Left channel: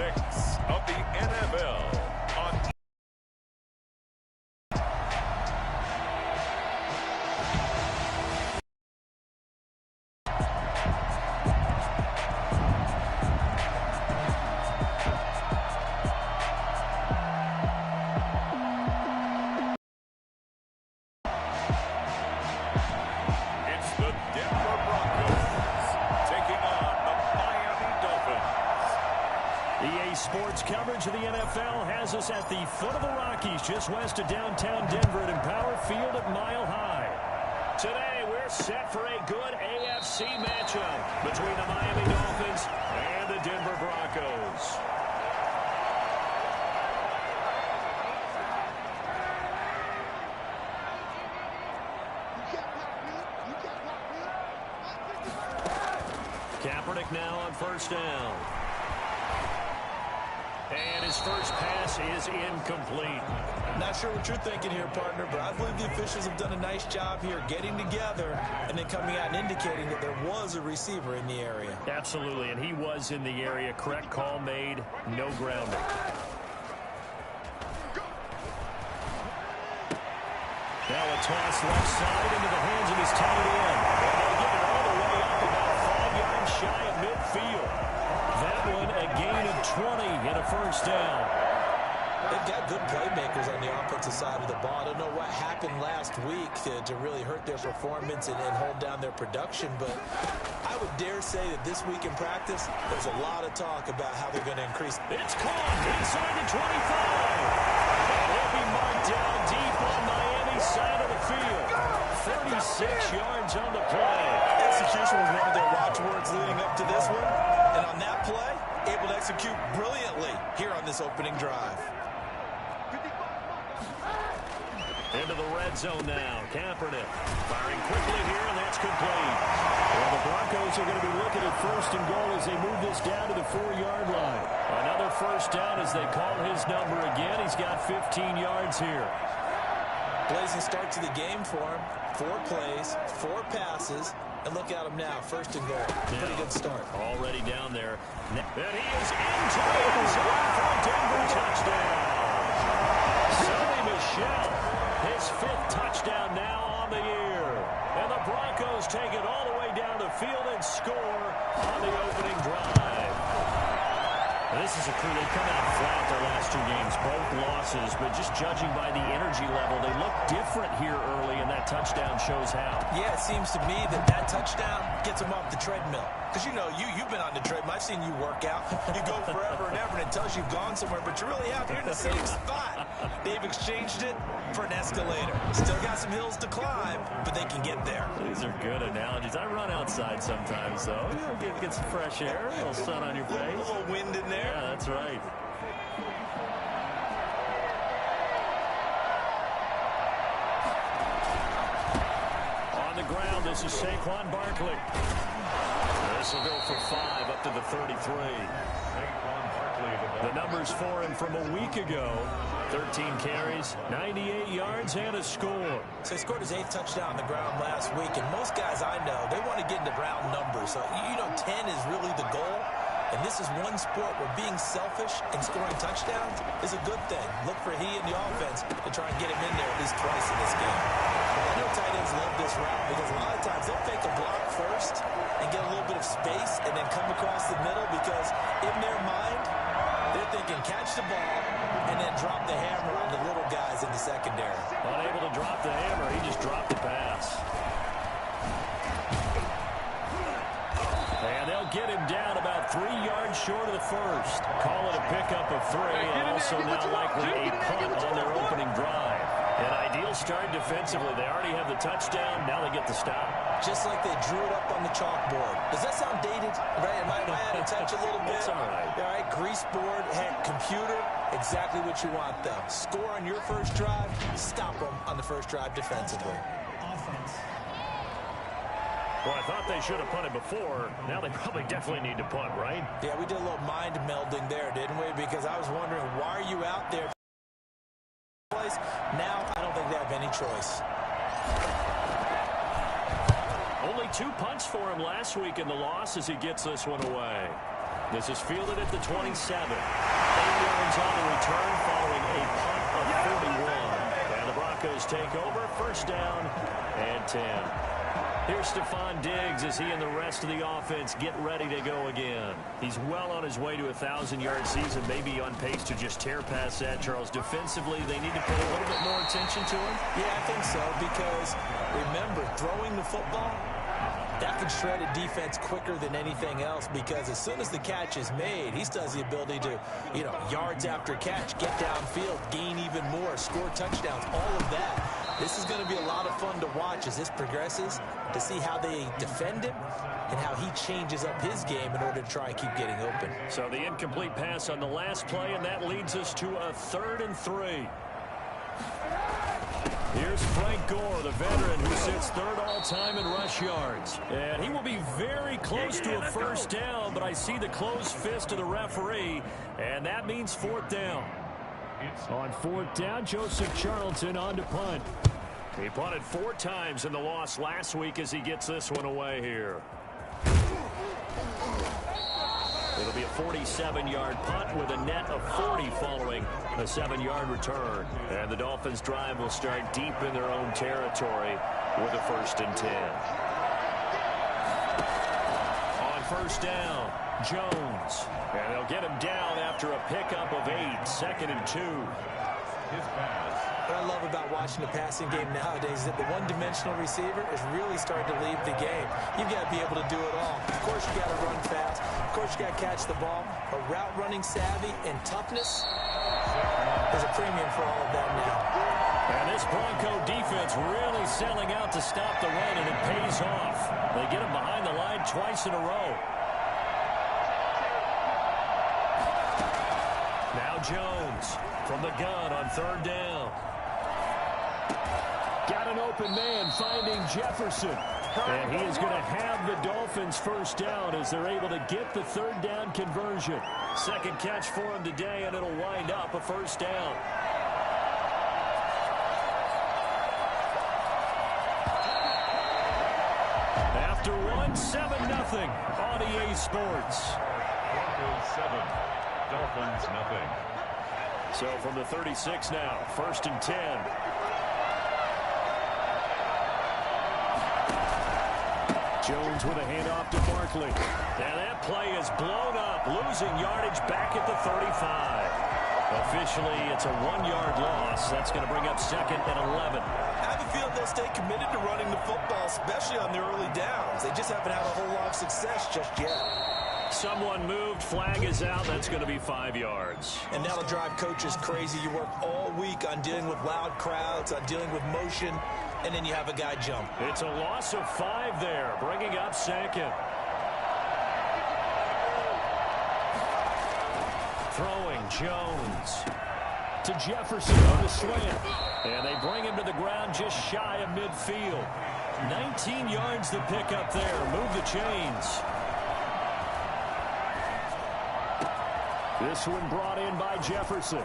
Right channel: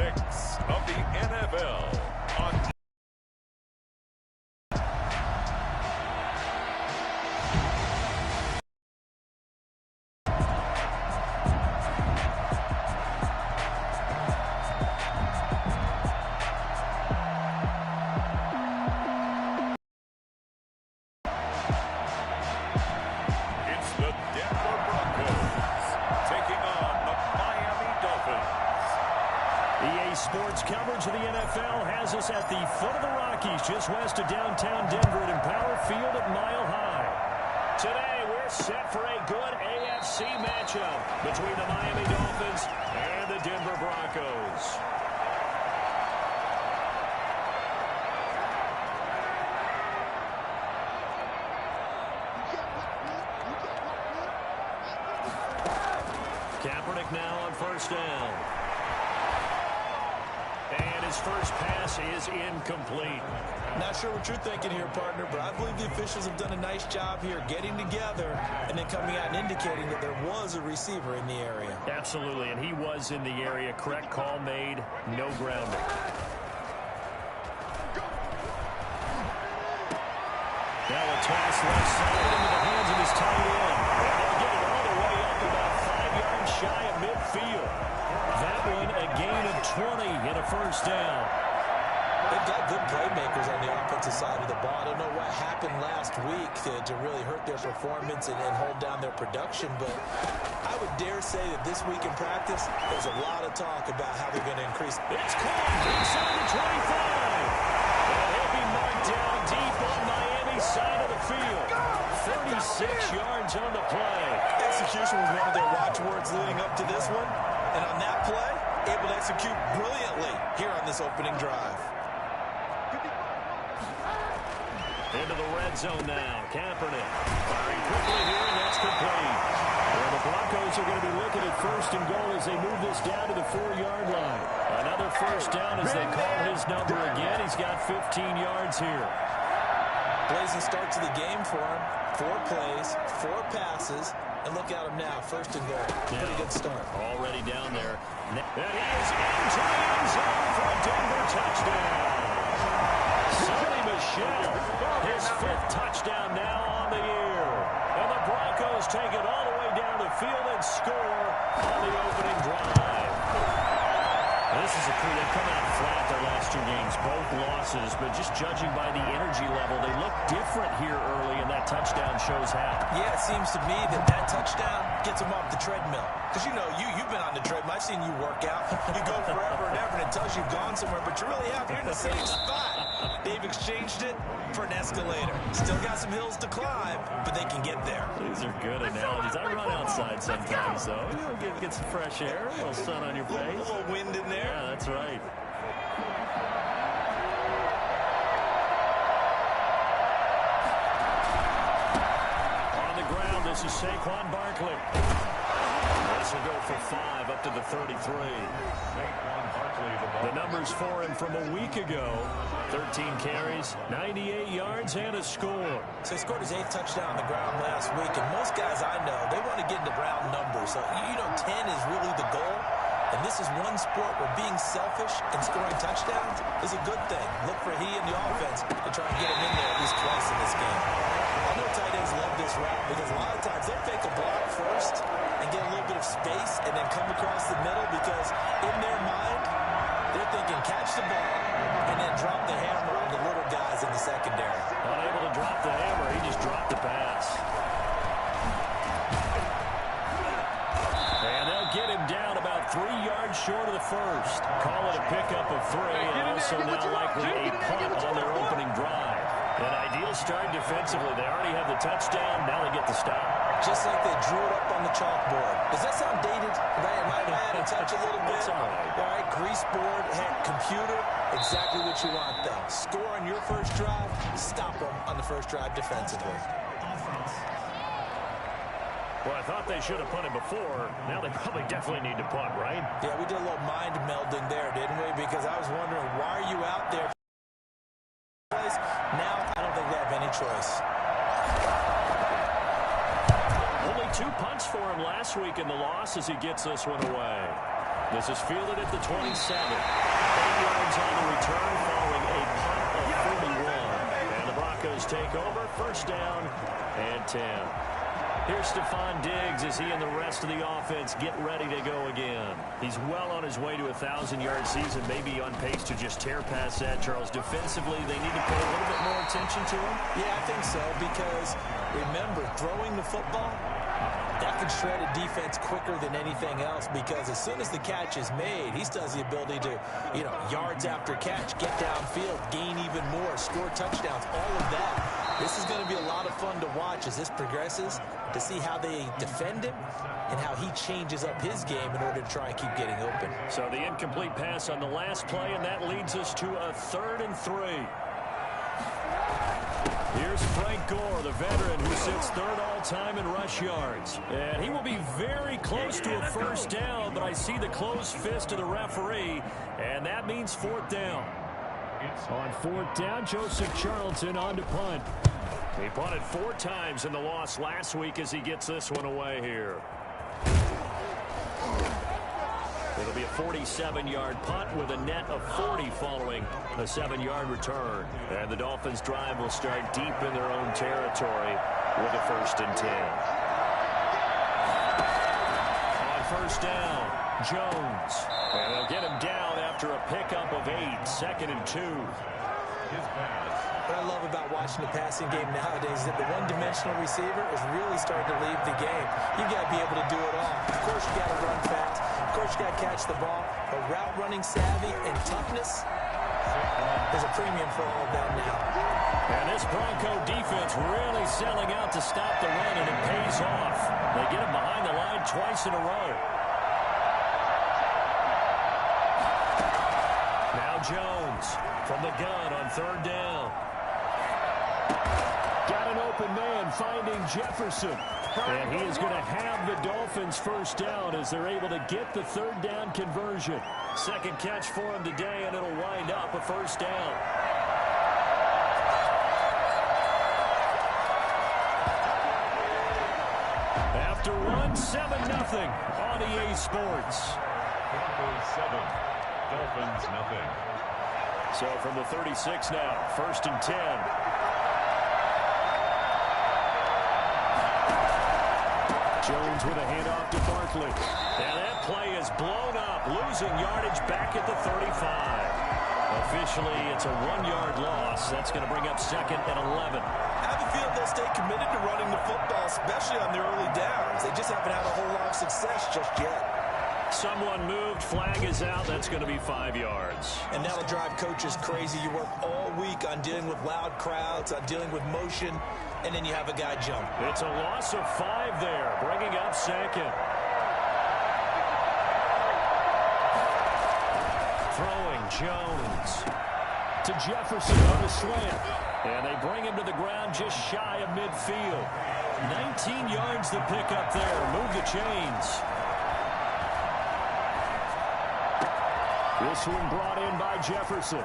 6 of the NFL on the Denver Broncos taking on the Miami Dolphins. EA Sports coverage of the NFL has us at the foot of the Rockies, just west of downtown Denver at Empower Field at Mile High. Today, we're set for a good AFC matchup between the Miami Dolphins and the Denver Broncos. Kaepernick now on first down. And his first pass is incomplete. Not sure what you're thinking here, partner, but I believe the officials have done a nice job here getting together and then coming out and indicating that there was a receiver in the area. Absolutely, and he was in the area. Correct call made, no grounding. Now a toss left side into the hands of his tight end. And they'll get it all the way up about 5 yards shy of midfield. That one a gain of 20 and a first down. They've got good playmakers on the offensive side of the ball. I don't know what happened last week to really hurt their performance and hold down their production, but I would dare say that this week in practice, there's a lot of talk about how they're going to increase. It's caught inside the 25. And he'll be marked down deep on Miami's side of the field. 36 yards on the play. Execution was one of their watchwords leading up to this one. And on that play, able to execute brilliantly here on this opening drive. Into the red zone now. Kaepernick firing quickly here, and that's complete. Well, the Broncos are going to be looking at first and goal as they move this down to the 4-yard line. Another first down as they call his number again. He's got 15 yards here. Blazing start to the game for him. 4 plays, 4 passes, and look at him now. First and goal. Pretty good start. Already down there. And he is into the end zone for a Denver touchdown. Sonny Michel, his 5th touchdown now on the year. And the Broncos take it all the way down the field and score on the opening drive. This is a crew. They've come out flat their last 2 games, both losses, but just judging by the energy level, they look different here early, and that touchdown shows how. Yeah, it seems to me that touchdown gets them off the treadmill. Because, you know, you've been on the treadmill. I've seen you work out. You go forever and ever, and it tells you you've gone somewhere, but you really have. You're in the same spot. They've exchanged it for an escalator. Still got some hills to climb, but they can get there. These are good analogies. I run outside sometimes, though. You know, get some fresh air, a little sun on your face. A little wind in there. Yeah, that's right. On the ground, this is Saquon Barkley. This will go for 5 up to the 33. The numbers for him from a week ago. 13 carries, 98 yards, and a score. So he scored his 8th touchdown on the ground last week, and most guys I know, they want to get into round numbers. So, you know, 10 is really the goal. And this is one sport where being selfish and scoring touchdowns is a good thing. Look for he and the offense to try and get him in there at least twice in this game. I know tight ends love this route because a lot of times they'll fake a block first and get a little bit of space and then come across the middle because in their mind, they're thinking catch the ball and then drop the hammer on the little guys in the secondary. Unable to drop the hammer, he just dropped the pass. And they'll get him down about 3 yards short of the first. Call it a pickup of 3, and also now likely a punt on their opening drive. An ideal start defensively. They already have the touchdown. Now they get the stop. Just like they drew it up on the chalkboard. Does that sound dated? Right? Am I out of touch a little bit? It's all right. All right, grease board, computer, exactly what you want, though. Score on your first drive, stop them on the first drive defensively. Offense. Well, I thought they should have punted before. Now they probably definitely need to punt, right? Yeah, we did a little mind melding there, didn't we? Because I was wondering, why are you out there? Now, I don't think they have any choice. Only 2 punts for him last week in the loss as he gets this one away. This is fielded at the 27. 8 yards on the return following a punt of 41. And the Broncos take over. First down and 10. Here's Stephon Diggs as he and the rest of the offense get ready to go again. He's well on his way to a 1,000-yard season, maybe on pace to just tear past that, Charles. Defensively, they need to pay a little bit more attention to him. Yeah, I think so, because remember, throwing the football, that can shred a defense quicker than anything else, because as soon as the catch is made, he still has the ability to, yards after catch, get downfield, gain even more, score touchdowns, all of that. This is going to be a lot of fun to watch as this progresses, to see how they defend him and how he changes up his game in order to try and keep getting open. So the incomplete pass on the last play, and that leads us to a 3rd and 3. Here's Frank Gore, the veteran who sits 3rd all-time in rush yards. And he will be very close to a first down, but I see the closed fist of the referee, and that means 4th down. On 4th down, Joseph Charlton on to punt. He punted 4 times in the loss last week as he gets this one away here. It'll be a 47-yard punt with a net of 40 following a 7-yard return. And the Dolphins' drive will start deep in their own territory with a 1st and 10. On first down, Jones. And they'll get him down after a pickup of 8, 2nd and 2. What I love about watching the passing game nowadays is that the one-dimensional receiver is really starting to leave the game. You've got to be able to do it all. Of course, you got to run fast. Of course, you got to catch the ball. But route running savvy and toughness, there's a premium for all of that now. And this Bronco defense really selling out to stop the run, and it pays off. They get him behind the line twice in a row. Now Jones from the gun on 3rd down. Got an open man finding Jefferson. And he is going to have the Dolphins first down as they're able to get the 3rd down conversion. 2nd catch for him today, and it'll wind up a first down. After 7-0 on EA Sports. Broncos 7, Dolphins nothing. So from the 36 now, 1st and 10. Jones with a handoff to Barkley. And that play is blown up, losing yardage back at the 35. Officially, it's a 1-yard loss. That's going to bring up 2nd and 11. I have a feeling they'll stay committed to running the football, especially on their early downs. They just haven't had a whole lot of success just yet. Someone moved, flag is out. That's going to be 5 yards. And that'll drive coaches crazy. You work all week on dealing with loud crowds, on dealing with motion, and then you have a guy jump. It's a loss of 5 there, bringing up 2nd. Throwing Jones to Jefferson on the slant. And they bring him to the ground just shy of midfield. 19 yards to pick up there. Move the chains. This one brought in by Jefferson.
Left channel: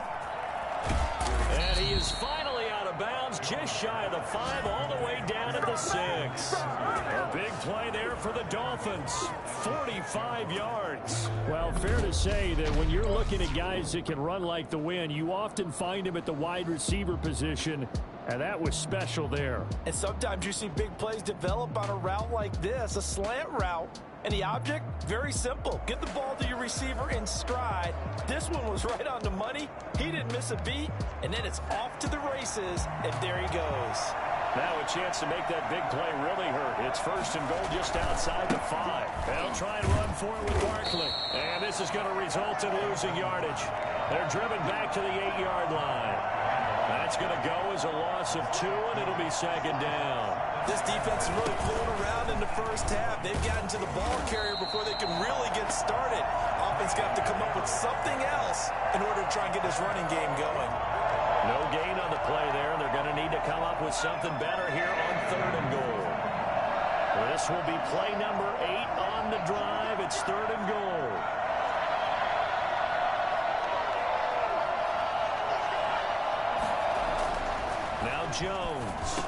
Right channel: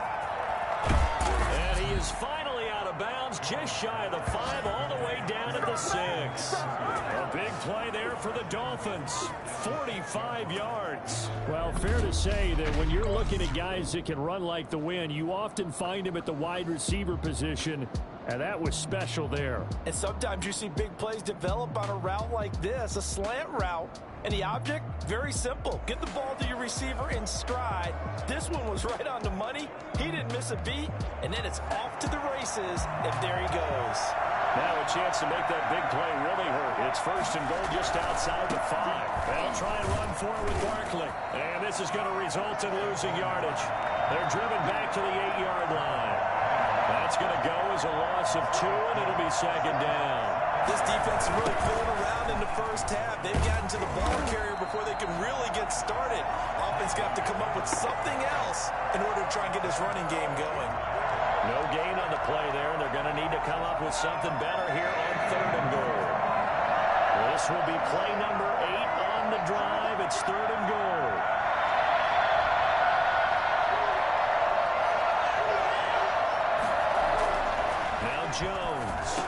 And he is finally out of bounds, just shy of the 5, all the way down at the 6. A big play there for the Dolphins. 45 yards. Well, fair to say that when you're looking at guys that can run like the wind, you often find them at the wide receiver position, and that was special there. And sometimes you see big plays develop on a route like this, a slant route. And the object, very simple. Get the ball to your receiver in stride. This one was right on the money. He didn't miss a beat. And then it's off to the races, and there he goes. Now a chance to make that big play really hurt. It's 1st and goal just outside the 5. They'll try and run for it with Barkley. And this is going to result in losing yardage. They're driven back to the 8-yard line. That's going to go as a loss of 2, and it'll be 2nd down. This defense is really pulling around in the first half. They've gotten to the ball carrier before they can really get started. Offense got to come up with something else in order to try and get this running game going. No gain on the play there. They're going to need to come up with something better here on 3rd and goal. This will be play number 8 on the drive. It's 3rd and goal. Now Jones.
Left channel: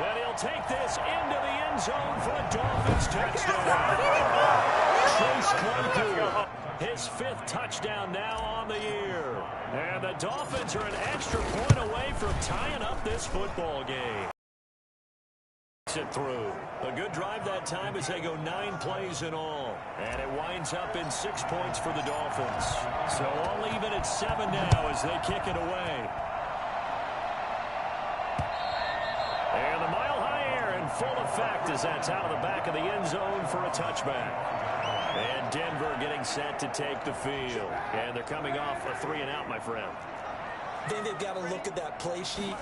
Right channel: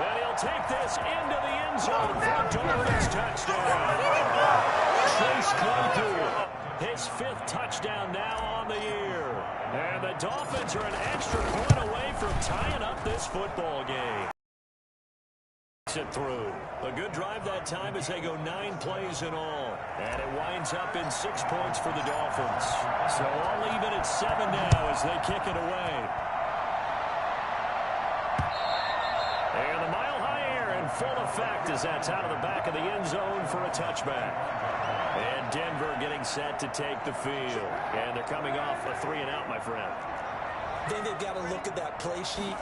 And he'll take this into the end zone for a Dolphins touchdown. Chase Claypool his 5th touchdown now on the year. And the Dolphins are an extra point away from tying up this football game. It through. A good drive that time as they go 9 plays in all. And it winds up in 6 points for the Dolphins. So all even at 7 now as they kick it away. And the mile-high air in full effect as that's out of the back of the end zone for a touchback. And Denver getting set to take the field. And they're coming off a 3-and-out, my friend. Then they've got to look at that play sheet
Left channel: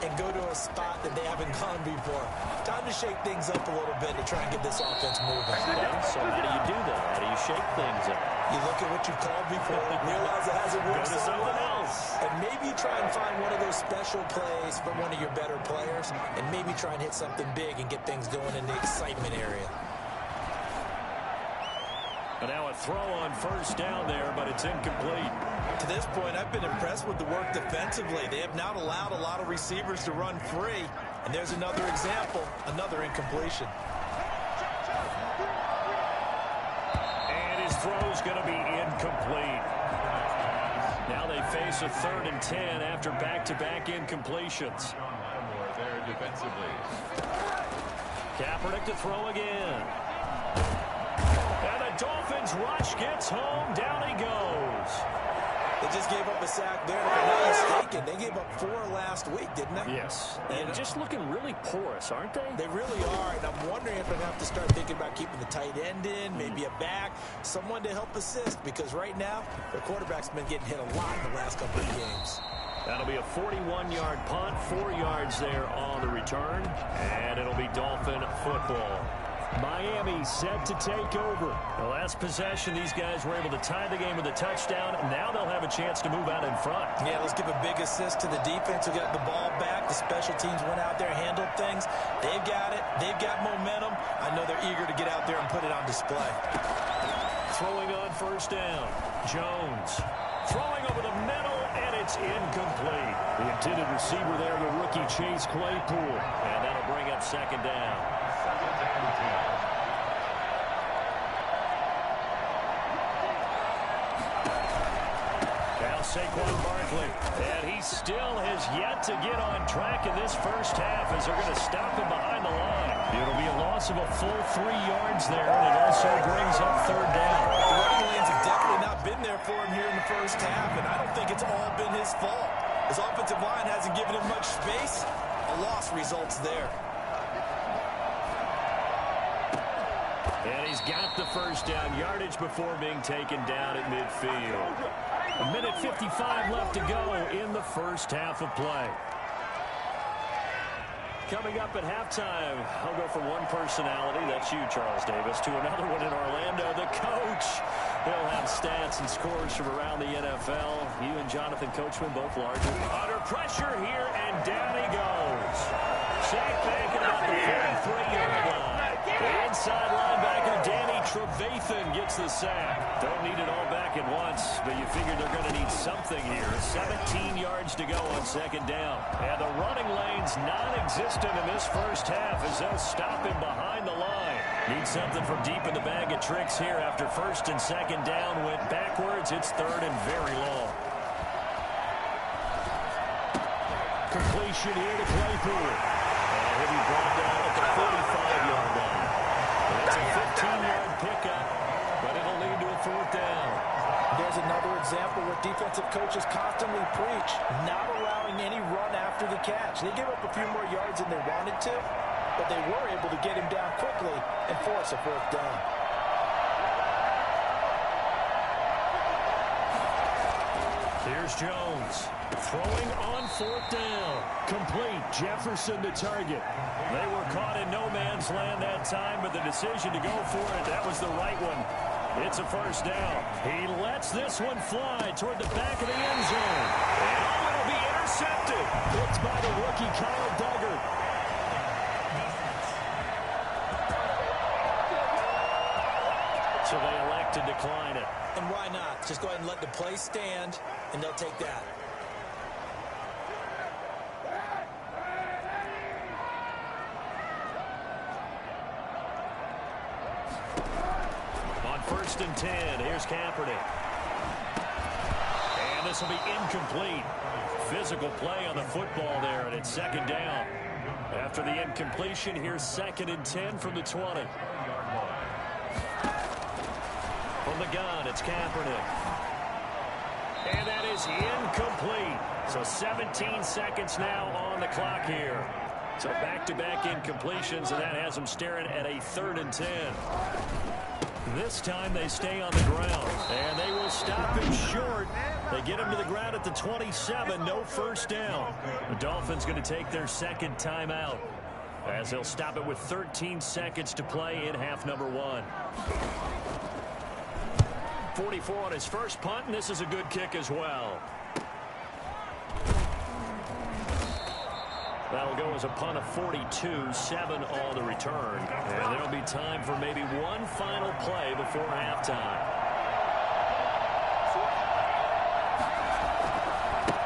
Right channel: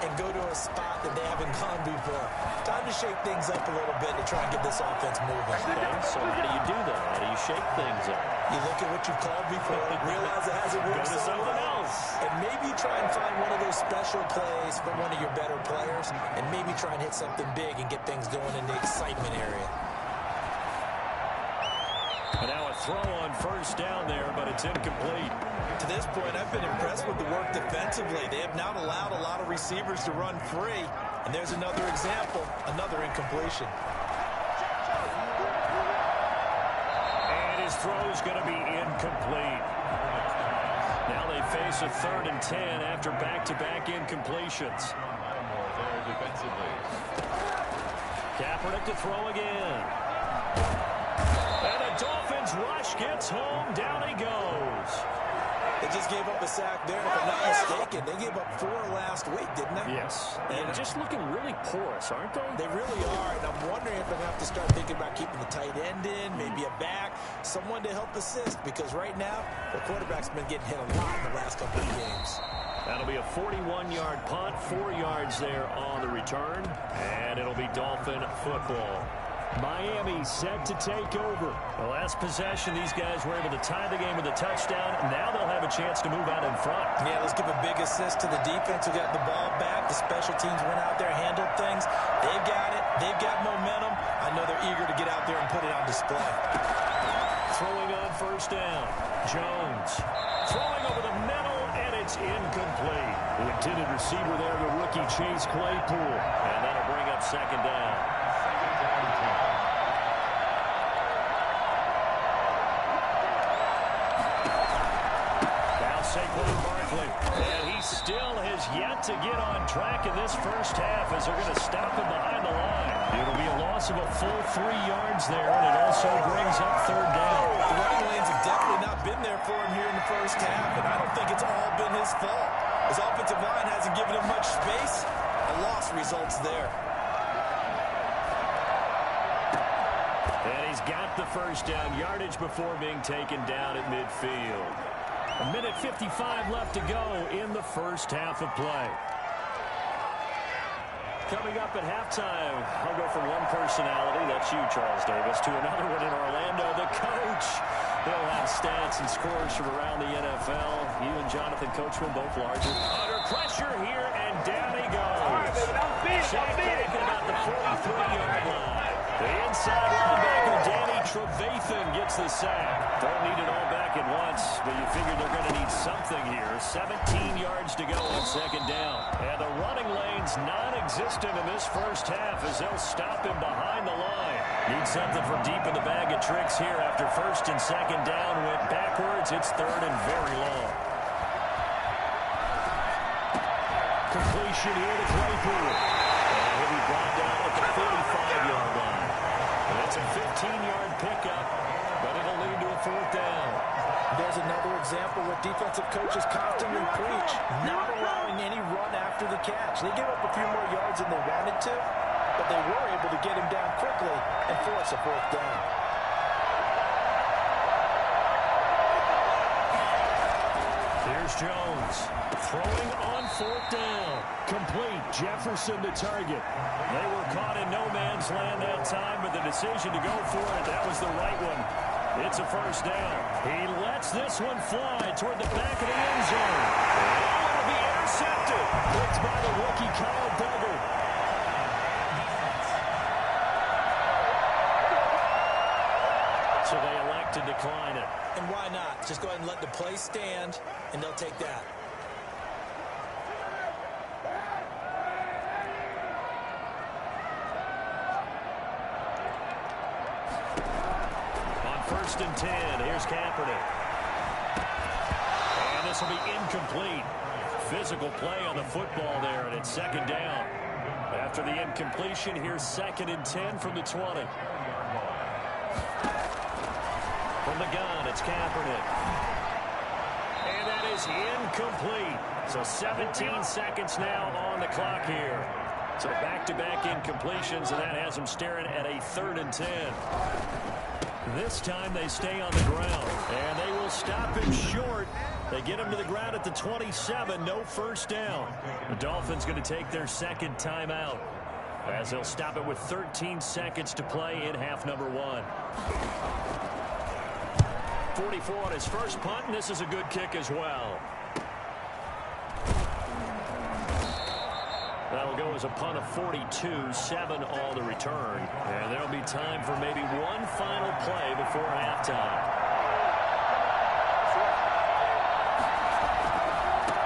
and go to a spot that they haven't gone before. Time to shake things up a little bit to try and get this offense moving. Okay, so how do you do that? How do you shake things up? You look at what you've called before, realize it hasn't worked Go to so something well, else. and maybe try and find one of those special plays from one of your better players, and maybe try and hit something big and get things going in the excitement area. And now a throw on first down there, but it's incomplete. To this point, I've been impressed with the work defensively. They have not allowed a lot of receivers to run free. And there's another example, another incompletion. And his throw's going to be incomplete. Now they face a 3rd and 10 after back-to-back incompletions. Lattimore there defensively. Kaepernick to throw again. And the Dolphins rush gets home. Down he goes. They just gave up a sack there, and if I'm not mistaken, they gave up 4 last week, didn't they? Yes. And just looking really porous, aren't they? They really are, and I'm wondering if I'm going to have to start thinking about keeping the tight end in, maybe a back, someone to help assist, because right now, their quarterback's been getting hit a lot in the last couple of games. That'll be a 41-yard punt, 4 yards there on the return, and it'll be Dolphin football. Miami set to take over. The last possession, these guys were able to tie the game with a touchdown. Now they'll have a chance to move out in front. Yeah, let's give a big assist to the defense who got the ball back. The special teams went out there, handled things. They've got it. They've got momentum. I know they're eager to get out there and put it on display. Throwing on first down. Jones throwing over the middle, and it's incomplete. The intended receiver there, the rookie Chase Claypool. And that'll bring up 2nd down. 2nd and 10. Now Saquon Barkley, and he still has yet to get on track in this first half as they're going to stop him behind the line. It'll be a loss of a full 3 yards there, and it also brings up 3rd down. The running lanes have definitely not been there for him here in the first half, and I don't think it's all been his fault. His offensive line hasn't given him much space. A loss results there. And he's got the first down, yardage before being taken down at midfield. 1:55 left to go in the first half of play. Coming up at halftime, I'll go from one personality, that's you, Charles Davis, to another one in Orlando, the coach. He'll have stats and scores from around the NFL. You and Jonathan Coachman, both larger. Under pressure here, and down he goes. Sacked back at about the 43-yard line. The inside linebacker, Danny Trevathan, gets the sack. Don't need it all back at once, but you figured they're going to need something here. 17 yards to go on 2nd down. And the running lane's non-existent in this first half as they'll stop him behind the line. Need something from deep in the bag of tricks here after 1st and 2nd down went backwards. It's 3rd and very long. Completion here to Claypool. And he'll be brought down at the 45-yard line. And it's a 15-yard pickup, but it'll lead to a 4th down. There's another example where defensive coaches constantly preach, not allowing any run after the catch. They gave up a few more yards than they wanted to, but they were able to get him down quickly and force a 4th down. Here's Jones throwing on 4th down. Complete. Jefferson to target. They were caught in no man's land that time, but the decision to go for it, that was the right one. It's a 1st down. He lets this one fly toward the back of the end zone. And it'll be intercepted. Picked by the rookie Kyle Duggar. So they elect to decline it. And why not? Just go ahead and let the play stand, and they'll take that. On 1st 1st and 10. Here's Kaepernick. And this will be incomplete. Physical play on the football there, and it's 2nd down. After the incompletion, here's 2nd and 10 from the 20. From the gun, it's Kaepernick. And that is incomplete. So 17 seconds now on the clock here. So back-to-back incompletions, and that has them staring at a 3rd and 10. This time they stay on the ground, and they will stop him short. They get him to the ground at the 27, no 1st down. The Dolphins going to take their 2nd timeout, as they'll stop it with 13 seconds to play in half number 1. 44 on his first punt, and this is a good kick as well. That'll go as a punt of 42, 7 on the return. And there'll be time for maybe one final play before halftime.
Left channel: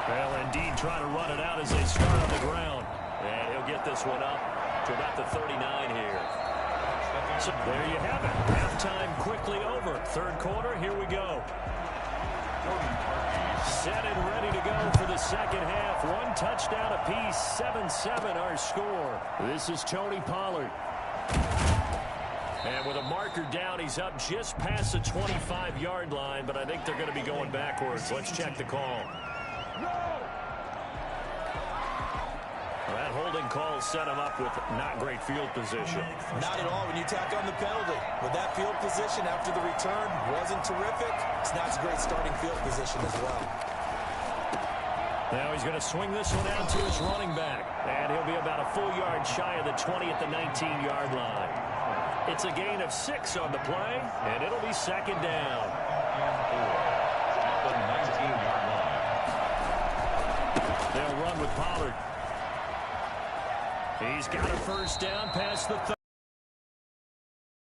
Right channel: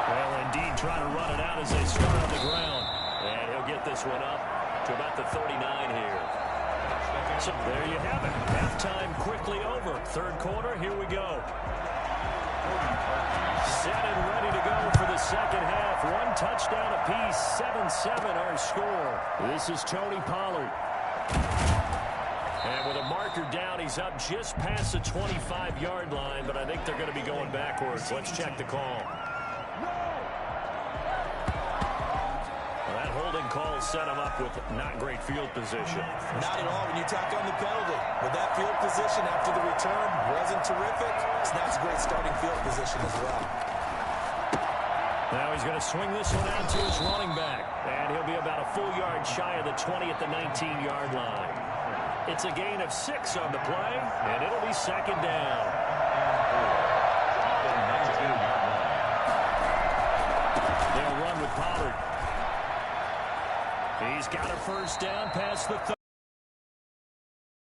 They'll indeed try to run it out as they start on the ground. And he'll get this one up to about the 39 here. So there you have it. Halftime quickly over. 3rd quarter, here we go. Set and ready to go for the 2nd half. 1 touchdown apiece, 7-7 our score. This is Tony Pollard. And with a marker down, he's up just past the 25-yard line, but I think they're going to be going backwards. Let's check the call. That holding call set him up with not great field position. Not at all when you tack on the penalty. With that field position after the return wasn't terrific. It's not a great starting field position as well. Now he's going to swing this one out to his running back. And he'll be about a full yard shy of the 20 at the 19-yard line. It's a gain of 6 on the play, and it'll be 2nd down. The 19-yard line. They'll run with Pollard. He's got a 1st down past the 30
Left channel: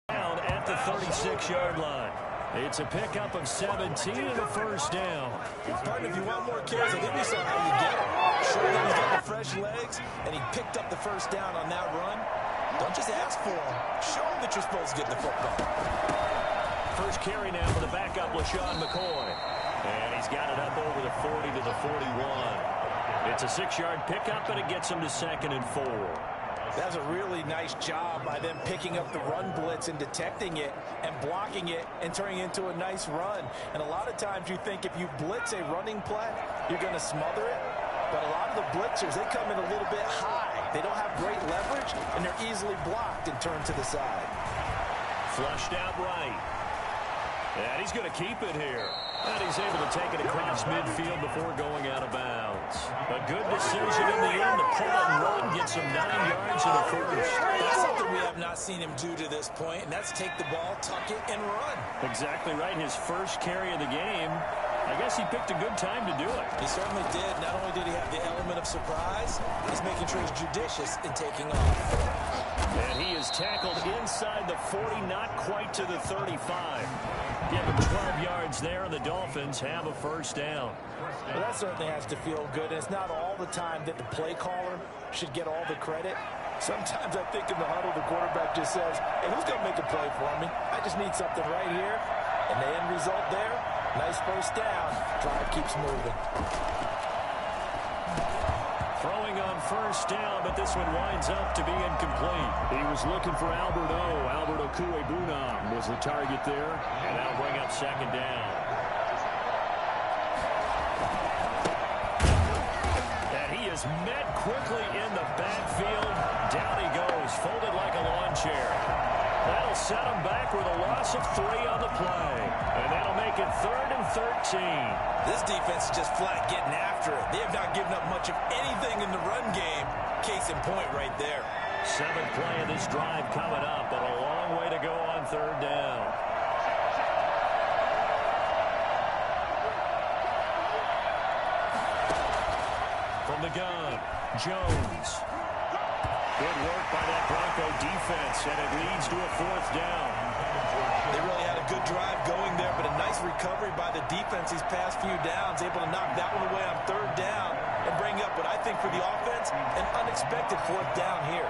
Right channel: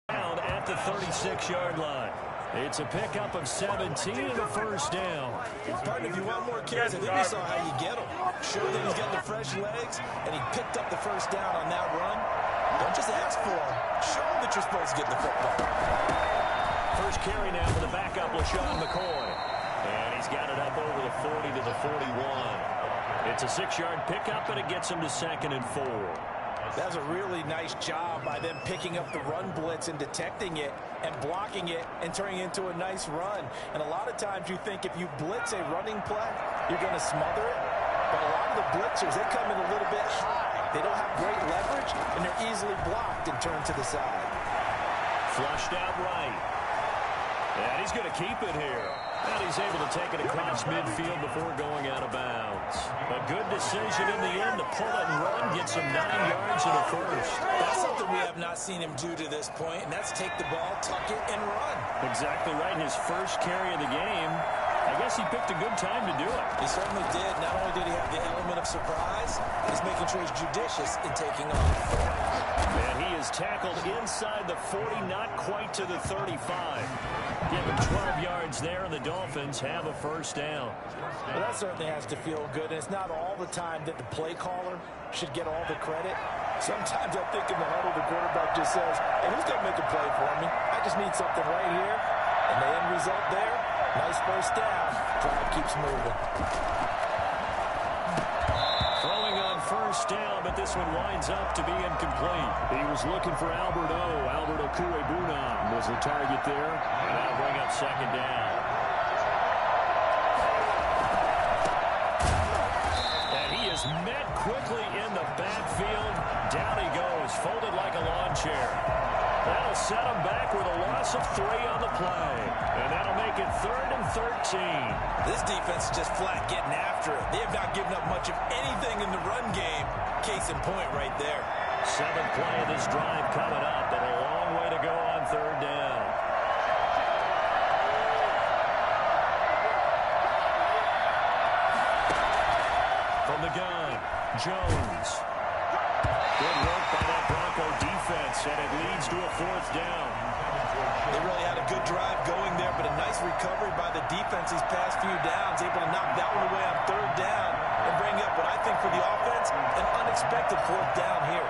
down at the 36-yard line. It's a pickup of 17 and a 1st down. Partner, if you want more carries, I think we saw how you get them. Sure that he's getting the fresh legs, and he picked up the 1st down on that run. Don't just ask for them. Show him that you're supposed to get the football. First carry now for the backup, LaShawn McCoy. And he's got it up over the 40 to the 41. It's a 6-yard pickup, and it gets him to 2nd and 4. That's a really nice job by them picking up the run blitz and detecting it and blocking it and turning it into a nice run. And a lot of times you think if you blitz a running play, you're going to smother it. But a lot of the blitzers, they come in a little bit high. They don't have great leverage, and they're easily blocked and turned to the side. Flushed out right. And he's going to keep it here. And he's able to take it across midfield before going out of bounds. A good decision in the end to pull it and run, gets him 9 yards and a 1st. That's something we have not seen him do to this point, and that's take the ball, tuck it, and run. Exactly right. His first carry of the game. I guess he picked a good time to do it. He certainly did. Not only did he have the element of surprise, he's making sure he's judicious in taking off. And he is tackled inside the 40, not quite to the 35. Give him 12 yards there, and the Dolphins have a 1st down. Well, that certainly has to feel good, and it's not all the time that the play caller should get all the credit. Sometimes I think in the huddle, the quarterback just says, hey, who's going to make a play for me? I just need something right here. And the end result there, nice 1st down. Drive keeps moving. Throwing on 1st down, but this one winds up to be incomplete. He was looking for Albert Okuebuna was the target there, and that'll bring up 2nd down. And he is met quickly in the backfield. Down he goes, folded like a lawn chair. That'll set him back with a loss of 3 on the play. And that'll make it 3rd and 13. This defense is just flat getting after it. They have not given up much of anything in the run game. Case in point right there. 7th play of this drive coming up, but a long way to go on 3rd down. From the gun, Jones. Good work by that Bronco defense, and it leads to a 4th down. They really had a good drive going there, but a nice recovery by the defense these past few downs, able to knock that one away on 3rd down and bring up what I think for the offense, an unexpected 4th down here.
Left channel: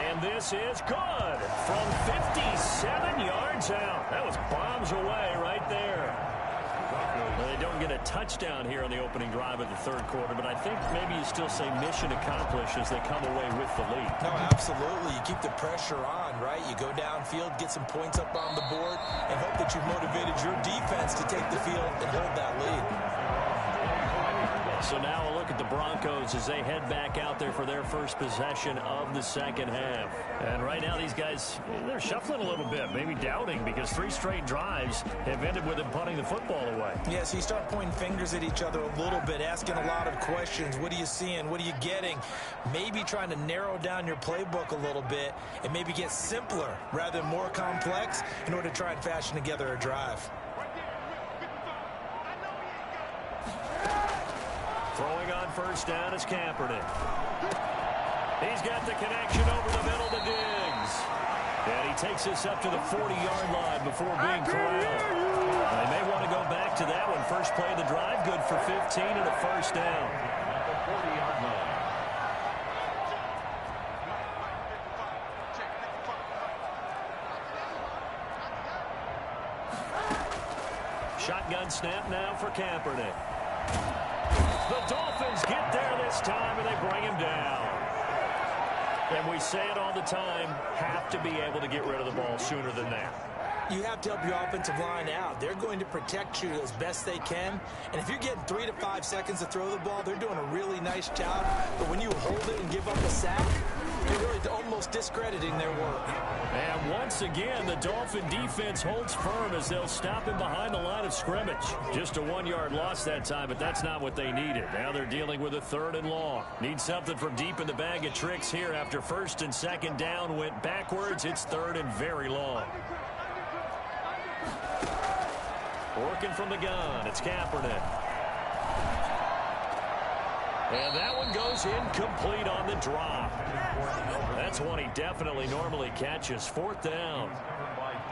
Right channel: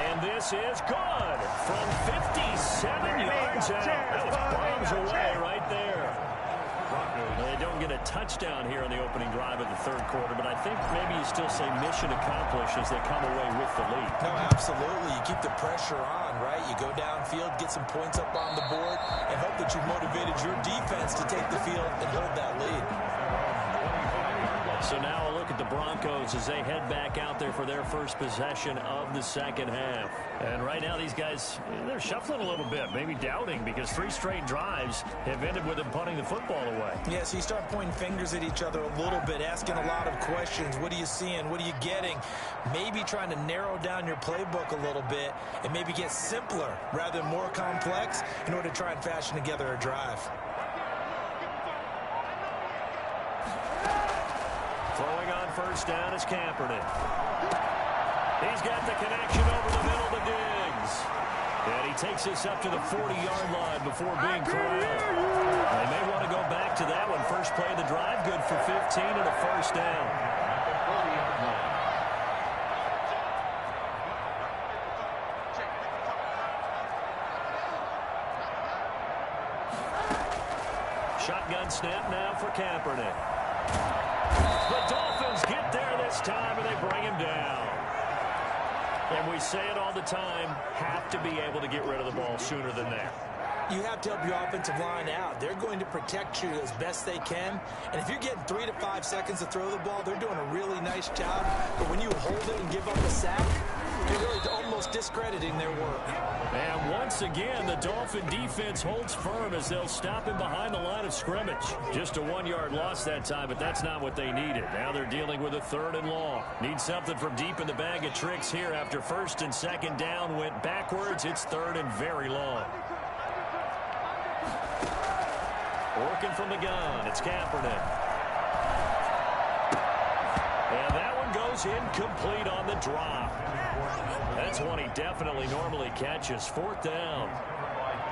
And And this is good from 57 yards out. That was bombs away right there. They don't get a touchdown here on the opening drive of the third quarter, but I think maybe you still say mission accomplished as they come away with the lead. No, absolutely. You keep the pressure on, right? You go downfield, get some points up on the board, and hope that you've motivated your defense to take the field and hold that lead. So now a look at the Broncos as they head back out there for their first possession of the second half. And right now these guys, they're shuffling a little bit, maybe doubting, because 3 straight drives have ended with them punting the football away. Yeah, so you start pointing fingers at each other a little bit, asking a lot of questions. What are you seeing? What are you getting? Maybe trying to narrow down your playbook a little bit and maybe get simpler rather than more complex in order to try and fashion together a drive. Throwing on first down is Kaepernick. He's got the connection over the middle to Diggs. And he takes this up to the 40-yard line before being corralled. They may want to go back to that one. First play of the drive, good for 15 and a first down. At the 40-yard line. Shotgun snap now for Kaepernick. The Dolphins get there this time, and they bring him down. And we say it all the time, have to be able to get rid of the ball sooner than that. You have to help your offensive line out. They're going to protect you as best they can. And if you're getting 3 to 5 seconds to throw the ball, they're doing a really nice job. But when you hold it and give up a sack, you're really almost discrediting their work. And once again, the Dolphin defense holds firm as they'll stop him behind the line of scrimmage. Just a 1-yard loss that time, but that's not what they needed. Now they're dealing with a 3rd and long. Need something from deep in the bag of tricks here after 1st and 2nd down went backwards. It's 3rd and very long. Working from the gun, it's Kaepernick. And that one goes incomplete on the drop. That's one he definitely normally catches. 4th down.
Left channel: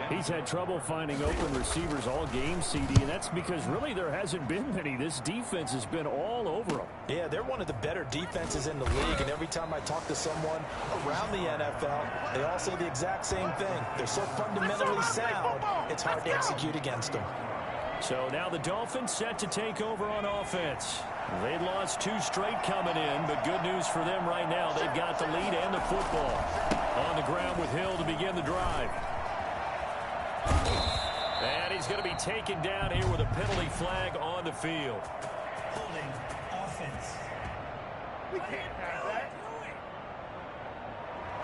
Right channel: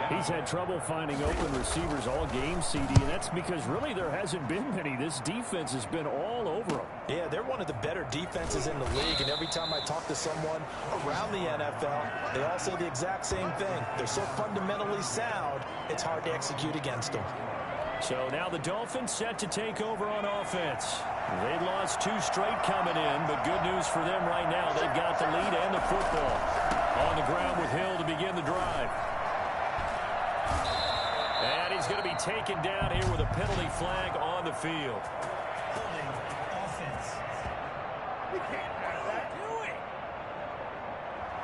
He's had trouble finding open receivers all game, CD, and that's because really there hasn't been many. This defense has been all over them. Yeah, they're one of the better defenses in the league, and every time I talk to someone around the NFL, they all say the exact same thing. They're so fundamentally sound, it's hard to execute against them. So now the Dolphins set to take over on offense. They'd lost 2 straight coming in, but good news for them right now. They've got the lead and the football. On the ground with Hill to begin the drive. And he's going to be taken down here with a penalty flag on the field. Holding offense. We can't have that.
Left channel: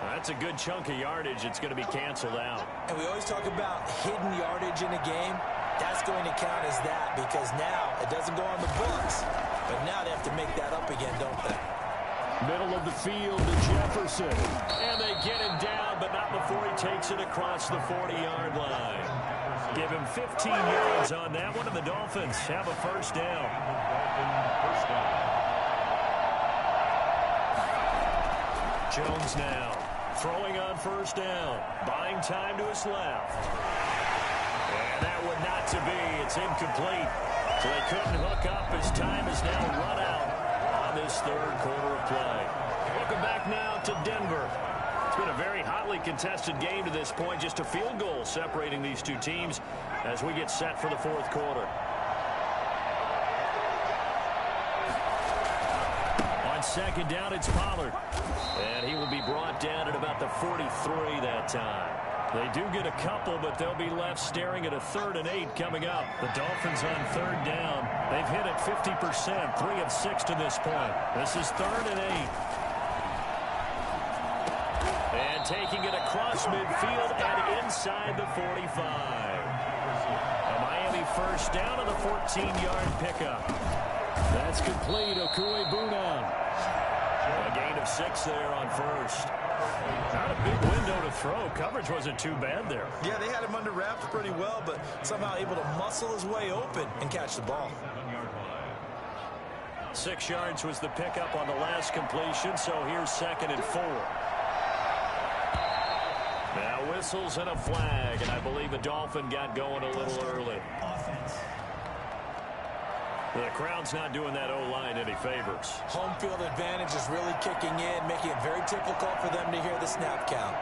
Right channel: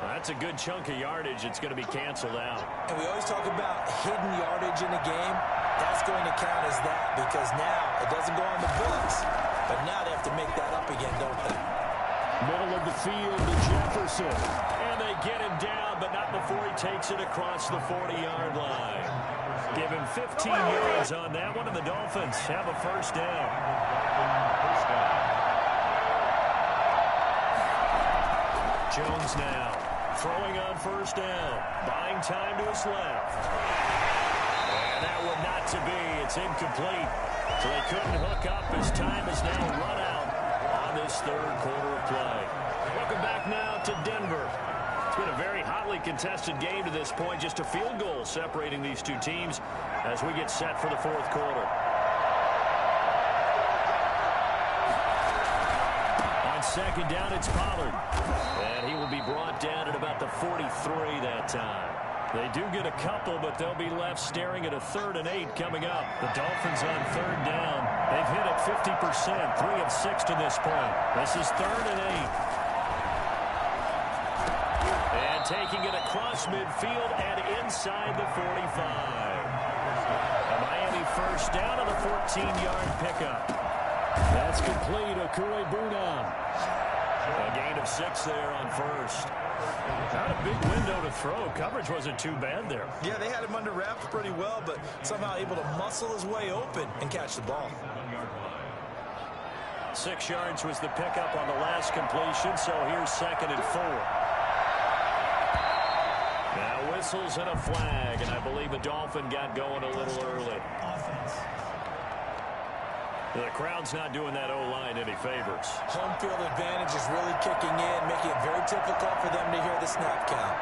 That's a good chunk of yardage. It's going to be canceled out. And we always talk about hidden yardage in a game. That's going to count as that because now it doesn't go on the books, but now they have to make that up again, don't they? Middle of the field to Jefferson. And they get him down, but not before he takes it across the 40-yard line. Give him 15 yards on that one, and the Dolphins have a first down. Jones now throwing on first down, buying time to his left. And that one not to be. It's incomplete. So they couldn't hook up as time is now run out on this 3rd quarter of play. Welcome back now to Denver. It's been a very hotly contested game to this point. Just a field goal separating these two teams as we get set for the 4th quarter. On 2nd down, it's Pollard. And he will be brought down at about the 43 that time. They do get a couple, but they'll be left staring at a 3rd and 8 coming up. The Dolphins on 3rd down. They've hit it 50%, 3 of 6 to this point. This is 3rd and 8. And taking it across midfield and inside the 45. A Miami first down on the 14-yard pickup. That's complete. Okuegbunam. A gain of 6 there on first. Not a big window to throw. Coverage wasn't too bad there. Yeah, they had him under wraps pretty well, but somehow able to muscle his way open and catch the ball. 6 yards was the pickup on the last completion, so here's 2nd and 4. Now whistles and a flag, and I believe a Dolphin got going a little early. Offense. The crowd's not doing that O-line any favors. Home field advantage is really kicking in, making it very difficult for them to hear the snap count.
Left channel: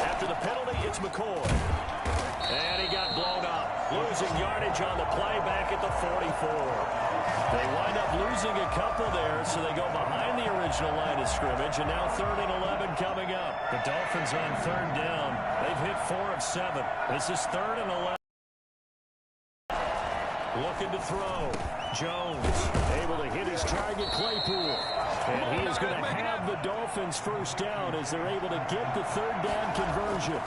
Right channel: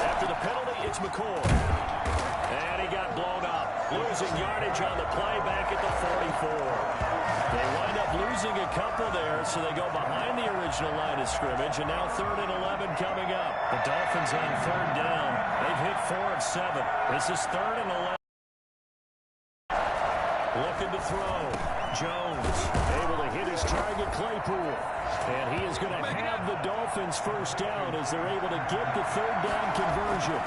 After the penalty, it's McCoy. And he got blown up. Losing yardage on the play back at the 44. They wind up losing a couple there, so they go behind the original line of scrimmage, and now 3rd and 11 coming up. The Dolphins on 3rd down. They've hit 4 of 7. This is 3rd and 11. Looking to throw. Jones able to hit his target, Claypool. And he is going to have the Dolphins first down as they're able to get the 3rd down conversion.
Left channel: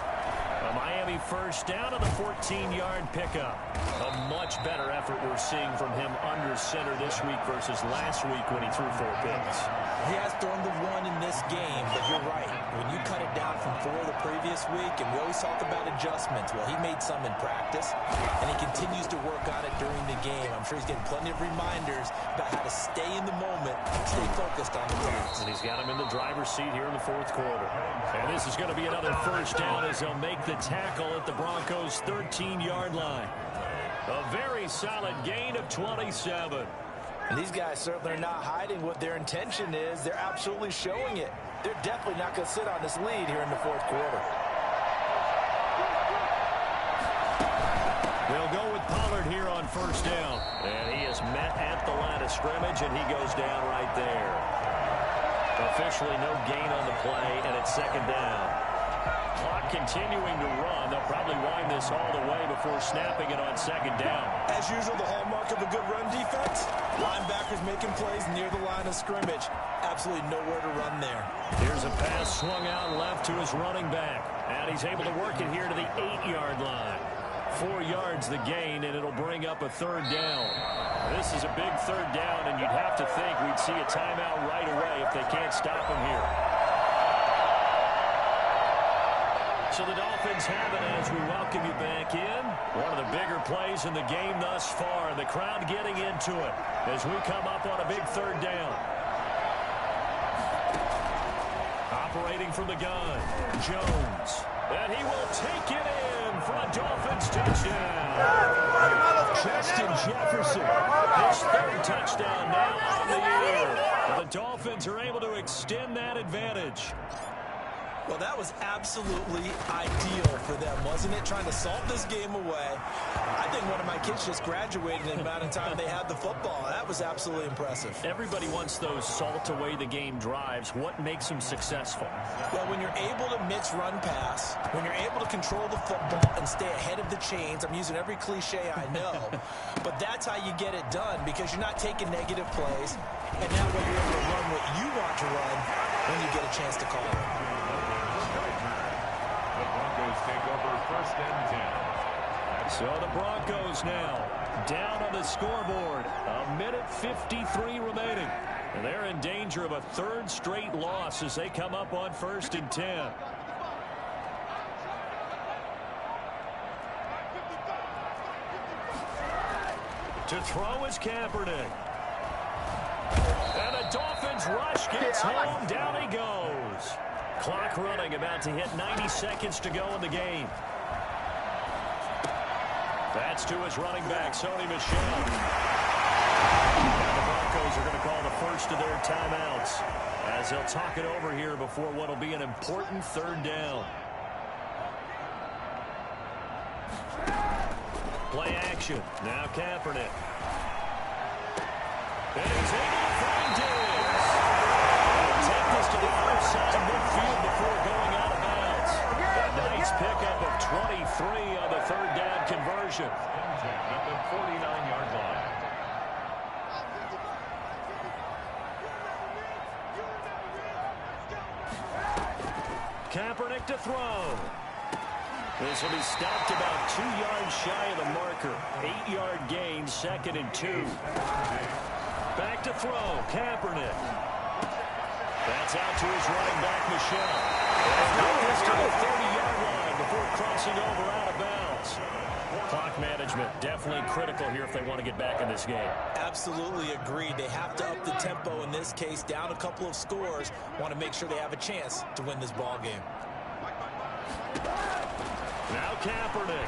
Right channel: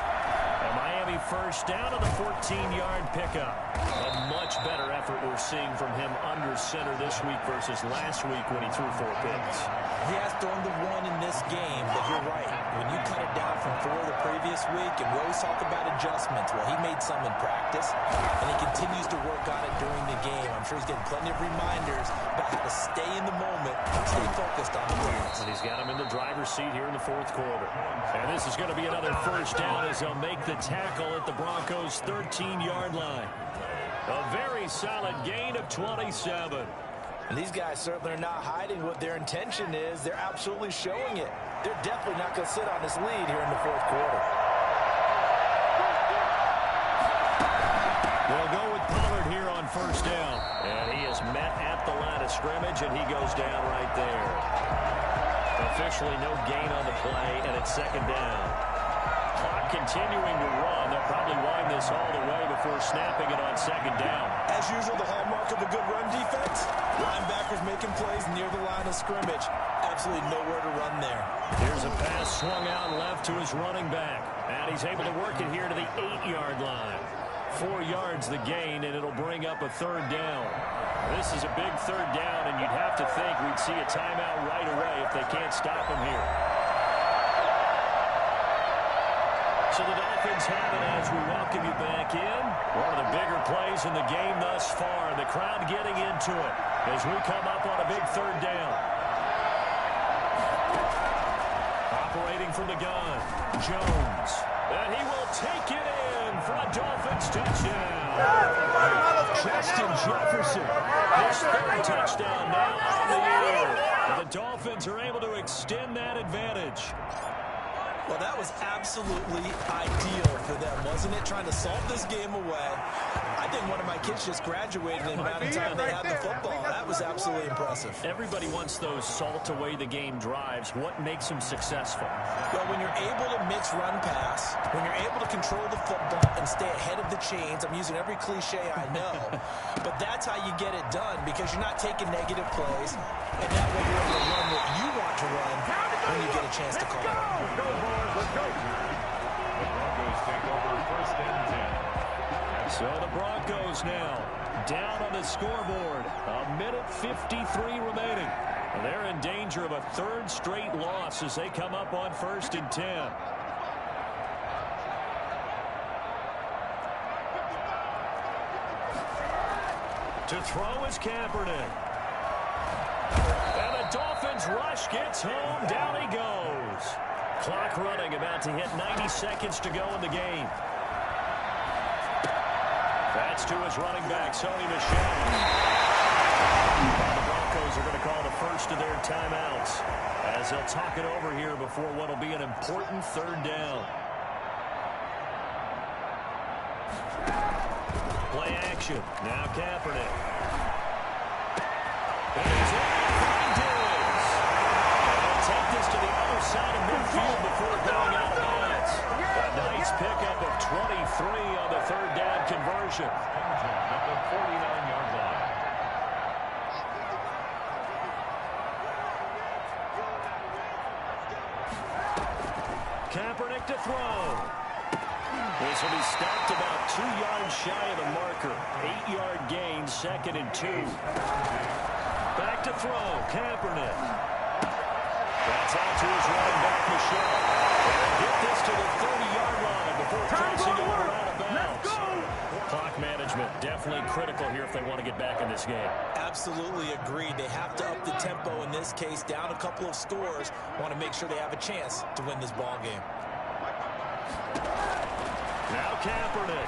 A Miami first down on the 14-yard pickup. A much better effort we're seeing from him under center this week versus last week when he threw 4 picks. He has thrown the 1 in this game, but you're right. When you cut it down from 4 the previous week, and we always talk about adjustments, well, he made some in practice, and he continues to work on it during the game. I'm sure he's getting plenty of reminders about how to stay in the moment, stay focused on the task. And he's got him in the driver's seat here in the 4th quarter. And this is going to be another first down as they'll make the tackle at the Broncos' 13-yard line. A very solid gain of 27. And these guys certainly are not hiding what their intention is. They're absolutely showing it. They're definitely not going to sit on this lead here in the 4th quarter. They'll go with Pollard here on first down. And he is met at the line of scrimmage, and he goes down right there. Officially no gain on the play, and it's 2nd down. Clock continuing to run. They'll probably wind this all the way before snapping it on 2nd down. As usual, the hallmark of a good run defense, linebackers making plays near the line of scrimmage. Absolutely nowhere to run there. Here's a pass swung out left to his running back. And he's able to work it here to the 8-yard line. 4 yards the gain, and it'll bring up a 3rd down. This is a big 3rd down, and you'd have to think we'd see a timeout right away if they can't stop him here. So the Dolphins have it as we welcome you back in. One of the bigger plays in the game thus far. The crowd getting into it as we come up on a big 3rd down. Operating from the gun, Jones. And he will take it in for a Dolphins touchdown. Justin Jefferson, his 3rd touchdown now on the year. And the Dolphins are able to extend that advantage. Well, that was absolutely ideal for them, wasn't it? Trying to salt this game away. I think one of my kids just graduated in the amount of time they had the football. That was absolutely impressive. Everybody wants those salt away the game drives. What makes them successful? Well, when you're able to mix run pass, when you're able to control the football and stay ahead of the chains, I'm using every cliche I know, but that's how you get it done because you're not taking negative plays, and that way you're able to run what you want to run when you get a chance to call it. The Broncos take over 1st and 10. So the Broncos now down on the scoreboard. 1:53 remaining. And they're in danger of a 3rd straight loss as they come up on 1st and 10. To throw is Kaepernick. And the Dolphins rush gets home. Down he goes. Clock running, about to hit 90 seconds to go in the game. That's to his running back, Sony Michel. Now the Broncos are going to call the first of their timeouts as they'll talk it over here before what will be an important 3rd down. Play action. Now Kaepernick. And he's able to find Diggs. And he'll take this to the other side of midfield before going out of bounds. A nice pickup of 23 on the 3rd down conversion. At the 49-yard line. Kaepernick to throw. This will be stopped about 2 yards shy of the marker. 8-yard gain, 2nd and 2. Back to throw, Kaepernick. That's out to his running back, Michel. And get this to the 30-yard line before crossing over out of bounds. Clock management definitely critical here if they want to get back in this game. Absolutely agreed. They have to up the tempo in this case, down a couple of scores. Want to make sure they have a chance to win this ball game. Now Kaepernick.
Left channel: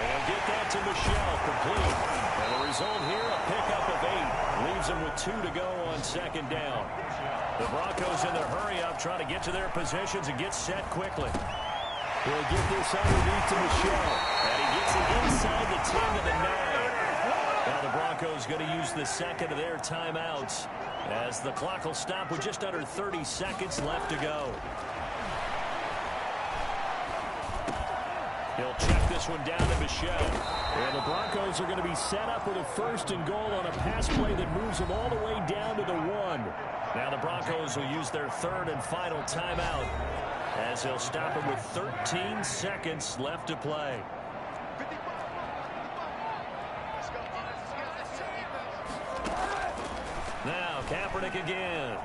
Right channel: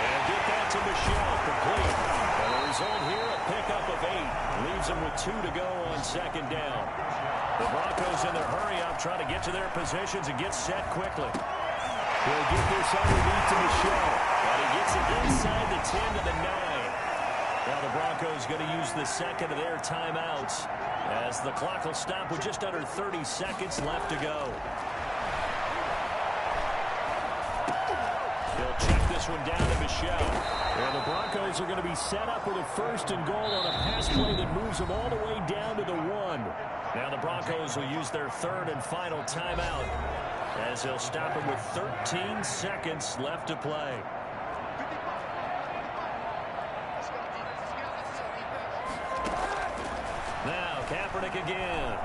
And get that to Michel, complete. And the result here, a pickup of 8. Leaves them with 2 to go on second down. The Broncos in their hurry-up trying to get to their positions and get set quickly. He'll get this underneath to Michel. And he gets it inside the 10 to the 9. Now the Broncos going to use the second of their timeouts as the clock will stop with just under 30 seconds left to go. He'll check this one down to Michel. And the Broncos are going to be set up with a 1st and goal on a pass play that moves them all the way down to the 1. Now the Broncos will use their 3rd and final timeout as they'll stop it with 13 seconds left to play. Now Kaepernick again.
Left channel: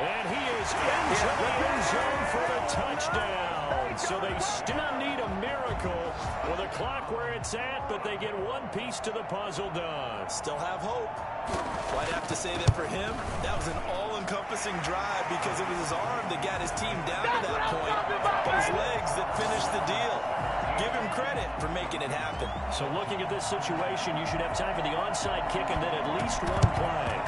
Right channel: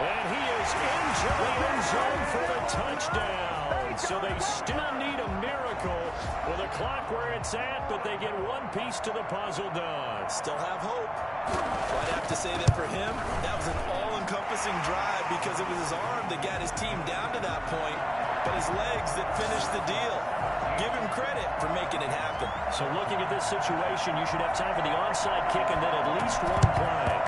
And he is into the end zone for the touchdown. So they still need a miracle with a clock where it's at, but they get one piece to the puzzle done. Still have hope. Well, I'd have to say that for him, that was an all-encompassing drive because it was his arm that got his team down to that point, but his legs that finished the deal. Give him credit for making it happen. So looking at this situation, you should have time for the onside kick and then at least one play.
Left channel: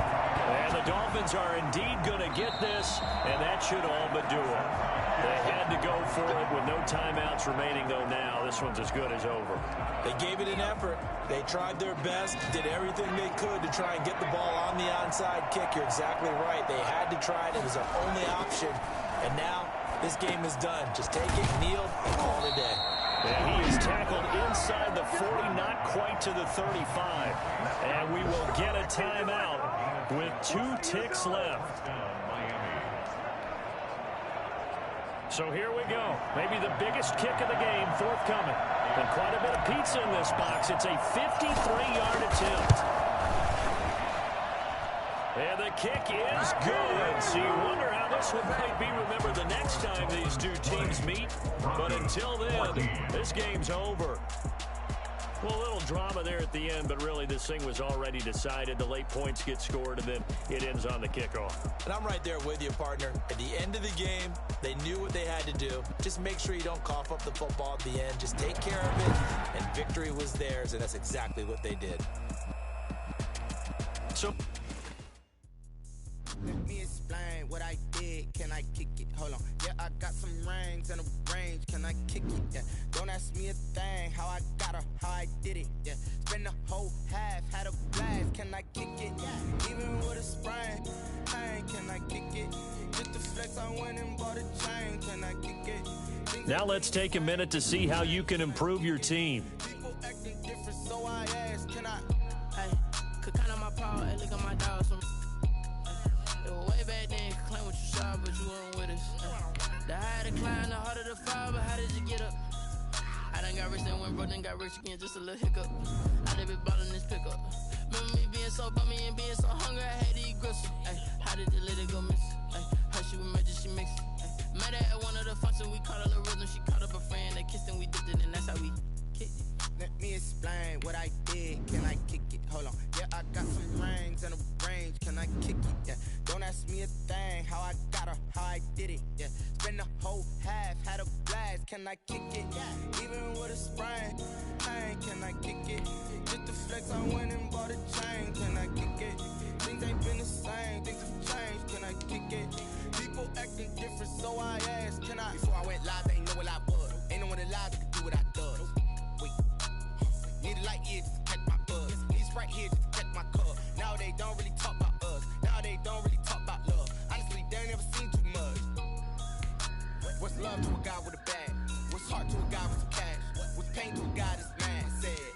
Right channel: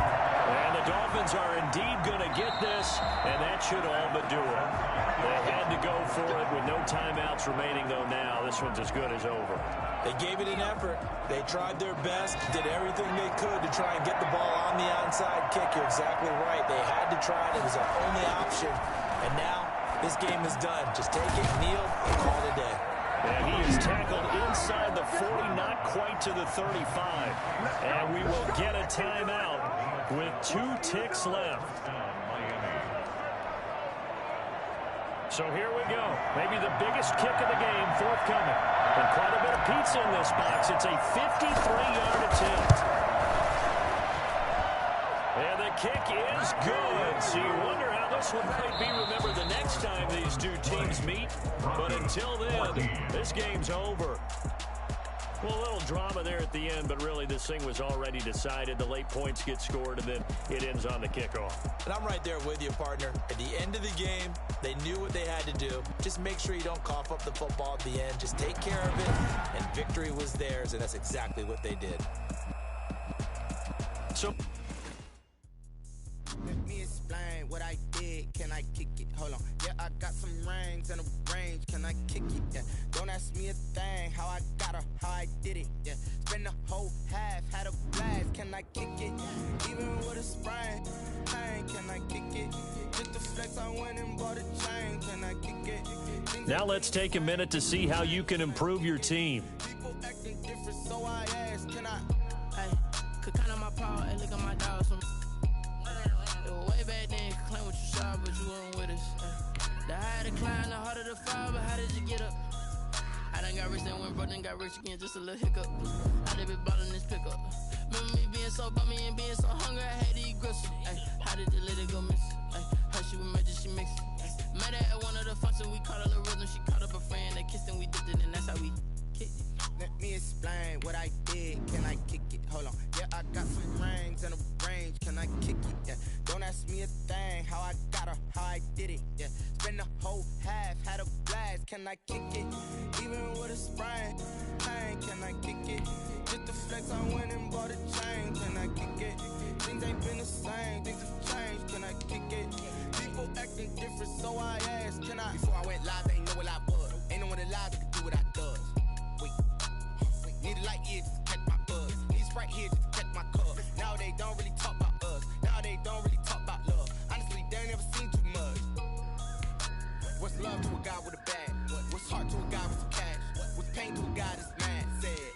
And the Dolphins are indeed going to get this, and that should all but do it. They had to go for it with no timeouts remaining, though now this one's as good as over. They gave it an effort. They tried their best, did everything they could to try and get the ball on the onside kick. You're exactly right. They had to try it. It was their only option. And now this game is done. Just take it, kneel, and call it a day. And he is tackled inside the 40, not quite to the 35. And we will get a timeout with 2 ticks left. So here we go. Maybe the biggest kick of the game forthcoming. And quite a bit of pizza in this box. It's a 53-yard attempt. And the kick is good. So you wonder how this one might be remembered the next time these two teams meet. But until then, this game's over. Well, a little drama there at the end, but really this thing was already decided. The late points get scored, and then it ends on the kickoff. And I'm right there with you, partner. At the end of the game, they knew what they had to do. Just make sure you don't cough up the football at the end. Just take care of it, and victory was theirs, and that's exactly what they did. So let me explain what I did. Can I kick it? Hold on. Yeah, I got some rings and a range. Can I kick it? Yeah. Don't ask me a thing. How I got her, how I did it. Yeah. Spend the whole half, had a blast. Can I kick it? Even with a sprain. Pain, can I kick it? Just the flex, I went and bought a chain. Can I kick it? now let's take a minute to see how you can improve your team. People acting different, so I asked, can I? Hey, could count on my power and look at my dogs from. It was way back then, could claim what you saw, but you weren't with us. The higher the climb, the harder the fall, but how did you get up? I done got rich, then went broke, then got rich again, just a little hiccup. I done been ballin' this pickup. Remember me being so bummy and being so hungry, I had to eat gristle. Ay, how did the little go miss? Ay, her she was magic, she mixed. Met her at one of the functions, we caught a little rhythm, she caught up a friend, they kissed and we dipped it, and that's how we kicked it. Let me explain what I did. Can I kick it? Hold on. Yeah, I got some rings and a range. Can I kick it? Yeah. Don't ask me a thing. How I got her, how I did it. Yeah. Spend the whole half, had a blast. Can I kick it? Even with a sprain. Pain, can I kick it? Just the flex, I went and bought a chain. Can I kick it? Things ain't been the same. Things have changed. Can I kick it? People acting different, so I asked, can I? Before I went live, they ain't know what I was. Ain't no one alive that could do what I does. Need a light here just to catch my buzz. Need Sprite here just to catch my cup. Now they don't really talk about us. Now they don't really talk about love. Honestly, they ain't never seen too much. What's love to a guy with a bag? What's heart to a guy with some cash? What's pain to a guy that's mad? Said.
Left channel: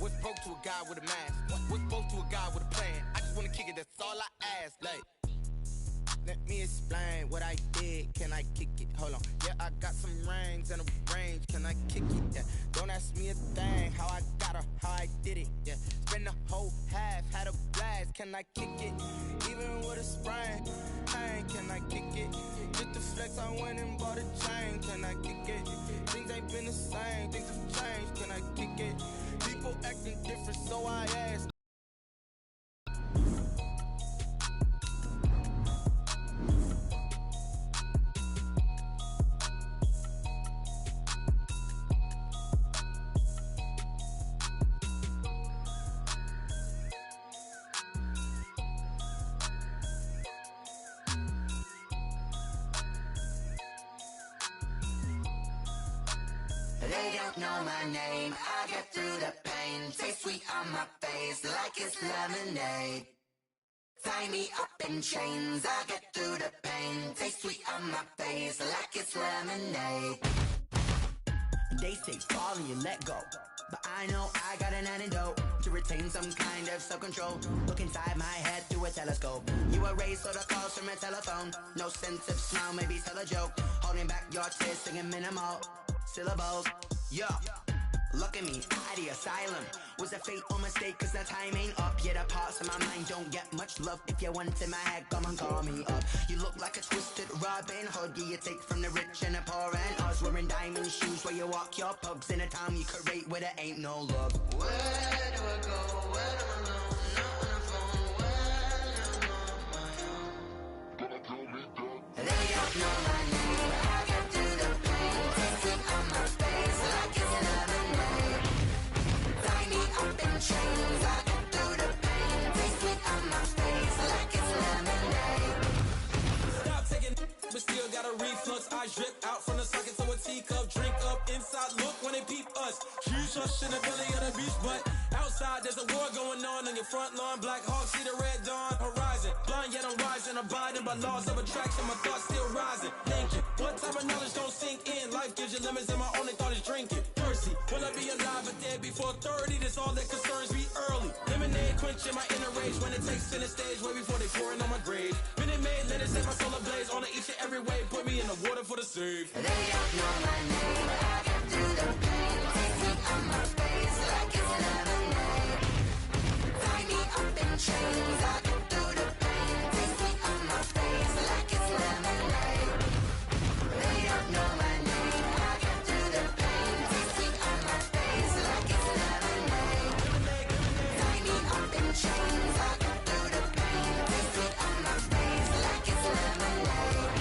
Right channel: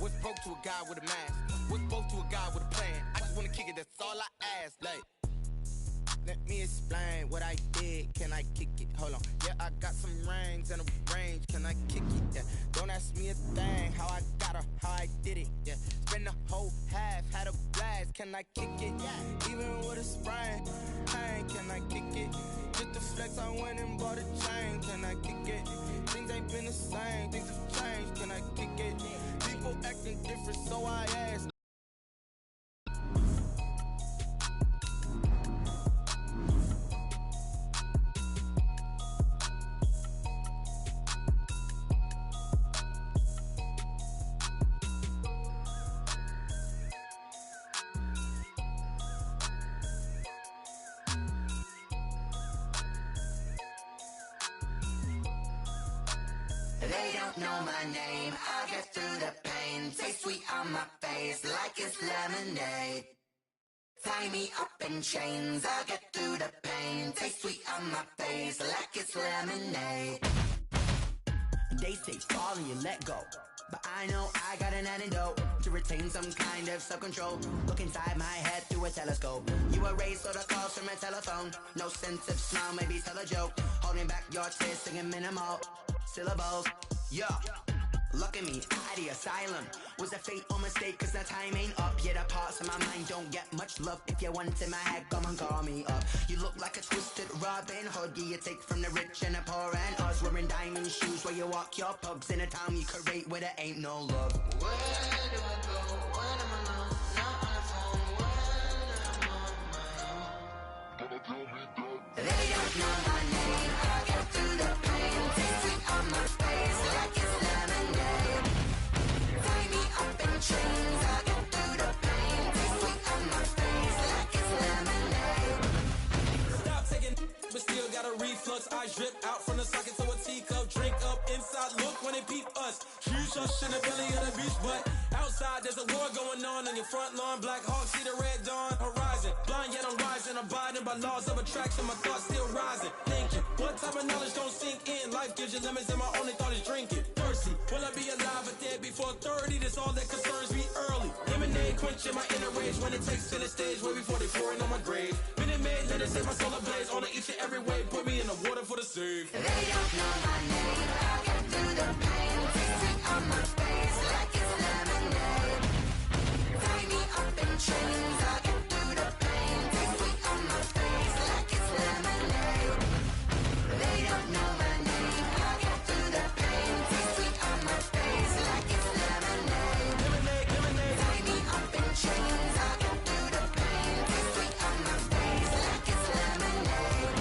What's broke to a guy with a mask? What's both to a guy with a plan? I just wanna kick it, that's all I ask. Like, let me explain what I did. Can I kick it? Hold on. Yeah, I got some rings and a range. Can I kick it? Yeah. Don't ask me a thing. How I got her, how I did it. Yeah. Spend the whole half, had a blast. Can I kick it? Even with a sprain. Pain, can I kick it? Just the flex, I went and bought a chain. Can I kick it? Things ain't been the same. Things have changed. Can I kick it? People acting different, so I asked. They don't know my name, I get through the pain. Taste sweet on my face like it's lemonade. Tie me up in chains, I get through the pain. Taste sweet on my face like it's lemonade. They say fall and you let go, but I know I got an antidote to retain some kind of self-control. Look inside my head through a telescope. You erase all the calls from a telephone. No sense of smile, maybe tell a joke. Holding back your tears, singing minimal syllables. Yo, look at me, out of the asylum. Was a fate or mistake, cause the time ain't up. Yeah, the parts of my mind don't get much love. If you want in my head, come and call me up. You look like a twisted Robin Hood. Yeah, you take from the rich and the poor and us. Wearing diamond shoes where you walk your pugs. In a town you create where there ain't no love. Where do I go? When am I alone? Not on the phone. When I'm on my own. They don't know my name. I get through the pain. Taste sweet on my face like it's lemonade. Tie me up in chains. I get through the pain. Taste sweet on my face like it's lemonade. Stop taking but still got a reflux. I drip out from the socket to a teacup. Drink up inside, look when they peep us. Jesus in the belly of the beast, but outside there's a war going on your front lawn. Black Hawk, see the red dawn horizon. Blind yet I'm rising, abiding by laws of attraction. My thoughts still rising, thinking what type of knowledge don't sink in. Life gives you limits and my only thought is drinking. Thirsty, will I be alive or dead before 30? That's all that concerns me early. Lemonade quenching my inner rage when it takes center stage way before they pour it on my grave. Minute Maid, let it set my soul ablaze on each and every way. Put me in the water for the save. They don't know my name. I get through the pain. Taste sweet on my face like it's lemonade. Tie me up in chains. I get through the pain. Taste sweet on my face like it's lemonade. They don't know my name. I get through the pain. Taste sweet on my face like it's lemonade. Lemonade, lemonade. Tie me up in chains. I get through the pain. Taste sweet on my face like it's lemonade.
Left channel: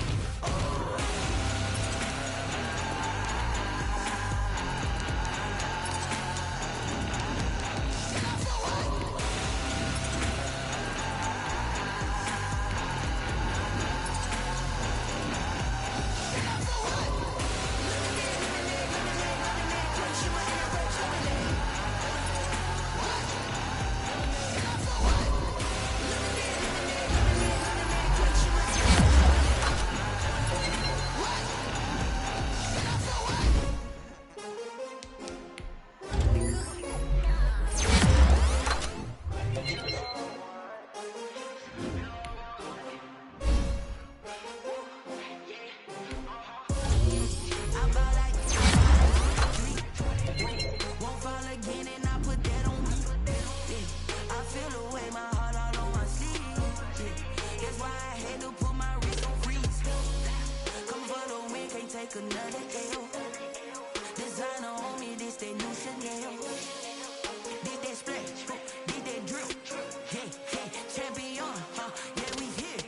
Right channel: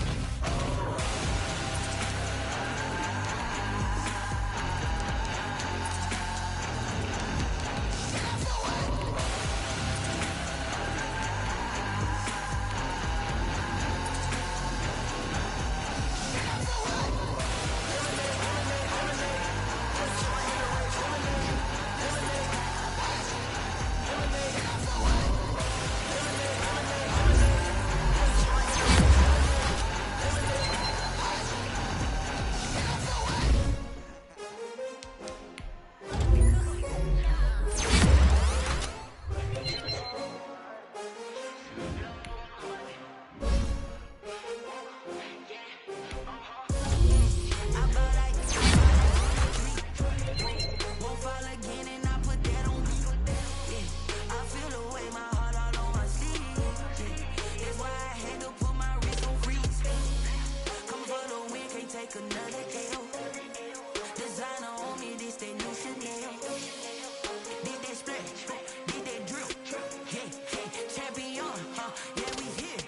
Won't fall again and I put that on me. Yeah, I feel the way my heart all on my sleeve. Yeah, that's why I had to put my wrist on freeze. Coming for the win, can't take another L. Designer on me, this that new Chanel. Did that splash, did that drill. Yeah, yeah, champion, yeah, we here.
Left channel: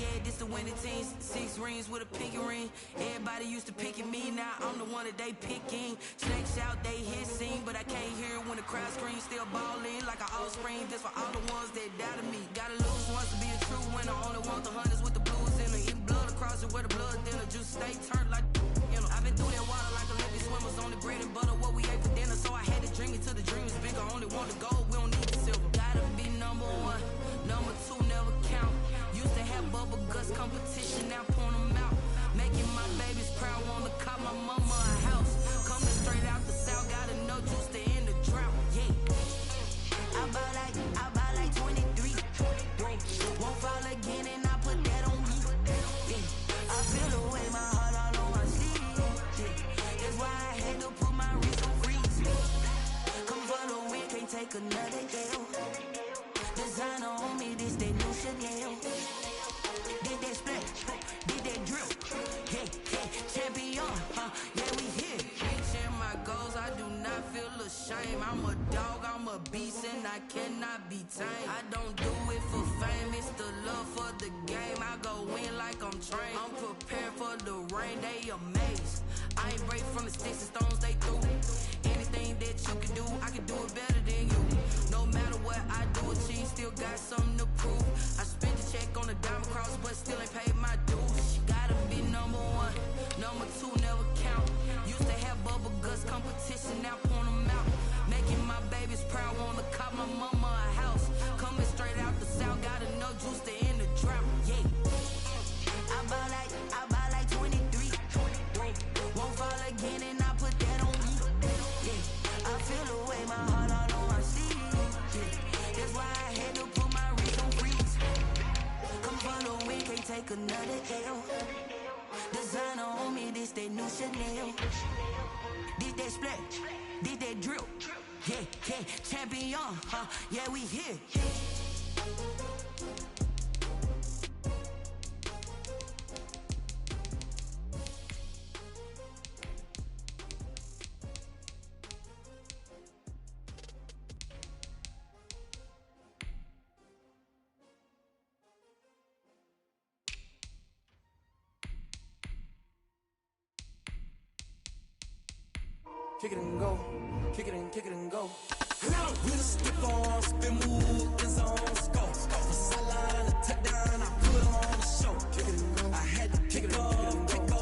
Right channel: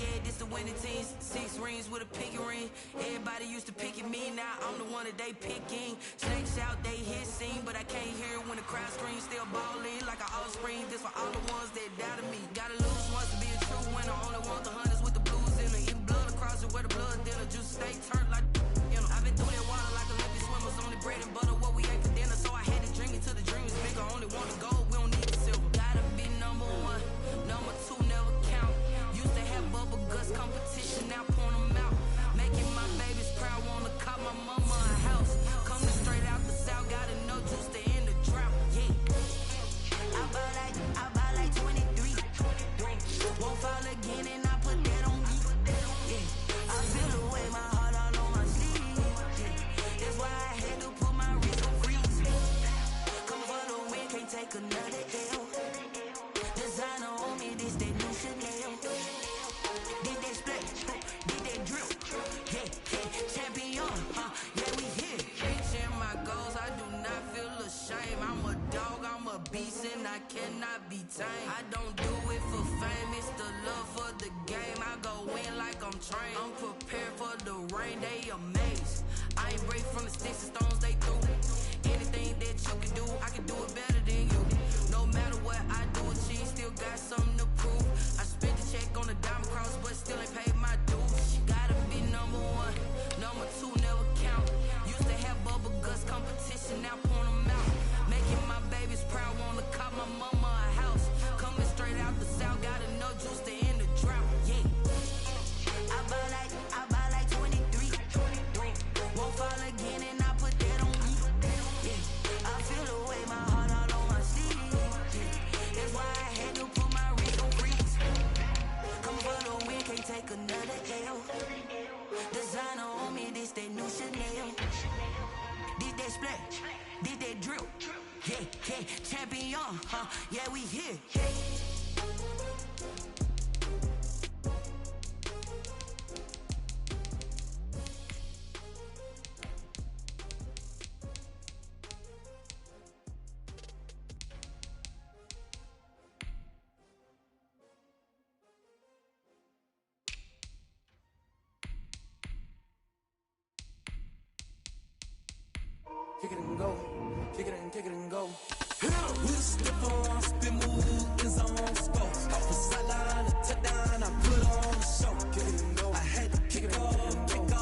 Yeah, this the winning team. 6 rings with a pinky ring. Everybody used to pick at me, now I'm the one that they picking. Snakes out, they hissing, but I can't hear it when the crowd screams. Still balling like an offspring. This for all the ones that doubted me. Gotta lose once to be a true winner. Only want the hunters with the blues in it. Eating blood across it where the blood thinner. Juice stay turned like, you know. I've been through that water like Olympic swimmers. Only bread and butter, what we ate for dinner. So I had to dream it till the dream is bigger. Only want the gold, we don't need the silver. Gotta be number 1, number 2 never count. Used to have bubble guts competition, now point them out. Making my babies proud, wanna cop my mama a house. Coming straight out the south, gotta know juice to end the drought. Yeah, I buy like 23. Won't fall again and I put that on me. Yeah, I feel the way my heart all on my sleeve. Yeah, that's why I had to put my wrist on freeze. Coming for the win, can't take another L. Designer on me, this that new Chanel. Did that splash, did that drill. Yeah, yeah, champion, yeah, we here. Reaching my goals, I do not feel ashamed. I'm a dog, I'm a beast, and I cannot be tamed. I don't do it for fame, it's the love for the game. I go in like I'm trained. I'm prepared for the rain, they amazed. I ain't break from the sticks and stones they threw. Anything that you can do, I can do it better than you. No matter what I do, achieve, still got something to prove. I spent the check on the diamond cross, but still ain't paid my dues. Gotta be number 1, number 2 never count. Used to have bubble guts competition. no juice to end the drought, yeah. I buy like 23. Won't fall again and I put that on me, yeah. I feel the way, my heart all on my sleeve, yeah. That's why I had to put my wrist on freeze. Come for the win, can't take another L. Designer on me, this that new Chanel. This that splash, this that drill, yeah, yeah. Champion, yeah, we here. Kick it and go, kick it and go. With a stiff arm, spin move, in zone, go. Off the sideline, a touchdown, I put on a show. Kick it and go. I had to kick off and go.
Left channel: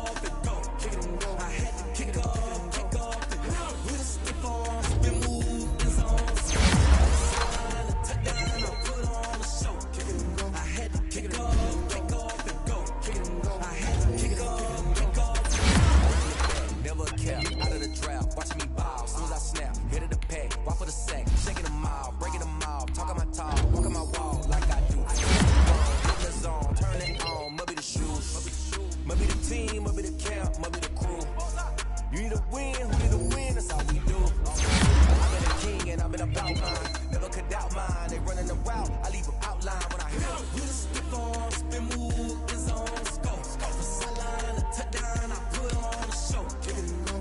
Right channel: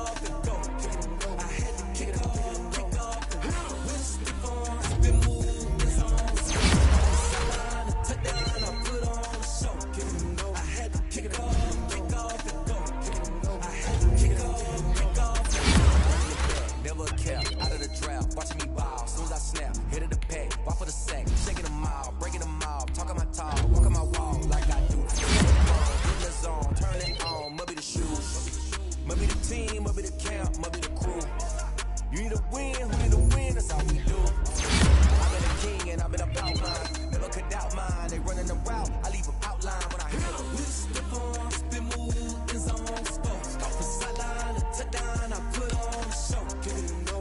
Kick it and go. I had to kick off and go. With a stiff arm, spin move, in zone, go. Off the sideline, a touchdown, I put on a show. Kick it and go. I had to kick off and go. Kick it and go. I had to kick off and go. Never kept out of the drought, watching me ball. Soon as I snap, hit it the pack, walk for the sack, shaking them out, breaking them off, talking my talk, walking my wall like I do. Hit the zone, turn it on, must be the shoes, must be the team, must be the camp, must be the crew. You need a win, who need a win? That's all we do. I've been a king and I've been about mine, never could doubt mine. They running the route, I leave them outline when I hit them. With a stiff arm, spin move, in zone, go. Off the sideline, a touchdown, I put on a show.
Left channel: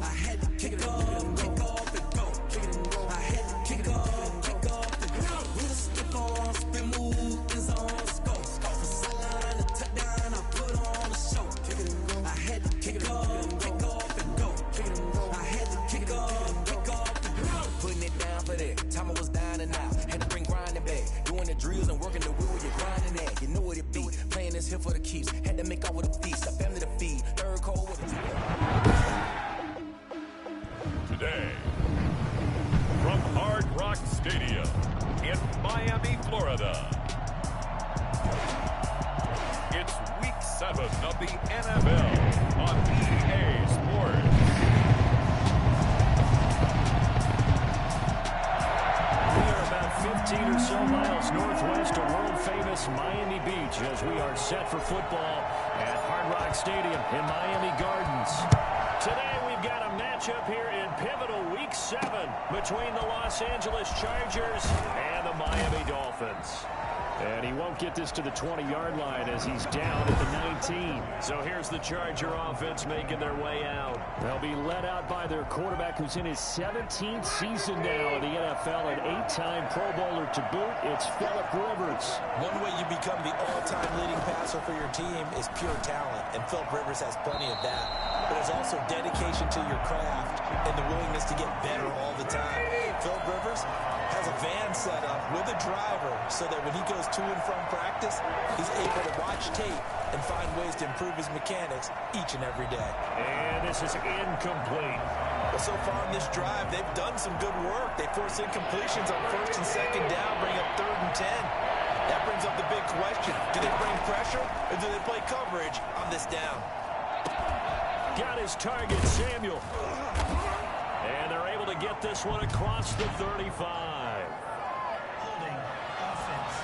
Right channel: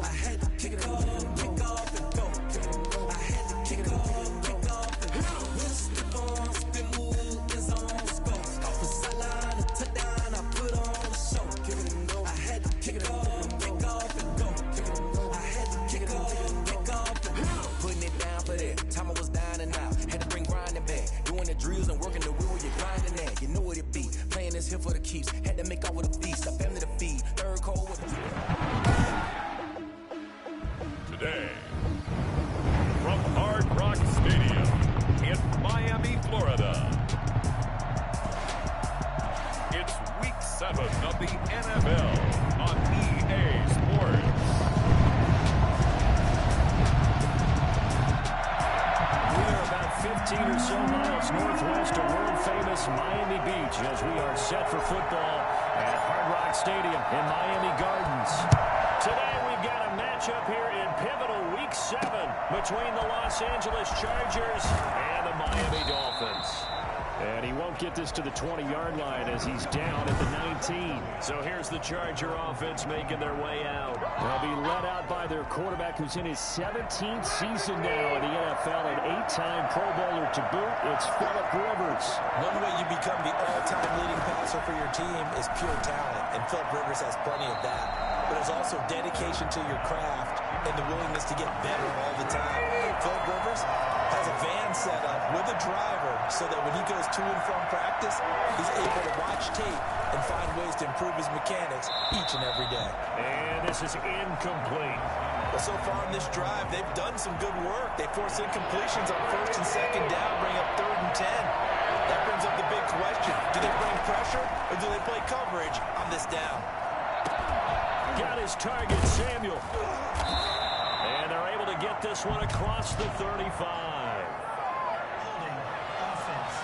I had to kick off and go. I had to kick off and go. With a stiff arm, spin move, in zone, go. Off the sideline, a touchdown, I put on a show. I had to kick off and go. I had to kick off and go. Putting it down for that. Time I was down and out. Had to bring grinding back. Doing the drills and working the wheel where you're grinding at. You know what it be. Playing this here for the keeps. Had to make out with a feast. A family to feed. Third cold with a Today, from Hard Rock Stadium in Miami, Florida, it's Week 7 of the NFL on EA Sports. We are about 15 or so miles northwest of world-famous Miami Beach as we are set for football at Hard Rock Stadium in Miami Gardens. Today we've got a matchup here in pivotal Week 7 between the Los Angeles Chargers and the Miami Dolphins. And he won't get this to the 20-yard line as he's down at the 19. So here's the Charger offense making their way out. They'll be led out by their quarterback who's in his 17th season now in the NFL, an 8-time Pro Bowler to boot. It's Phillip Rivers. One way you become the all-time leading passer for your team is pure talent, and Phillip Rivers has plenty of that. But there's also dedication to your craft and the willingness to get better all the time. Phillip Rivers has a van set up with a driver so that when he goes to and from practice, he's able to watch tape and find ways to improve his mechanics each and every day. And this is incomplete. Well, so far in this drive, they've done some good work. They force incompletions on 1st and 2nd down, bring up 3rd and 10. That brings up the big question. Do they bring pressure or do they play coverage on this down? Got his target, Samuel. And they're able to get this one across the 35. Holding offense.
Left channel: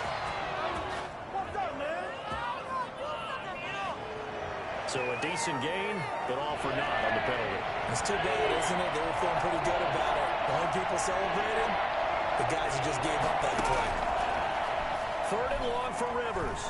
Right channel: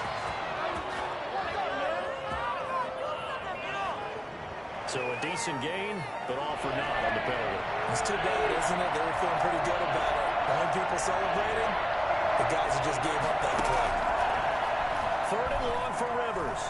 So a decent gain, but all for naught on the penalty. It's too bad, isn't it? They were feeling pretty good about it. The only people celebrating, the guys who just gave up that play. 3rd and long for Rivers.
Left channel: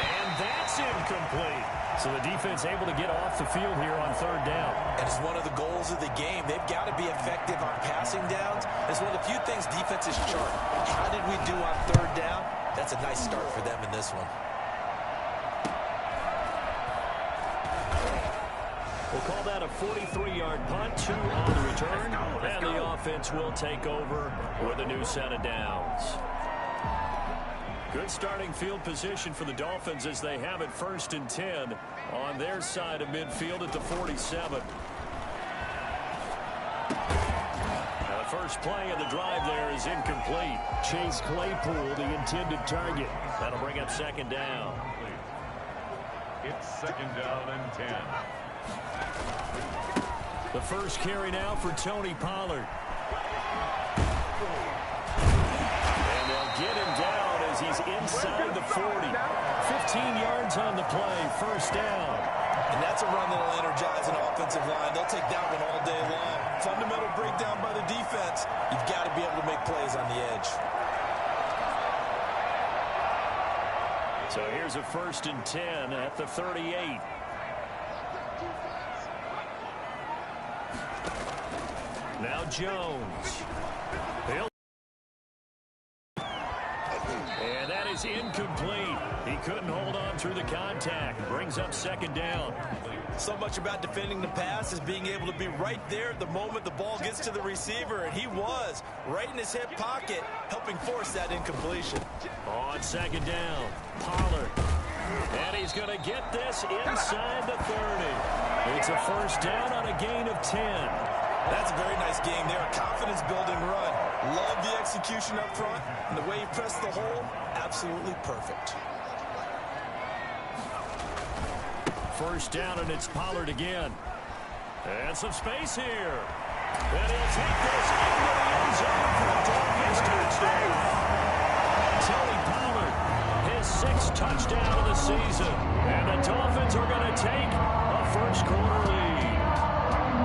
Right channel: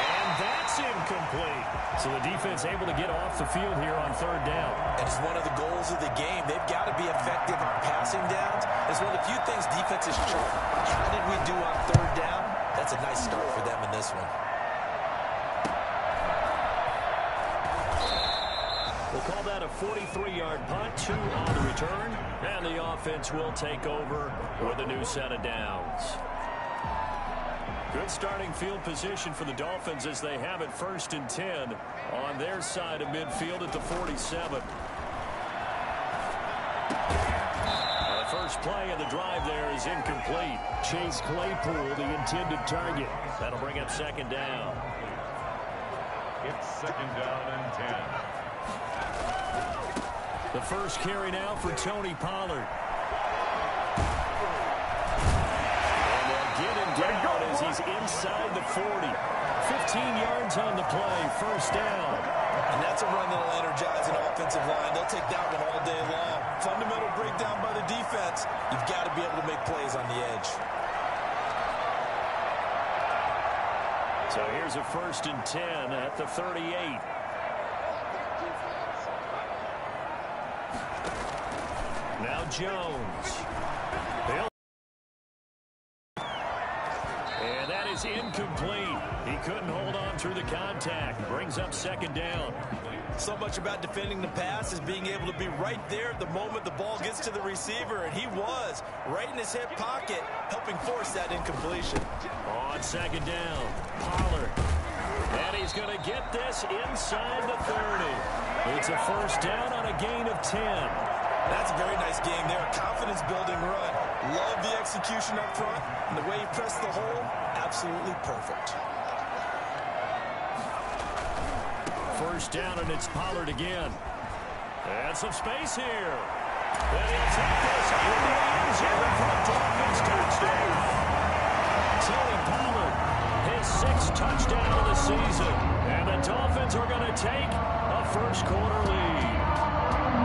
And that's incomplete. So the defense able to get off the field here on 3rd down. And it's one of the goals of the game. They've got to be effective on passing downs. It's one of the few things defenses chart. How did we do on 3rd down? That's a nice start for them in this one. We'll call that a 43-yard punt, 2 on the return. And the offense will take over with a new set of downs. Good starting field position for the Dolphins as they have it 1st and 10 on their side of midfield at the 47. Now the first play of the drive there is incomplete. Chase Claypool, the intended target. That'll bring up second down. It's second down and 10. The first carry now for Tony Pollard. And they'll get him down as he's inside the 40. 15 yards on the play, first down. And that's a run that'll energize an offensive line. They'll take that one all day long. Fundamental breakdown by the defense. You've got to be able to make plays on the edge. So here's a 1st and 10 at the 38. Now Jones. And that is incomplete. He couldn't hold on through the contact. Brings up second down. So much about defending the pass is being able to be right there at the moment the ball gets to the receiver, and he was right in his hip pocket, helping force that incompletion. On second down, Pollard. And he's going to get this inside the 30. It's a first down on a gain of 10. That's a very nice game there. A confidence-building run. Love the execution up front, and the way he pressed the hole, absolutely perfect. First down, and it's Pollard again. And some space here. And he'll take this into the end zone for a Dolphins touchdown. Tony Pollard, his 6th touchdown of the season. And the Dolphins are going to take a first-quarter lead.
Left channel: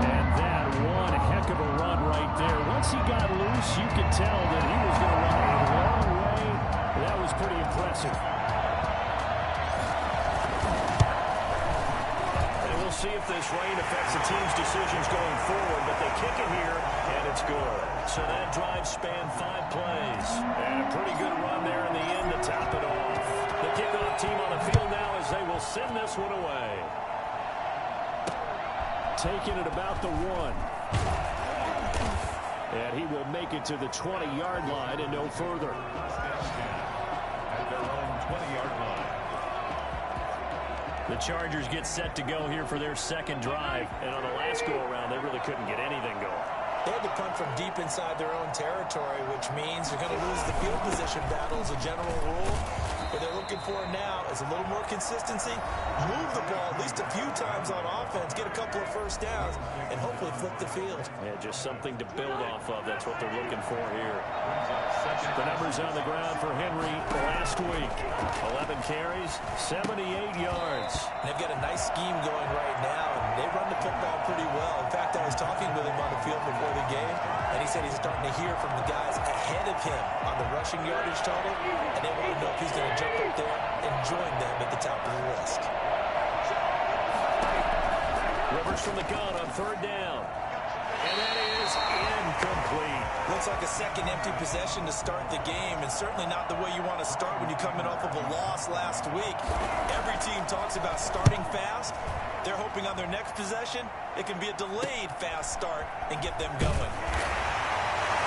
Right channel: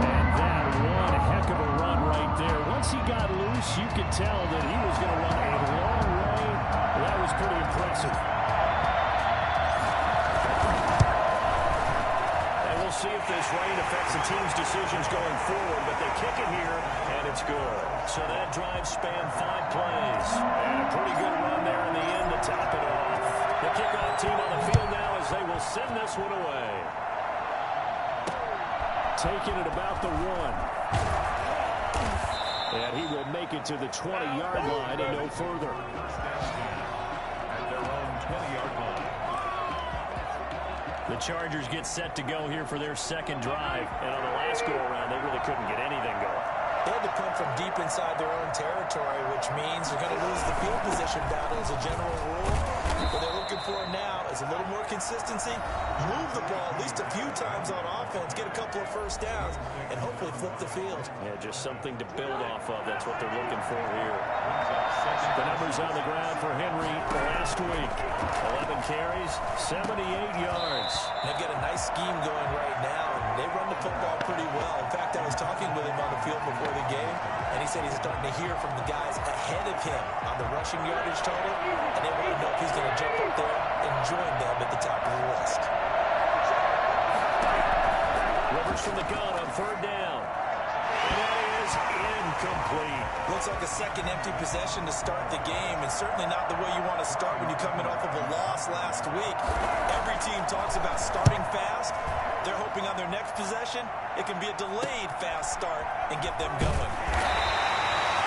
And that one heck of a run right there. Once he got loose, you could tell that he was going to run a long way. That was pretty impressive. And we'll see if this rain affects the team's decisions going forward, but they kick it here, and it's good. So that drive spanned 5 plays. And a pretty good run there in the end to top it off. The kickoff team on the field now as they will send this one away. Taking it about the 1. And he will make it to the 20-yard line and no further. At their own 20-yard line. The Chargers get set to go here for their second drive. And on the last go-around, they really couldn't get anything going. They had to punt from deep inside their own territory, which means they're going to lose the field position battle as a general rule. What they're looking for now is a little more consistency, move the ball at least a few times on offense, get a couple of first downs, and hopefully flip the field. Yeah, just something to build off of. That's what they're looking for here. The numbers on the ground for Henry last week. 11 carries, 78 yards. They've got a nice scheme going right now, and they run the football pretty well. In fact, I was talking with him on the field before the game, and he said he's starting to hear from the guys ahead of him on the rushing yardage total, and they want to know if he's going to jump up there and join them at the top of the list. Rivers from the gun on 3rd down. And that is incomplete. Looks like a second empty possession to start the game, and certainly not the way you want to start when you're coming off of a loss last week. Every team talks about starting fast. They're hoping on their next possession, it can be a delayed fast start and get them going.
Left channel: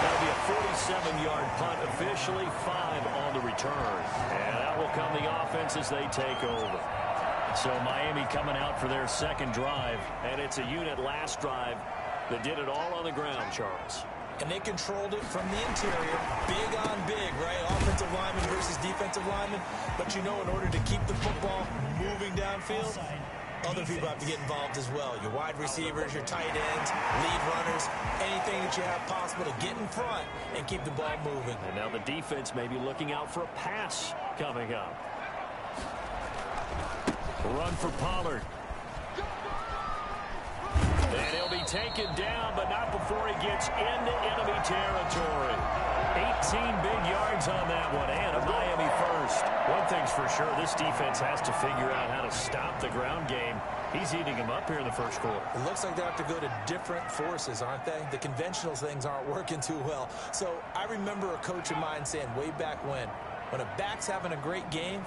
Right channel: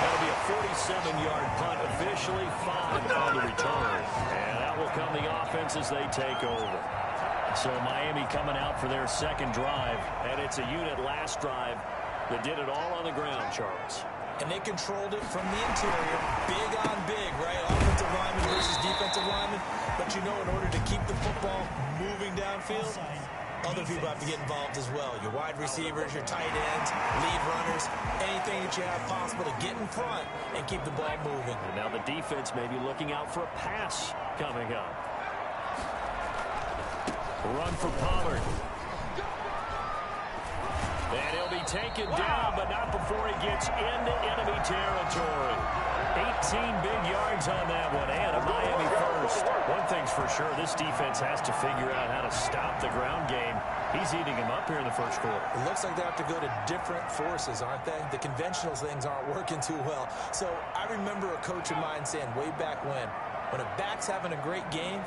That'll be a 47-yard punt, officially 5 on the return. And out will come the offense as they take over. So Miami coming out for their second drive, and it's a unit last drive that did it all on the ground, Charles. And they controlled it from the interior, big on big, right? Offensive lineman versus defensive lineman. But you know, in order to keep the football moving downfield, other people have to get involved as well. Your wide receivers, your tight ends, lead runners, anything that you have possible to get in front and keep the ball moving. And now the defense may be looking out for a pass coming up. Run for Pollard. And he'll be taken down, but not before he gets into enemy territory. 18 big yards on that one, and a Miami first. One thing's for sure, this defense has to figure out how to stop the ground game. He's eating him up here in the first quarter. It looks like they have to go to different forces, aren't they? The conventional things aren't working too well. So I remember a coach of mine saying way back when a back's having a great game,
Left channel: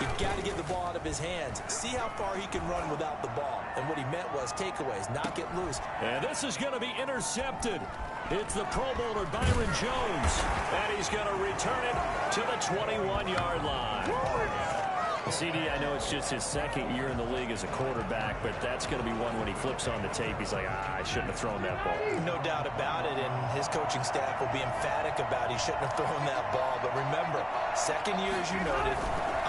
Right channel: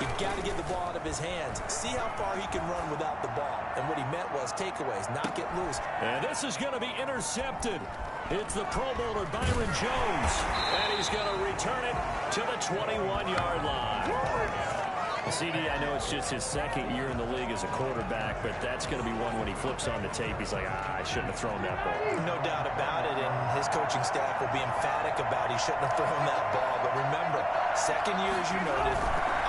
you've got to get the ball out of his hands. See how far he can run without the ball. And what he meant was takeaways, not get loose. And this is going to be intercepted. It's the Pro Bowler Byron Jones. And he's going to return it to the 21-yard line. CD, I know it's just his second year in the league as a quarterback, but that's going to be one when he flips on the tape. He's like, I shouldn't have thrown that ball. No doubt about it, and his coaching staff will be emphatic about he shouldn't have thrown that ball. But remember, second year, as you noted,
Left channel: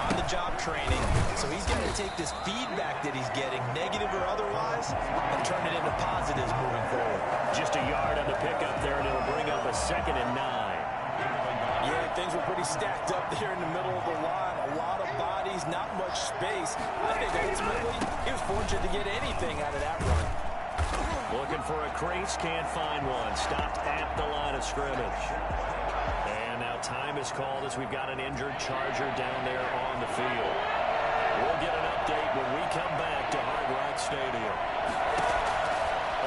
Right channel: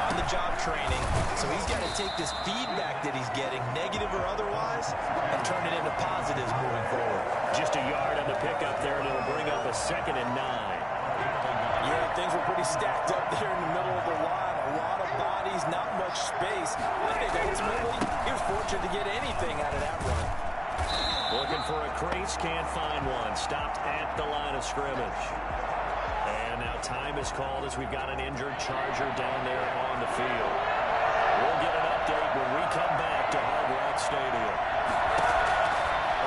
on-the-job training. So he's got to take this feedback that he's getting, negative or otherwise, and turn it into positives moving forward. Just a yard on the pickup there, and it'll bring up a 2nd and 9. Yeah, things were pretty stacked up there in the middle of the line. A lot of bodies, not much space. I think ultimately he was fortunate to get anything out of that run. Looking for a crease, can't find one. Stopped at the line of scrimmage. And now time is called as we've got an injured Charger down there on the field. We'll get an update when we come back to Hard Rock Stadium.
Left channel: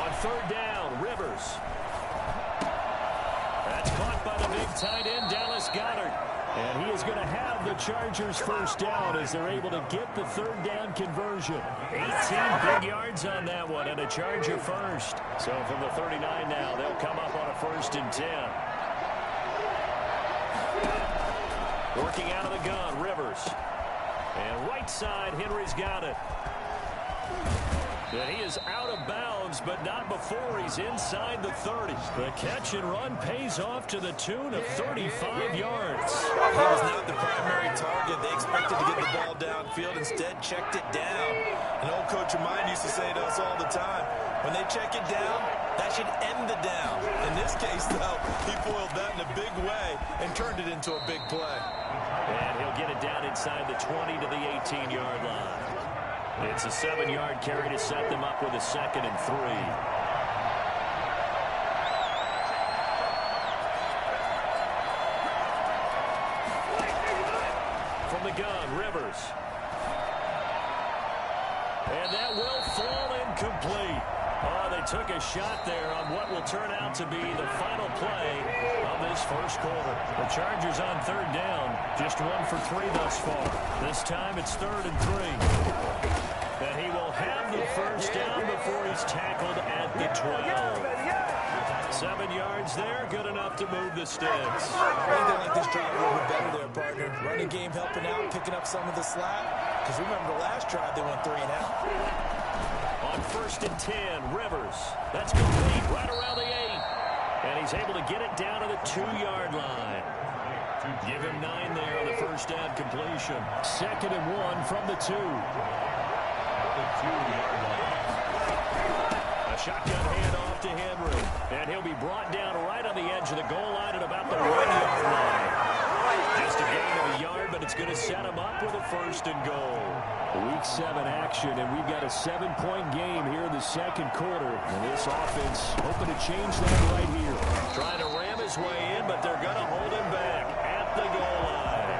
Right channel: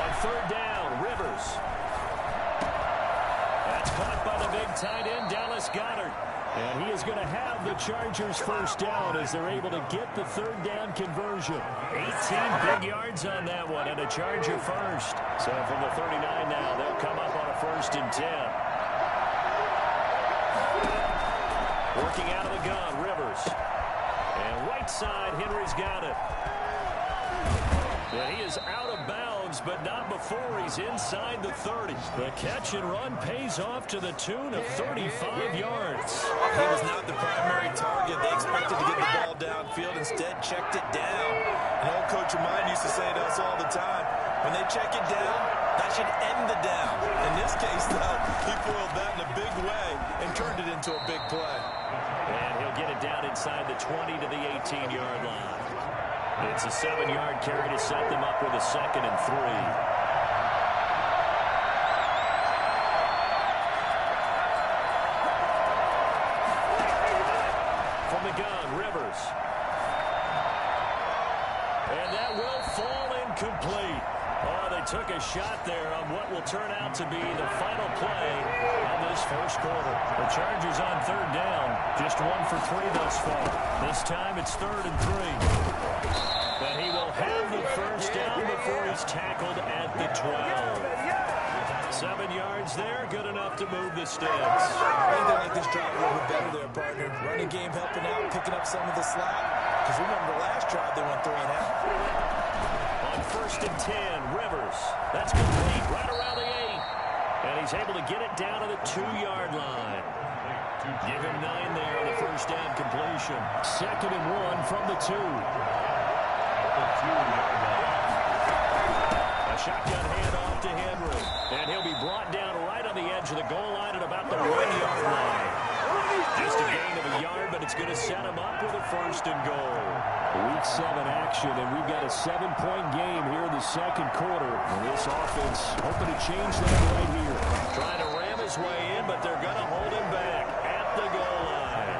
On 3rd down, Rivers. That's caught by the big tight end, Dallas Goedert. And he is going to have the Chargers first down as they're able to get the 3rd down conversion. 18 big yards on that one and a Charger first. So from the 39 now, they'll come up on a 1st and 10. Working out of the gun, Rivers. And right side, Henry's got it. And he is out of bounds, but not before he's inside the 30. The catch and run pays off to the tune of 35 yards. He was not the primary target. They expected to get the ball downfield, instead checked it down. An old coach of mine used to say to us all the time, when they check it down, that should end the down. In this case, though, he foiled that in a big way and turned it into a big play. And he'll get it down inside the 20 to the 18-yard line. It's a 7-yard carry to set them up with a 2nd and 3. From the gun, Rivers. And that will fall incomplete. Oh, they took a shot there on what will turn out to be the final play of this first quarter. The Chargers on 3rd down, just 1 for 3 thus far. This time it's 3rd and 3. And he will have the first down before he's tackled at the 12. 7 yards there, good enough to move the sticks. I think they like this drive a little bit better there, partner. Running game helping out, picking up some of the slack. Because remember, the last drive they went 3 and out. On 1st and 10, Rivers. That's complete right around the 8. And he's able to get it down to the 2-yard line. Give him 9 there on the first down completion. 2nd and 1 from the 2. The 2-yard line. A shotgun handoff to Henry. And he'll be brought down right on the edge of the goal line at about the 1-yard line. Just a gain of a yard, but it's going to set him up with a 1st and goal. Week 7 action, and we've got a 7-point game here in the second quarter. And this offense hoping to change that right here. Trying to ram his way in, but they're going to hold him back at the goal line.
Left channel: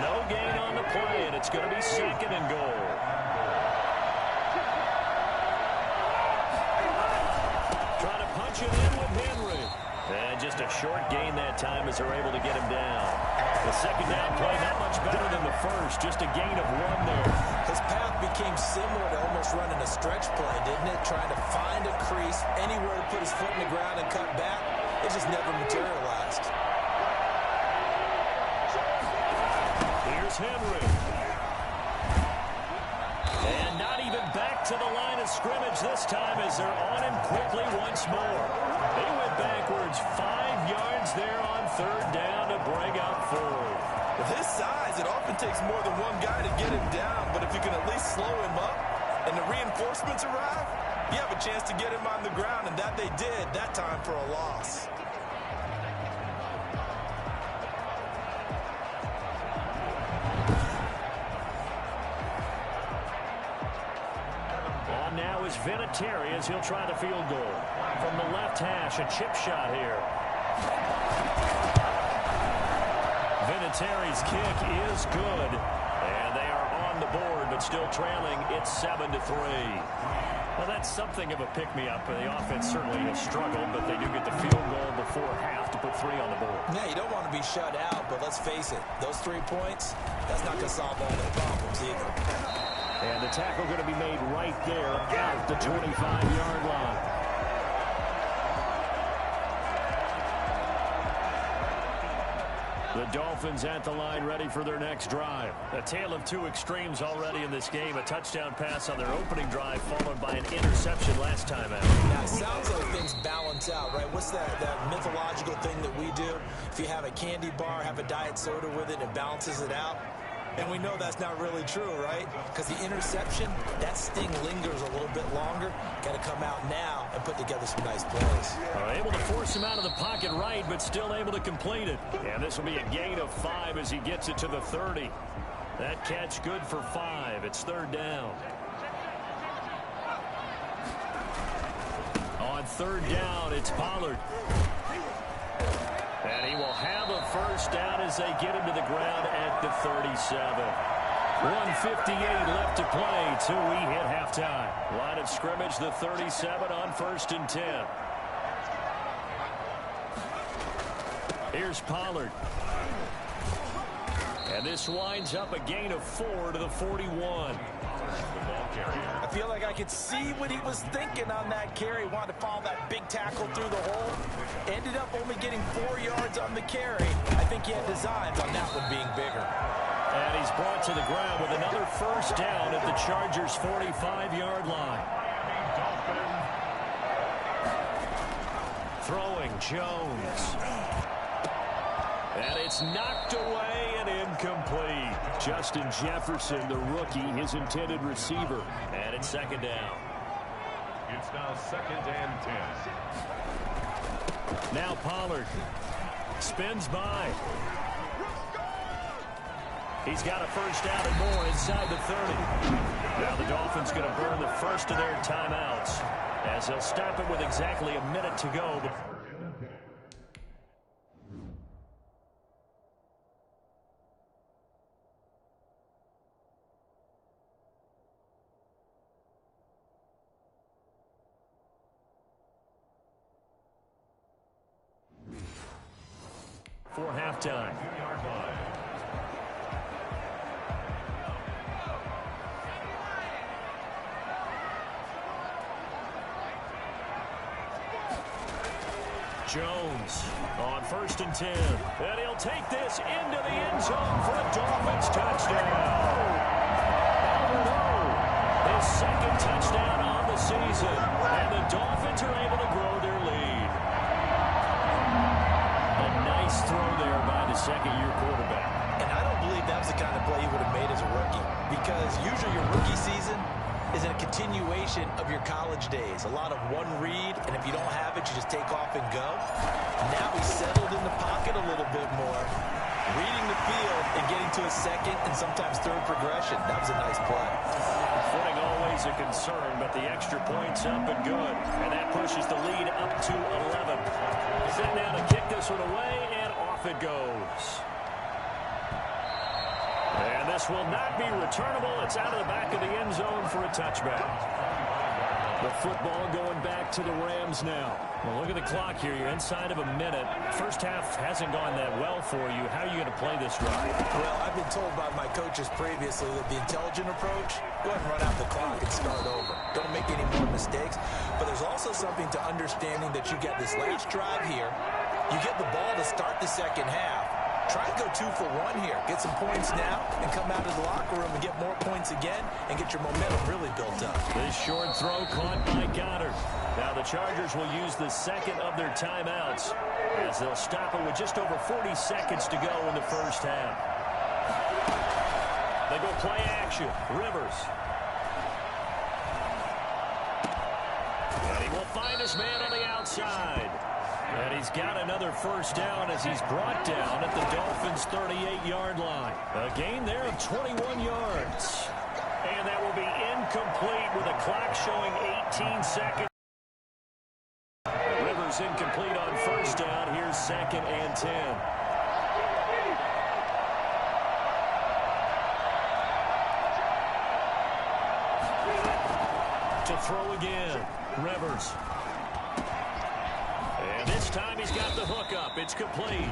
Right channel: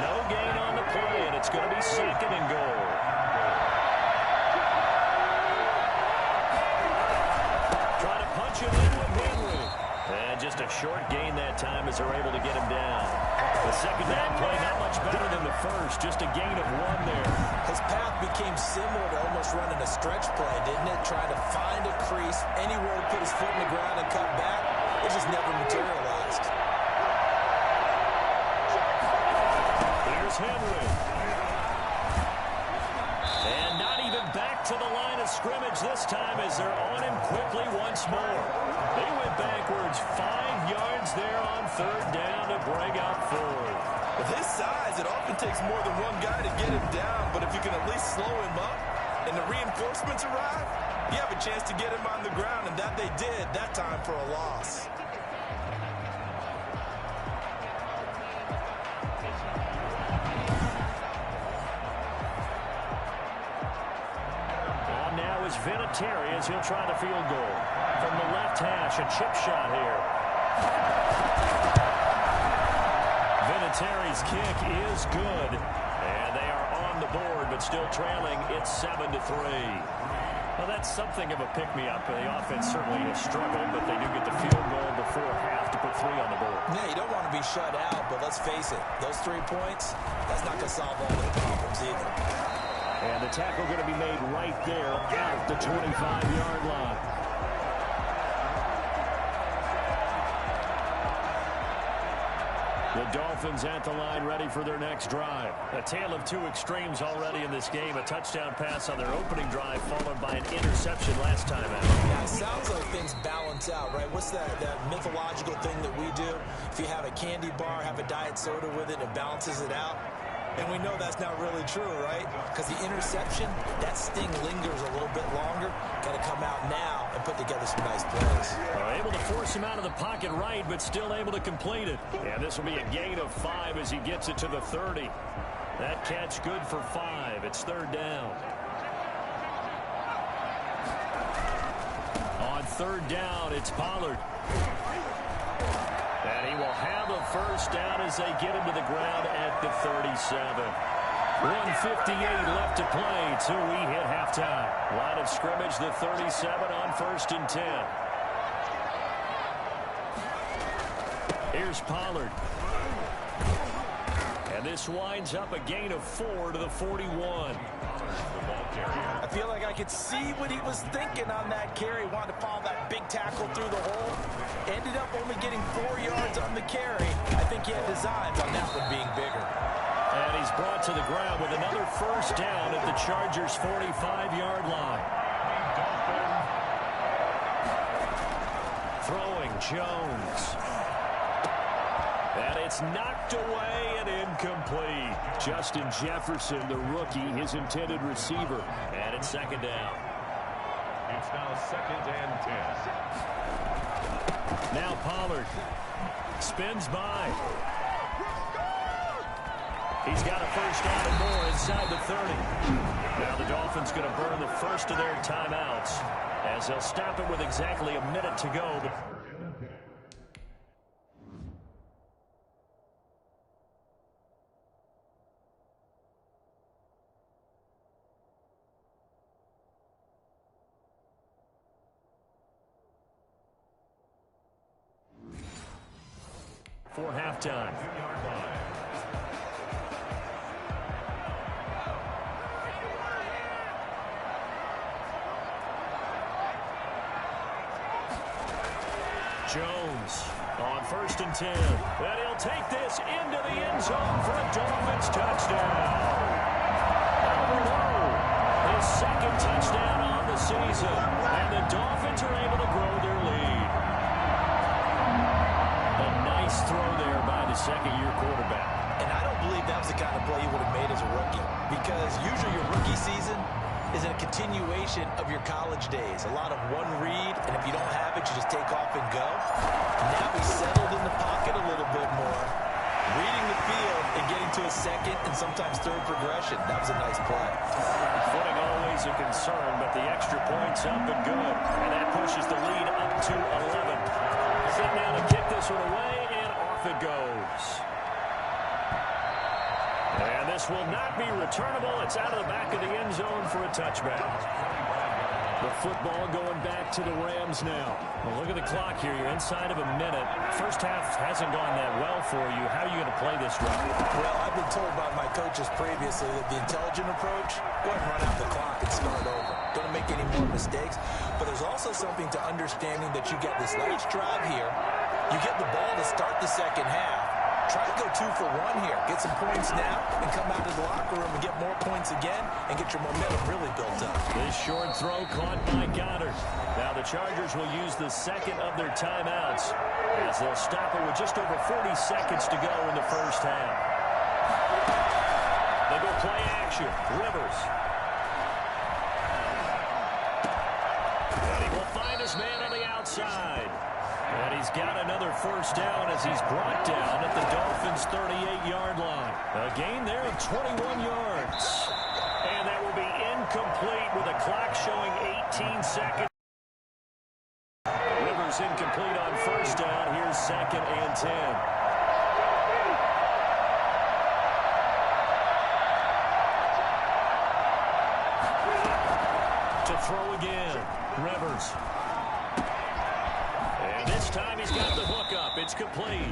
No gain on the play, and it's going to be 2nd and goal. Trying to punch it in with Henry. And just a short gain that time as they're able to get him down. The 2nd down play not much better than the first. Just a gain of 1 there. His path became similar to almost running a stretch play, didn't it? Trying to find a crease, anywhere to put his foot in the ground and cut back. It just never materialized. Here's Henry. And not even back to the line of scrimmage this time as they're on him quickly once more. They went backwards 5 yards there on 3rd down to bring up 4th. With his size, it often takes more than one guy to get him down, but if you can at least slow him up and the reinforcements arrive, you have a chance to get him on the ground, and that they did that time for a loss. Now is Vinatieri as he'll try the field goal. From the left hash, a chip shot here. Vinatieri's kick is good. And they are on the board, but still trailing. It's 7-3. Well, that's something of a pick-me-up. The offense certainly has struggled, but they do get the field goal before half to put 3 on the board. Yeah, you don't want to be shut out, but let's face it. Those 3 points, that's not going to solve all the problems either. And the tackle going to be made right there at the 25-yard line. The Dolphins at the line, ready for their next drive. A tale of two extremes already in this game. A touchdown pass on their opening drive, followed by an interception last time out. Now, it sounds like things balance out, right? What's that mythological thing that we do? If you have a candy bar, have a diet soda with it, it balances it out. And we know that's not really true, right? Because the interception, that sting lingers a little bit longer. Got to come out now and put together some nice plays. Able to force him out of the pocket right, but still able to complete it. And this will be a gain of 5 as he gets it to the 30. That catch good for 5. It's third down. On third down, it's Pollard. And he will have a first down as they get him to the ground at the 37. 1:58 left to play till we hit halftime. Line of scrimmage, the 37 on 1st and 10. Here's Pollard. And this winds up a gain of 4 to the 41. I feel like I could see what he was thinking on that carry. Wanted to follow that big tackle through the hole. Ended up only getting 4 yards on the carry. I think he had designs on that one being bigger. And he's brought to the ground with another first down at the Chargers' 45-yard line. Throwing Jones. And it's knocked away and incomplete. Justin Jefferson, the rookie, his intended receiver. And it's second down. It's now 2nd and 10. Now Pollard spins by. He's got a first down and more inside the 30. Now the Dolphins going to burn the first of their timeouts as they'll stop it with exactly a minute to go. For halftime. Jones on 1st and 10. And he'll take this into the end zone for a Dolphins touchdown. Albert O, his second touchdown on the season. And the Dolphins are able to grow their lead. A nice throw there by the second-year quarterback. And I don't believe that was the kind of play he would have made as a rookie. Because usually your rookie season is a continuation of your college days. A lot of one read, and if you don't have it, you just take off and go. Now he's settled in the pocket a little bit more, reading the field and getting to a second and sometimes third progression. That was a nice play. Footing always a concern, but the extra point's up and good. And that pushes the lead up to 11. Set now to kick this one away, and off it goes. And this will not be returnable. It's out of the back of the end zone for a touchback. The football going back to the Rams now. Well, look at the clock here. You're inside of a minute. First half hasn't gone that well for you. How are you going to play this drive? Well, I've been told by my coaches previously that the intelligent approach, go ahead and run out the clock and start over. Don't make any more mistakes. But there's also something to understanding that you get this last drive here. You get the ball to start the second half. Try and go 2 for 1 here. Get some points now and come out of the locker room and get more points again and get your momentum really built up. This short throw caught by Goddard. Now the Chargers will use the second of their timeouts as they'll stop it with just over 40 seconds to go in the first half. They go play action. Rivers. And he will find his man on the outside. And he's got another first down as he's brought down at the Dolphins' 38-yard line. A gain there of 21 yards. And that will be incomplete with a clock showing 18 seconds. Rivers incomplete on first down. Here's 2nd and 10. To throw again. Rivers. And this time he's got the hook up. It's complete.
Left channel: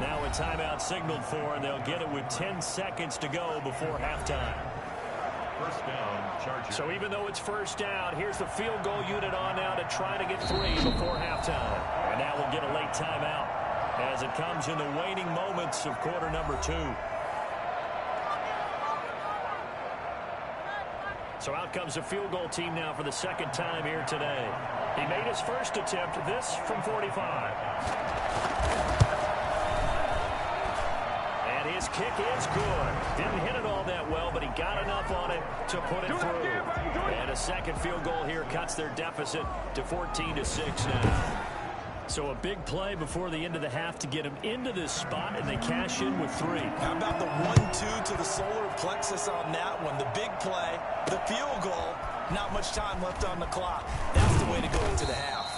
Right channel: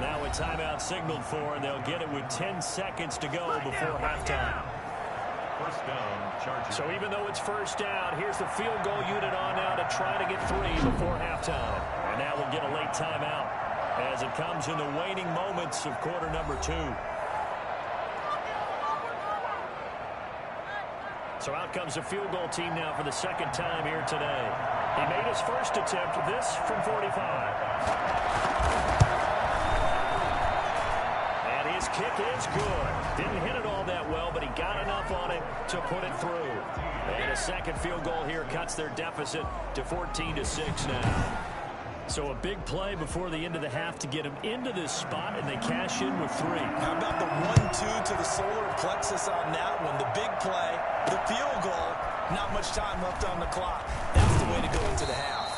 Now a timeout signaled for, and they'll get it with 10 seconds to go before halftime. First down, Chargers. So even though it's first down, here's the field goal unit on now to try to get 3 before halftime. And now we'll get a late timeout. as it comes in the waning moments of quarter number 2. So out comes a field goal team now for the second time here today. He made his first attempt, this from 45. And his kick is good. Didn't hit it all that well, but he got enough on it to put it through. And a second field goal here cuts their deficit to 14-6 now. So a big play before the end of the half to get him into this spot, and they cash in with 3. How about the 1-2 to the solar plexus on that one? The big play, the field goal, not much time left on the clock. That's the way to go into the half.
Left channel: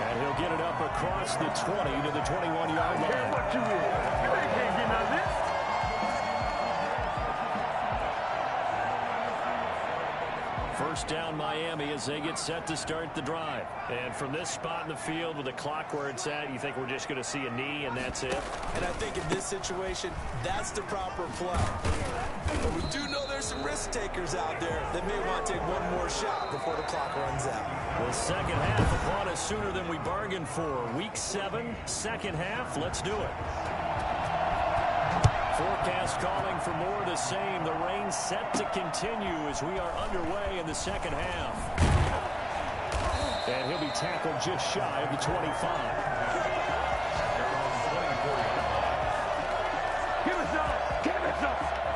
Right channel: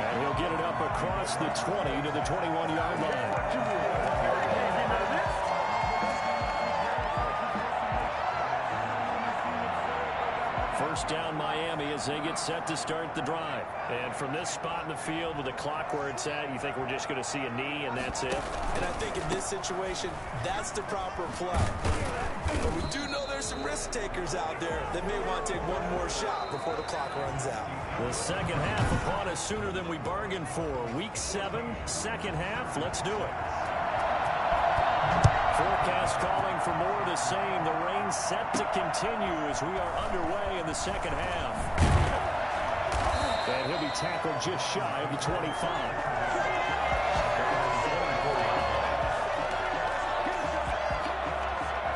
And he'll get it up across the 20 to the 21-yard line. First down Miami as they get set to start the drive. And from this spot in the field with the clock where it's at, you think we're just going to see a knee and that's it? And I think in this situation, that's the proper play. But we do know there's some risk takers out there that may want to take one more shot before the clock runs out. The second half upon us sooner than we bargained for. Week 7, second half. Let's do it. Forecast calling for more of the same. The rain set to continue as we are underway in the second half. And he'll be tackled just shy of the 25.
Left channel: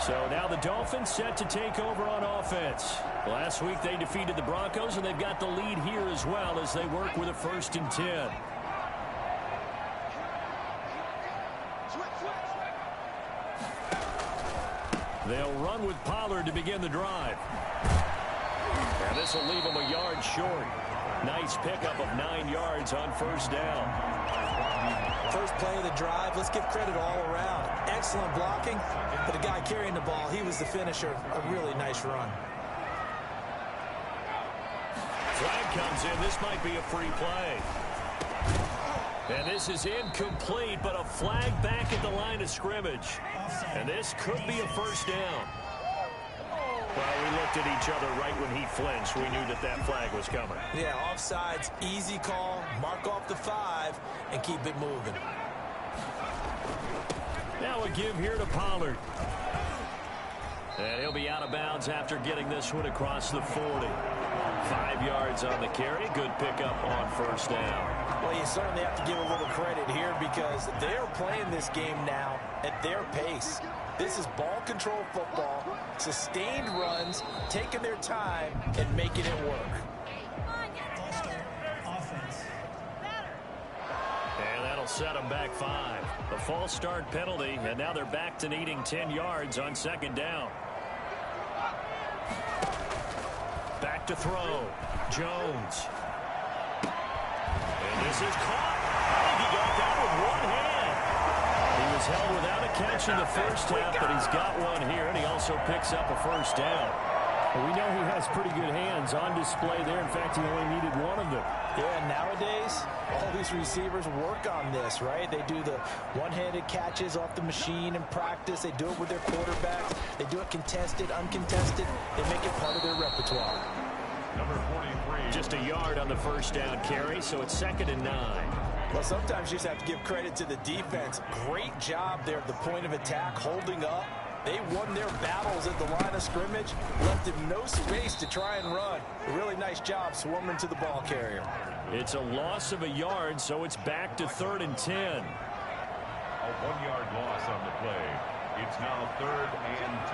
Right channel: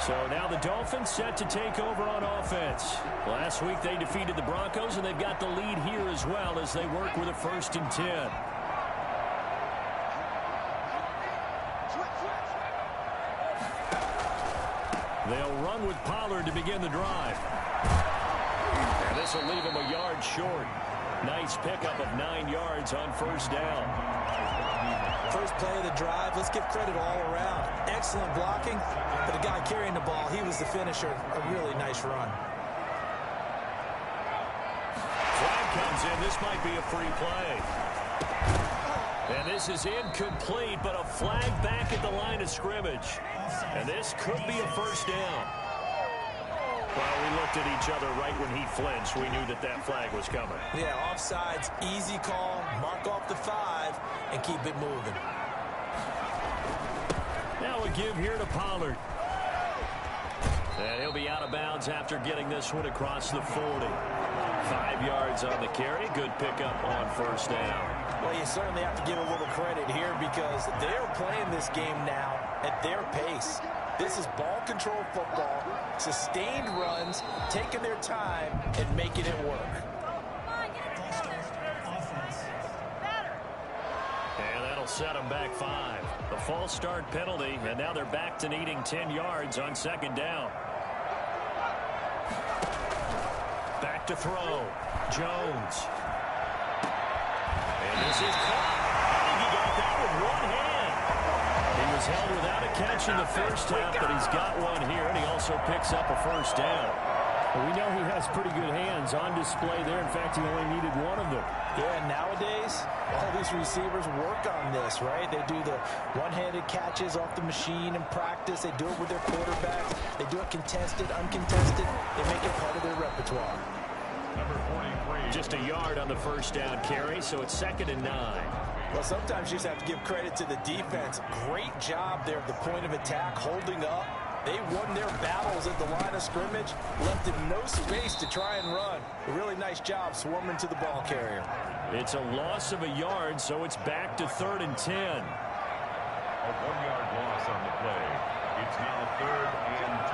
So now the Dolphins set to take over on offense. Last week they defeated the Broncos, and they've got the lead here as well as they work with a 1st and 10. They'll run with Pollard to begin the drive. And this will leave them a yard short. Nice pickup of 9 yards on first down. First play of the drive, let's give credit all around. Excellent blocking, but the guy carrying the ball, he was the finisher. A really nice run. Flag comes in. This might be a free play. And this is incomplete, but a flag back at the line of scrimmage. And this could be a first down. Well, we looked at each other right when he flinched. We knew that that flag was coming. Yeah, offsides, easy call, mark off the 5, and keep it moving. Now a give here to Pollard. And he'll be out of bounds after getting this one across the 40. 5 yards on the carry. Good pickup on first down. Well, you certainly have to give a little credit here because they're playing this game now at their pace. This is ball control football, sustained runs, taking their time, and making it work. And that'll set them back 5. The false start penalty, and now they're back to needing 10 yards on second down. Back to throw. Jones. And this is caught. I think he got that with one hand. He was held without a catch in the first half, but he's got one here, and he also picks up a first down. Well, we know he has pretty good hands on display there. In fact, he only needed one of them. Yeah, nowadays, all these receivers work on this, right? They do the one-handed catches off the machine in practice. They do it with their quarterbacks. They do it contested, uncontested. They make it part of their repertoire. Number 43. Just a yard on the first down carry, so it's 2nd and 9. Well, sometimes you just have to give credit to the defense. Great job there at the point of attack, holding up. They won their battles at the line of scrimmage, left him no space to try and run. A really nice job swarming to the ball carrier. It's a loss of a yard, so it's back to 3rd and 10. A 1-yard loss on the play. It's now 3rd and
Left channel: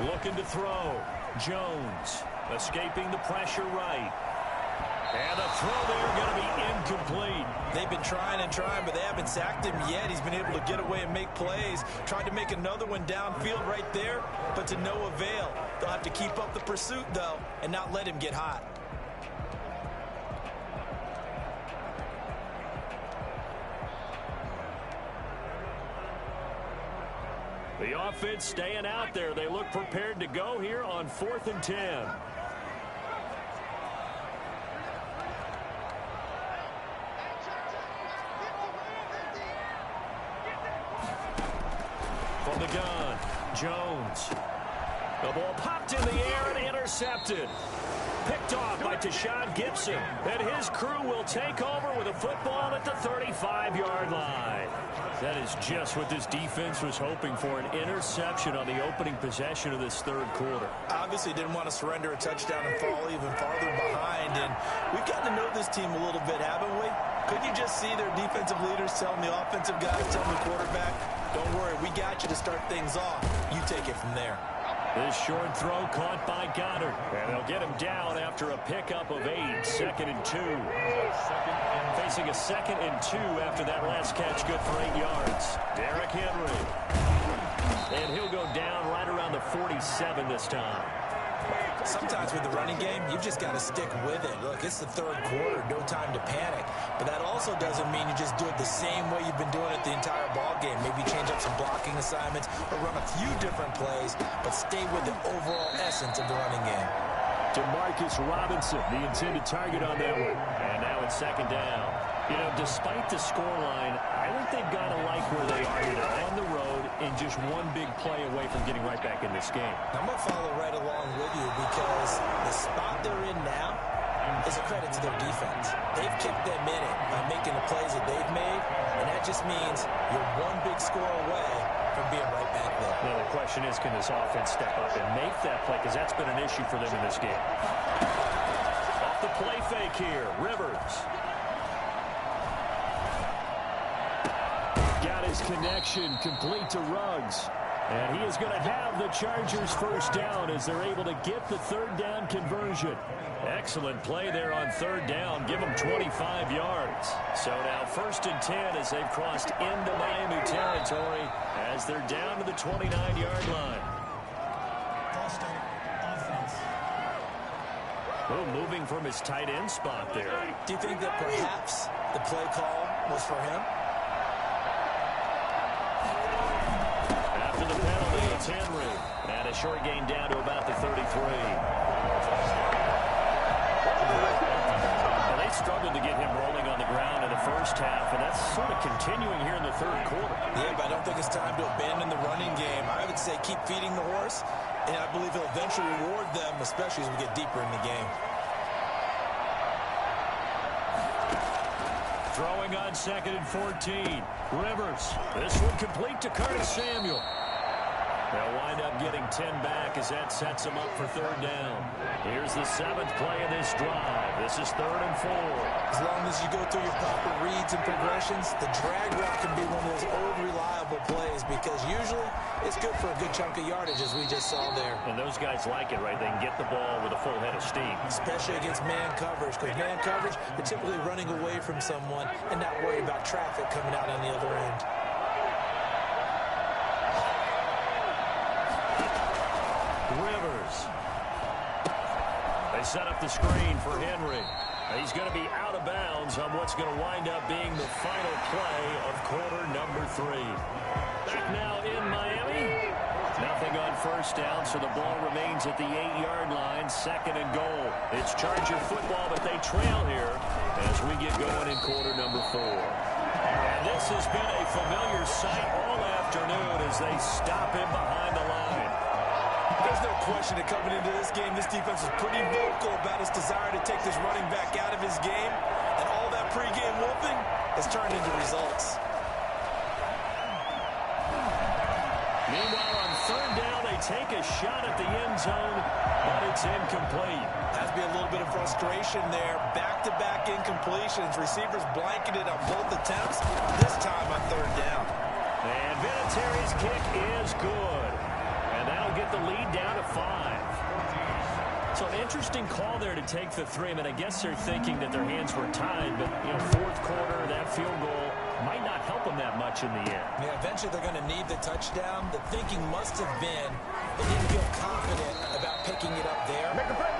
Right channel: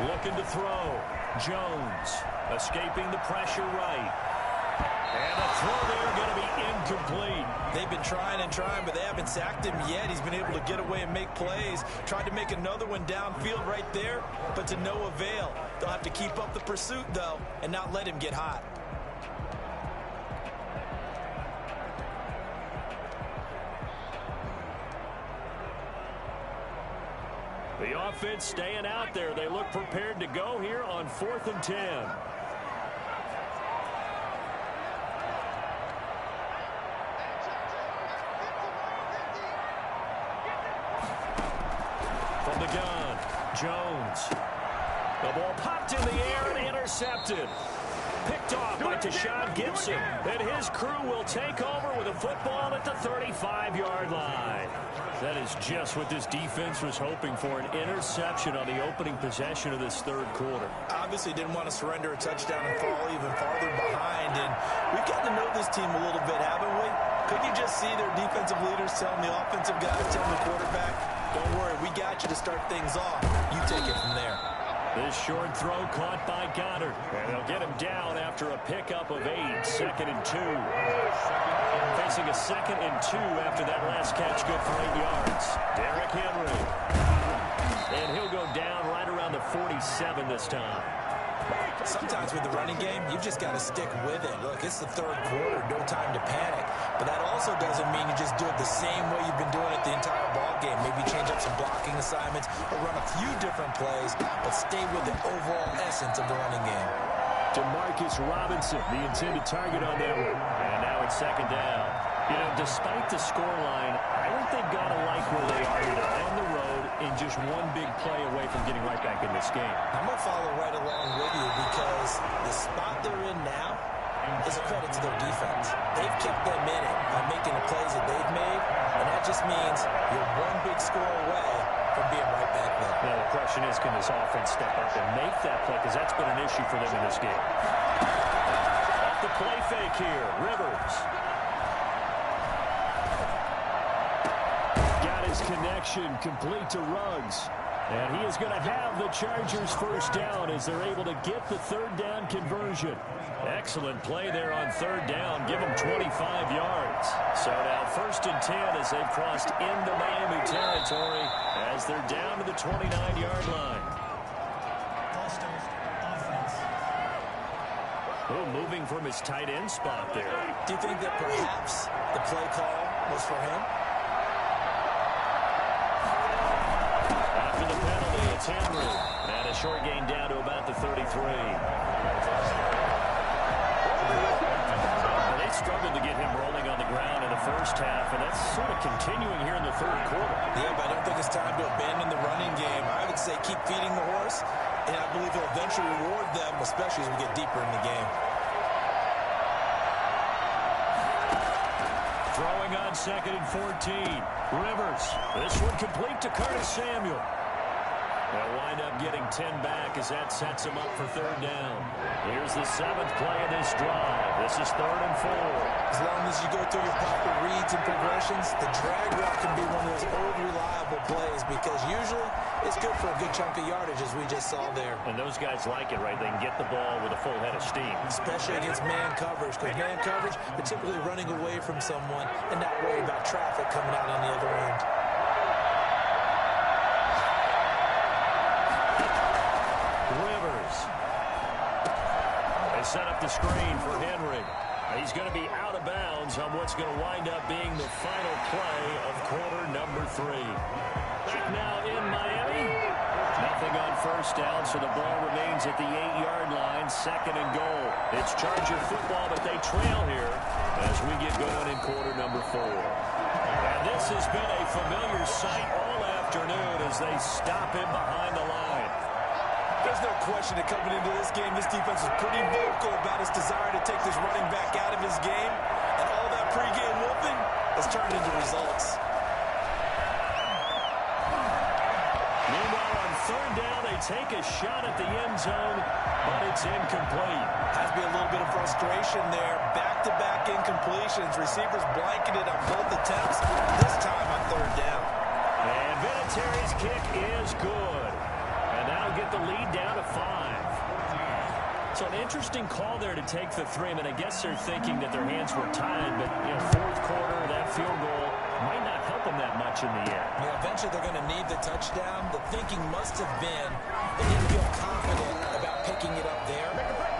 10. Looking to throw. Jones escaping the pressure right. And a throw there going to be incomplete. They've been trying and trying, but they haven't sacked him yet. He's been able to get away and make plays. Tried to make another one downfield right there, but to no avail. They'll have to keep up the pursuit, though, and not let him get hot. The offense staying out there. They look prepared to go here on 4th and 10. From the gun, Jones. The ball popped in the air and intercepted. picked off by Tashawn Gibson. And his crew will take over with a football at the 35-yard line. That is just what this defense was hoping for, an interception on the opening possession of this third quarter. Obviously didn't want to surrender a touchdown and fall even farther behind. And we've gotten to know this team a little bit, haven't we? Could you just see their defensive leaders telling the offensive guys, telling the quarterback, don't worry, we got you to start things off. You take it from there. This short throw caught by Goddard. And they'll get him down after a pickup of 8, 2nd and 2. Facing a 2nd and 2 after that last catch, good for 8 yards. Derrick Henry. And he'll go down right around the 47 this time. Sometimes with the running game, you've just got to stick with it. Look, it's the third quarter, no time to panic. But that also doesn't mean you just do it the same way you've been doing it the entire ball game. Maybe change up some blocking assignments or run a few different plays, but stay with the overall essence of the running game. Demarcus Robinson, the intended target on that one. And now it's 2nd down. You know, despite the scoreline, I think they've got to like where they are here on the road and just one big play away from getting right back in this game. I'm going to follow right along with you because the spot they're in now is a credit to their defense. They've kept them in it by making the plays that they've made, and that just means you're one big score away from being right back there. Now, the question is, can this offense step up and make that play? Because that's been an issue for them in this game. Off the play fake here, Rivers. Got his connection complete to Ruggs. And he is going to have the Chargers first down as they're able to get the 3rd down conversion. Excellent play there on 3rd down. Give them 25 yards. So now 1st and 10 as they've crossed into Miami territory as they're down to the 29-yard line. Oh, moving from his tight end spot there. Do you think that perhaps the play call was for him? After the penalty, it's Henry. And a short gain down to about the 33. Well, they struggled to get him rolling on the ground in the first half, and that's sort of continuing here in the third quarter. Yeah, but I don't think it's time to abandon the running game. I would say keep feeding the horse, and I believe he'll eventually reward them, especially as we get deeper in the game. Throwing on 2nd and 14. Rivers. This one complete to Curtis Samuel. They'll wind up getting 10 back as that sets them up for 3rd down. Here's the 7th play of this drive. This is 3rd and 4. As long as you go through your proper reads and progressions, the drag route can be one of those old reliable plays because usually it's good for a good chunk of yardage as we just saw there. And those guys like it, right? They can get the ball with a full head of steam. Especially against man coverage, because man coverage, they're typically running away from someone and not worried about traffic coming out on the other end. Rivers. They set up the screen for Henry. He's going to be out of bounds on what's going to wind up being the final play of quarter number 3. Back now in Miami. Nothing on 1st down, so the ball remains at the 8-yard line, 2nd and goal. It's Charger football, but they trail here as we get going in quarter number 4. And this has been a familiar sight all afternoon as they stop him behind the line. There's no question that coming into this game, this defense was pretty vocal about its desire to take this running back out of his game, and all that pregame whooping has turned into results. Meanwhile, on 3rd down, they take a shot at the end zone, but it's incomplete. Has to be a little bit of frustration there. Back-to-back incompletions. Receivers blanketed on both attempts, this time on 3rd down. And Vinatieri's kick is good. And that'll get the lead down to 5. So an interesting call there to take the 3. I mean, I guess they're thinking that their hands were tied, but, you know, 4th quarter, that field goal might not help them that much in the end. Yeah, eventually they're going to need the touchdown. The thinking must have been they didn't feel confident about picking it up there,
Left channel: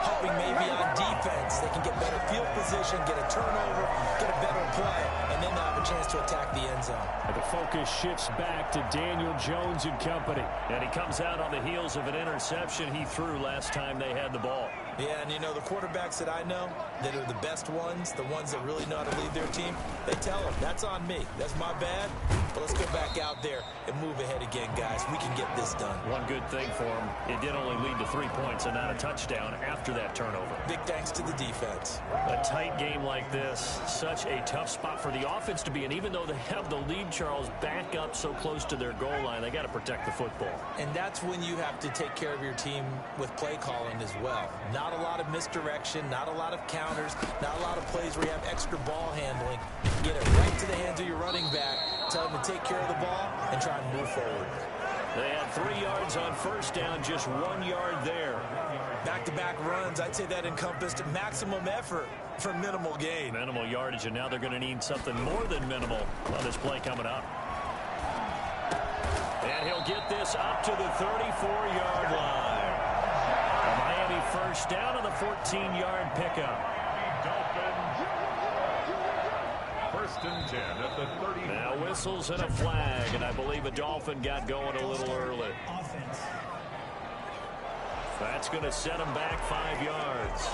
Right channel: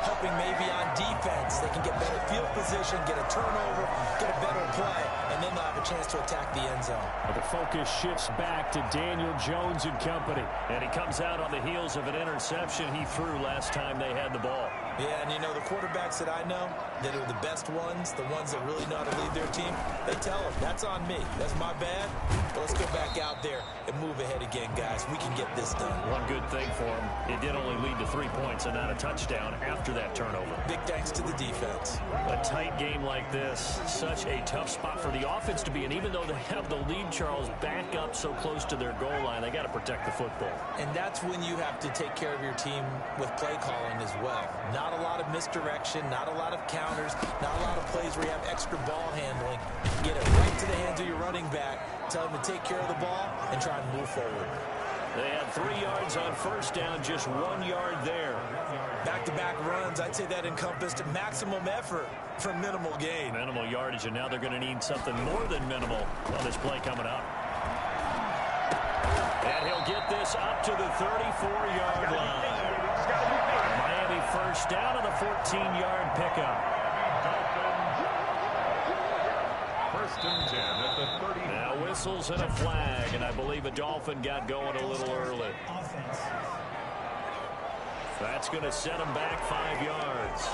hoping maybe on defense they can get better field position, get a turnover, get a better play, and then they'll have a chance to attack the end zone. But the focus shifts back to Daniel Jones and company, and he comes out on the heels of an interception he threw last time they had the ball. Yeah, and you know, the quarterbacks that I know that are the best ones, the ones that really know how to lead their team, they tell them, that's on me. That's my bad. But let's go back out there and move ahead again, guys. We can get this done. One good thing for him, it did only lead to 3 points and not a touchdown after that turnover. Big thanks to the defense. A tight game like this, such a tough spot for the offense to be in. Even though they have the lead, Charles, back up so close to their goal line, they got to protect the football. And that's when you have to take care of your team with play calling as well. Not a lot of misdirection, not a lot of counters, not a lot of plays where you have extra ball handling. Get it right to the hands of your running back, tell him to take care of the ball, and try and move forward. They had 3 yards on first down, just 1 yard there. Back-to-back runs, I'd say that encompassed maximum effort for minimal gain. Minimal yardage, and now they're going to need something more than minimal on this play coming up. And he'll get this up to the 34-yard line. A Miami first down on the 14-yard pickup. First and 10 at the 30. Now whistles and a flag, and I believe a Dolphin got going a little early. Offense. That's going to set him back 5 yards.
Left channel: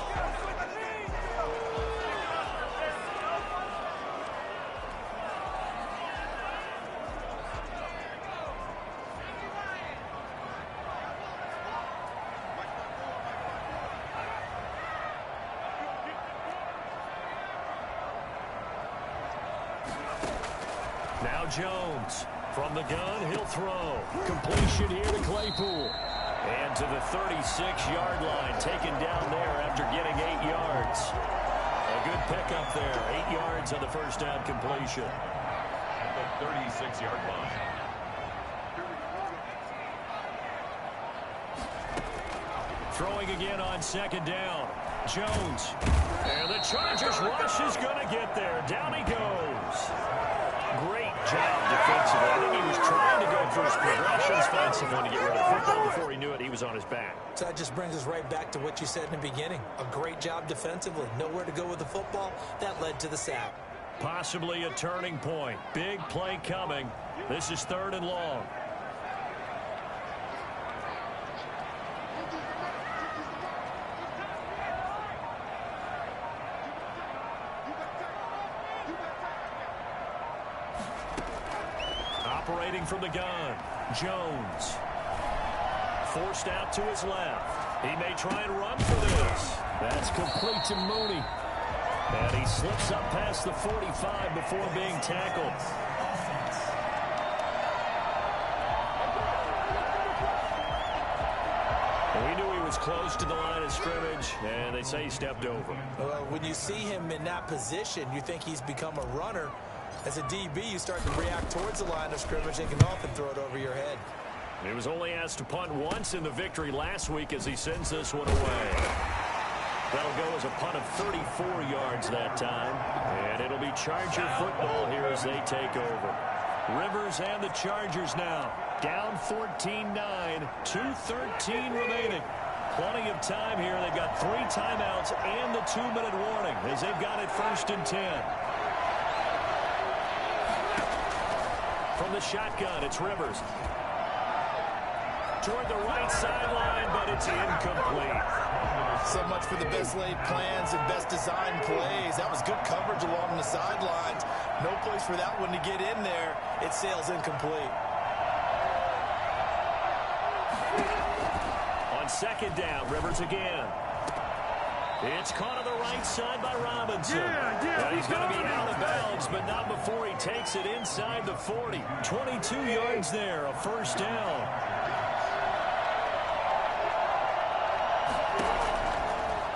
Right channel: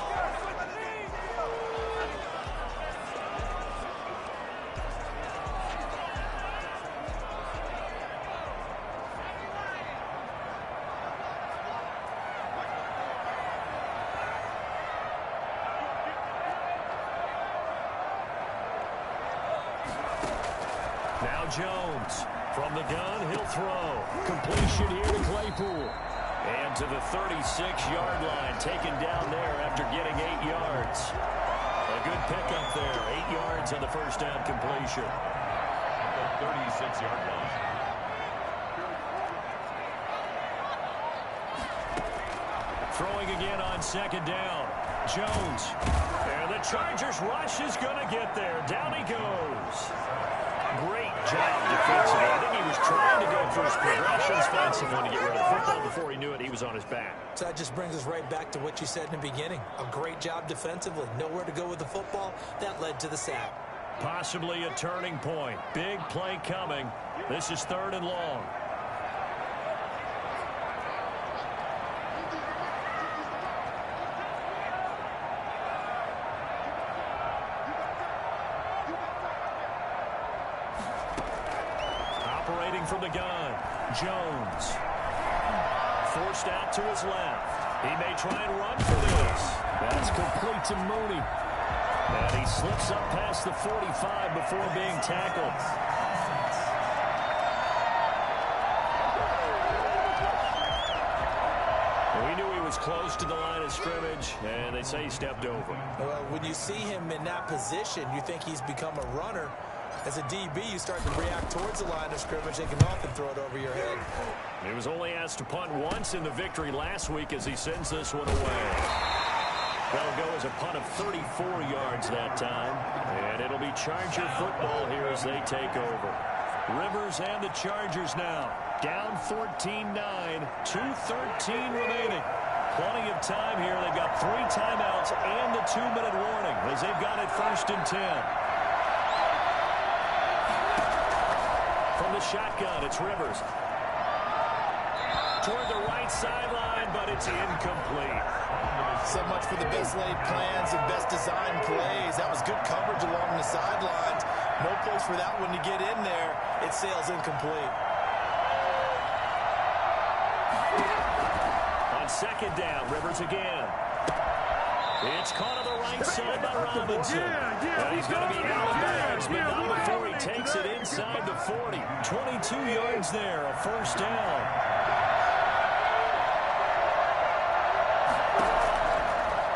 Now Jones. From the gun, he'll throw. Completion here to Claypool. And to the 36-yard line, taken down there after getting 8 yards. A good pickup there. 8 yards on the first down completion. At the 36-yard line. Throwing again on second down. Jones. And the Chargers rush is going to get there. Down he goes. Great job defensively. I think he was trying to go through his progressions, find someone to get rid of the football. Before he knew it, he was on his back. So that just brings us right back to what you said in the beginning. A great job defensively. Nowhere to go with the football. That led to the sack. Possibly a turning point. Big play coming. This is 3rd and long. Operating from the gun, Jones. Forced out to his left. He may try and run for this. That's complete to Mooney. And he slips up past the 45 before being tackled. We knew he was close to the line of scrimmage, and they say he stepped over. Well, when you see him in that position, you think he's become a runner. As a DB, you start to react towards the line of scrimmage. They can often throw it over your head. He was only asked to punt once in the victory last week as he sends this one away. That'll go as a punt of 34 yards that time. And it'll be Charger football here as they take over. Rivers and the Chargers now. Down 14-9, 2:13 remaining. Plenty of time here. They've got 3 timeouts and the 2-minute warning as they've got it 1st and 10. From the shotgun, it's Rivers. Toward the right sideline, but it's incomplete. So much for the best laid plans and best designed plays. That was good coverage along the sidelines. No place for that one to get in there. It sails incomplete. On second down, Rivers again. It's caught on the right side by Robinson. And he's going to be out of bounds, but not before he takes it inside the 40. 22 yards there, a first down.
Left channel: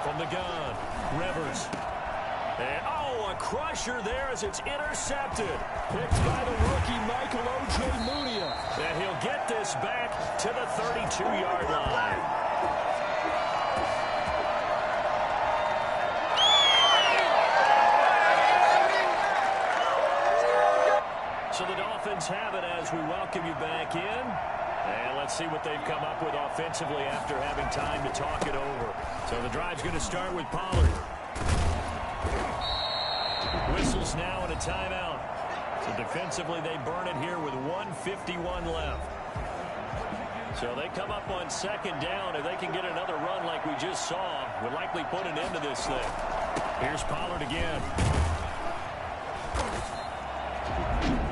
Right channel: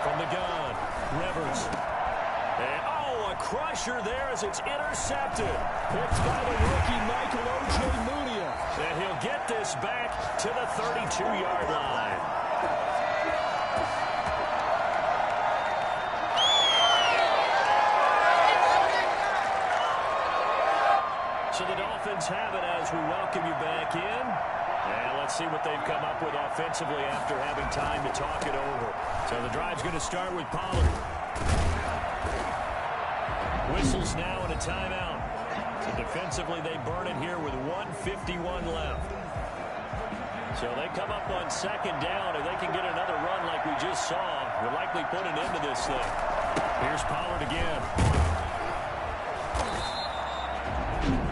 From the gun, Rivers. And, a crusher there as it's intercepted. Picked by the rookie Michael O.J. Munia. And he'll get this back to the 32-yard line. So the Dolphins have it as we welcome you back in. And let's see what they've come up with offensively after having time to talk it over. So the drive's going to start with Pollard. Whistles now and a timeout. So defensively they burn it here with 1:51 left. So they come up on second down. If they can get another run like we just saw, would likely put an end to this thing. Here's Pollard again.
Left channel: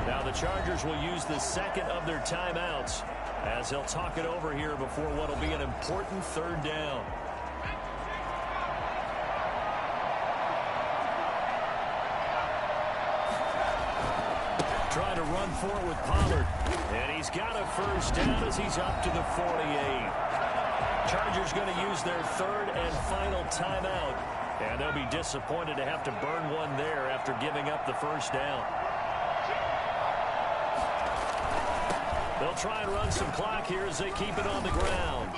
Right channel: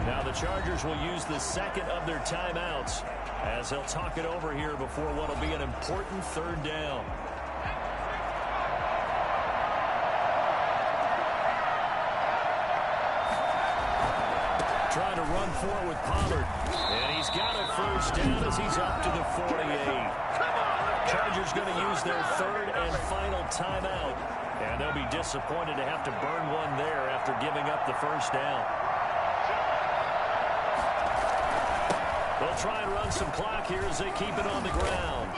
Now the Chargers will use the second of their timeouts as they'll talk it over here before what will be an important third down. Trying to run for it with Pollard. And he's got a first down as he's up to the 48. Chargers going to use their third and final timeout. And they'll be disappointed to have to burn one there after giving up the first down. They'll try and run some clock here as they keep it on the ground.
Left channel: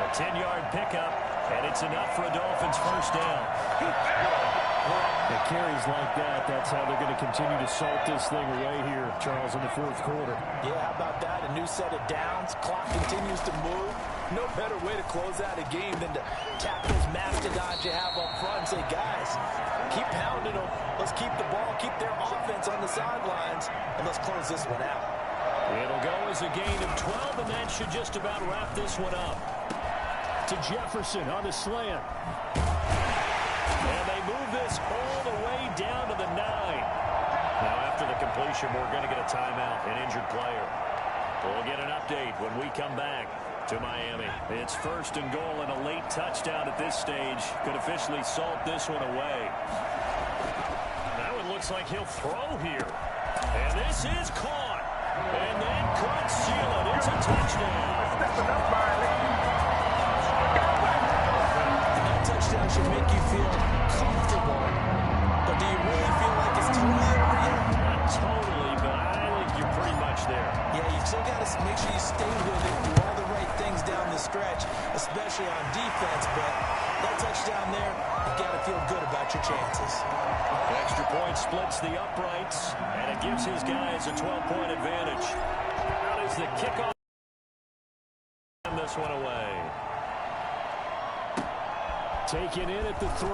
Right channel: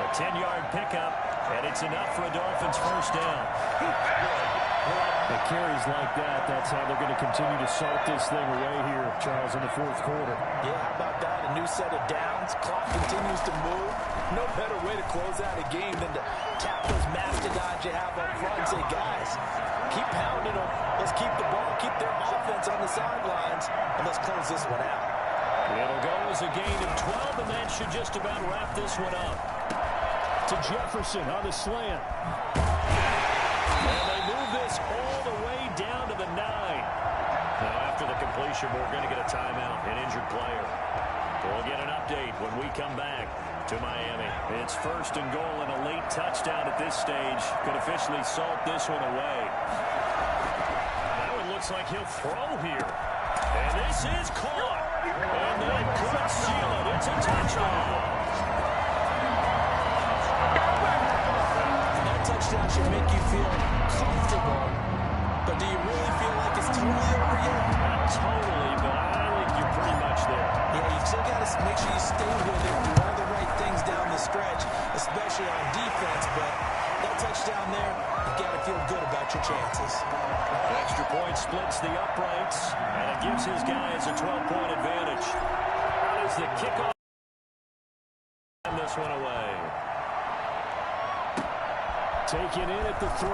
A 10-yard pickup, and it's enough for a Dolphins first down. The carries like that, that's how they're going to continue to salt this thing away here, Charles, in the fourth quarter. Yeah, how about that? A new set of downs. Clock continues to move. No better way to close out a game than to tap those mastodons you have up front and say, guys, keep pounding them. Let's keep the ball, keep their offense on the sidelines, and let's close this one out. It'll go as a gain of 12, and that should just about wrap this one up. To Jefferson on the slant. And they move this all the way down to the 9. Now, after the completion, we're going to get a timeout, an injured player. We'll get an update when we come back to Miami. It's first and goal, and a late touchdown at this stage could officially salt this one away. That one looks like he'll throw here. And this is caught. And that could seal it. It's a touchdown. Touchdown should make you feel comfortable, but do you really feel like it's totally over yet? Not totally, but I think you're pretty much there. Yeah, you still got to make sure you stay with it, do all the right things down the stretch, especially on defense, but that touchdown there, you got to feel good about your chances. Extra point splits the uprights, and it gives his guys a 12-point advantage. How does the kickoff send this one away? Taken in at the 3.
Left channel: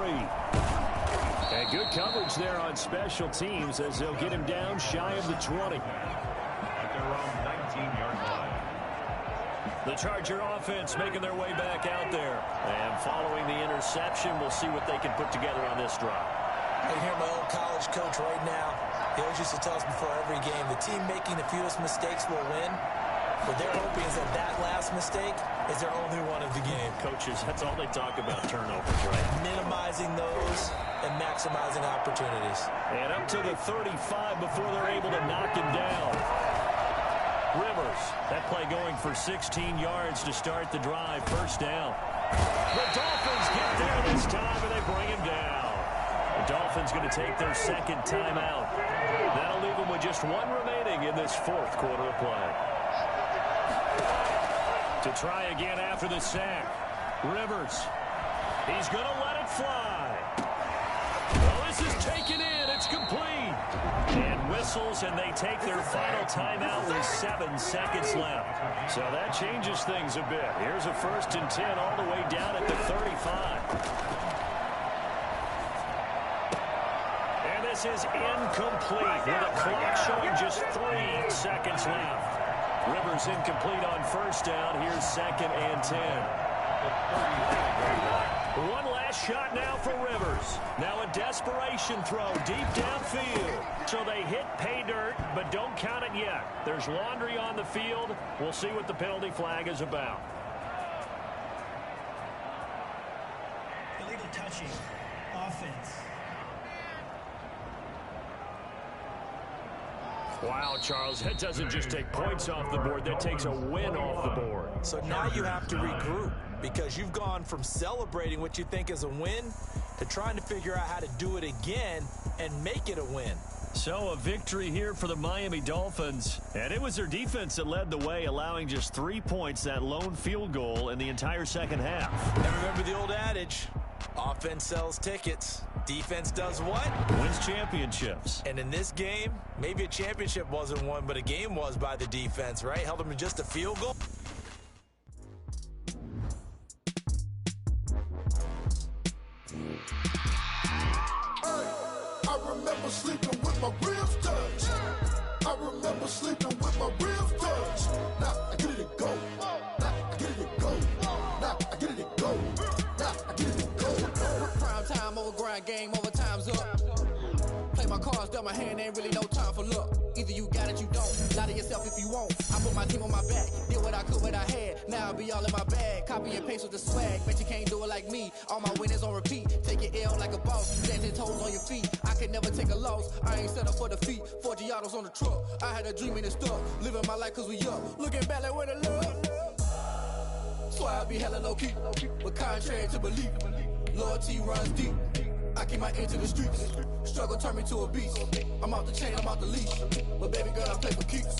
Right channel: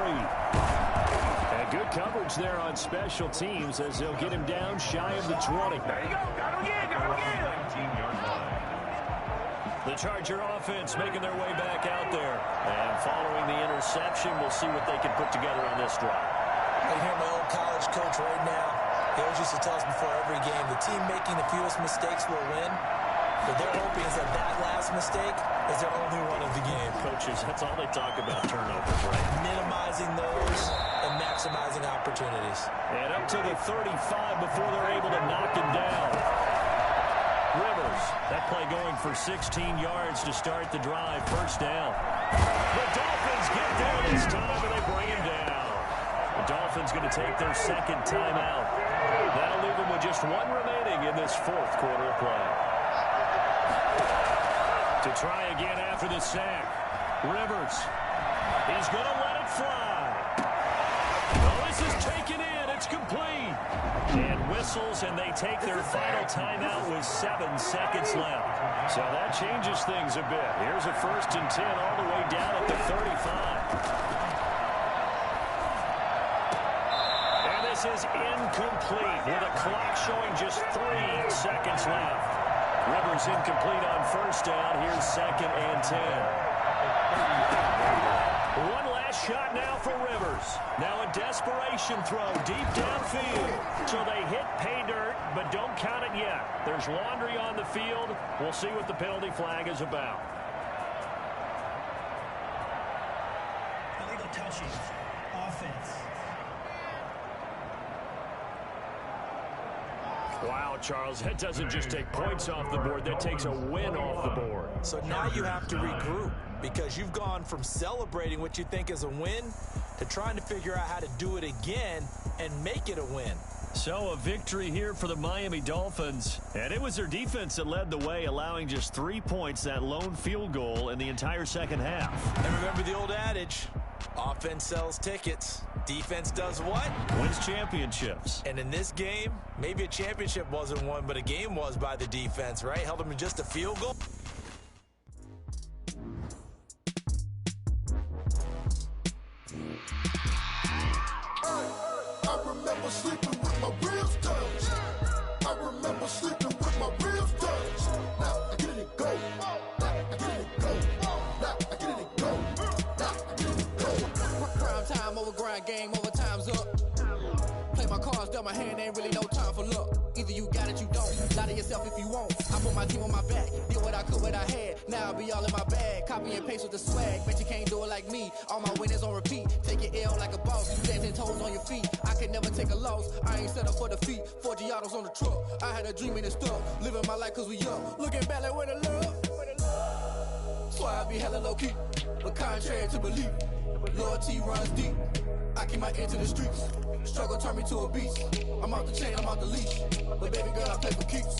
And good coverage there on special teams as they'll get him down shy of the 20. At their own 19-yard line. The Charger offense making their way back out there. And following the interception, we'll see what they can put together on this drive. I hear my old college coach right now. He always used to tell us before every game, the team making the fewest mistakes will win. What they're hoping is that last mistake is their only one of the game. Coaches, that's all they talk about, turnovers, right? Minimizing those and maximizing opportunities. And up to the 35 before they're able to knock him down. Rivers, that play going for 16 yards to start the drive. First down. The Dolphins get there this time, and they bring him down. The Dolphins going to take their second timeout. That'll leave them with just one remaining in this fourth quarter of play. To try again after the sack. Rivers. He's going to let it fly. Oh, this is taken in. It's complete. And whistles, and they take their final timeout with 7 seconds left. So that changes things a bit. Here's a 1st and 10 all the way down at the 35. And this is incomplete with a clock showing just 3 seconds left. Rivers incomplete on first down. Here's 2nd and 10. One last shot now for Rivers. Now a desperation throw deep downfield. So they hit pay dirt, but don't count it yet. There's laundry on the field. We'll see what the penalty flag is about. Illegal touching. Offense. Wow, Charles, that doesn't just take points off the board. That takes a win off the board. So now you have to regroup because you've gone from celebrating what you think is a win to trying to figure out how to do it again and make it a win. So a victory here for the Miami Dolphins. And it was their defense that led the way, allowing just 3 points, that lone field goal in the entire second half. And remember the old adage, offense sells tickets. Defense does what? Wins championships. And in this game, maybe a championship wasn't won, but a game was by the defense, right? Held them to just a field goal. I remember sleeping with my ribs touched. I remember sleeping with my ribs touched. Now I get it to go. grind game over, time's up. Play my cards, dealt my hand, ain't really no time for luck. Either you got it, you don't. Lie to yourself if you won't. I put my team on my back, did what I could, what I had. Now I be all in my bag, copy and paste with the swag. Bet you can't do it like me. All my winners on repeat. Take your L like a boss, dancing toes on your feet. I can never take a loss. I ain't set up for defeat. 4 Giottos on the truck. I had a dream and it stuck. Living my life cause we up. Looking back like where the love. Swear I be hella low key, but contrary to belief, loyalty runs deep. I keep my ear to the streets. Struggle turned me to a beast. I'm out the chain, I'm out the leash. But baby girl, I play for keeps.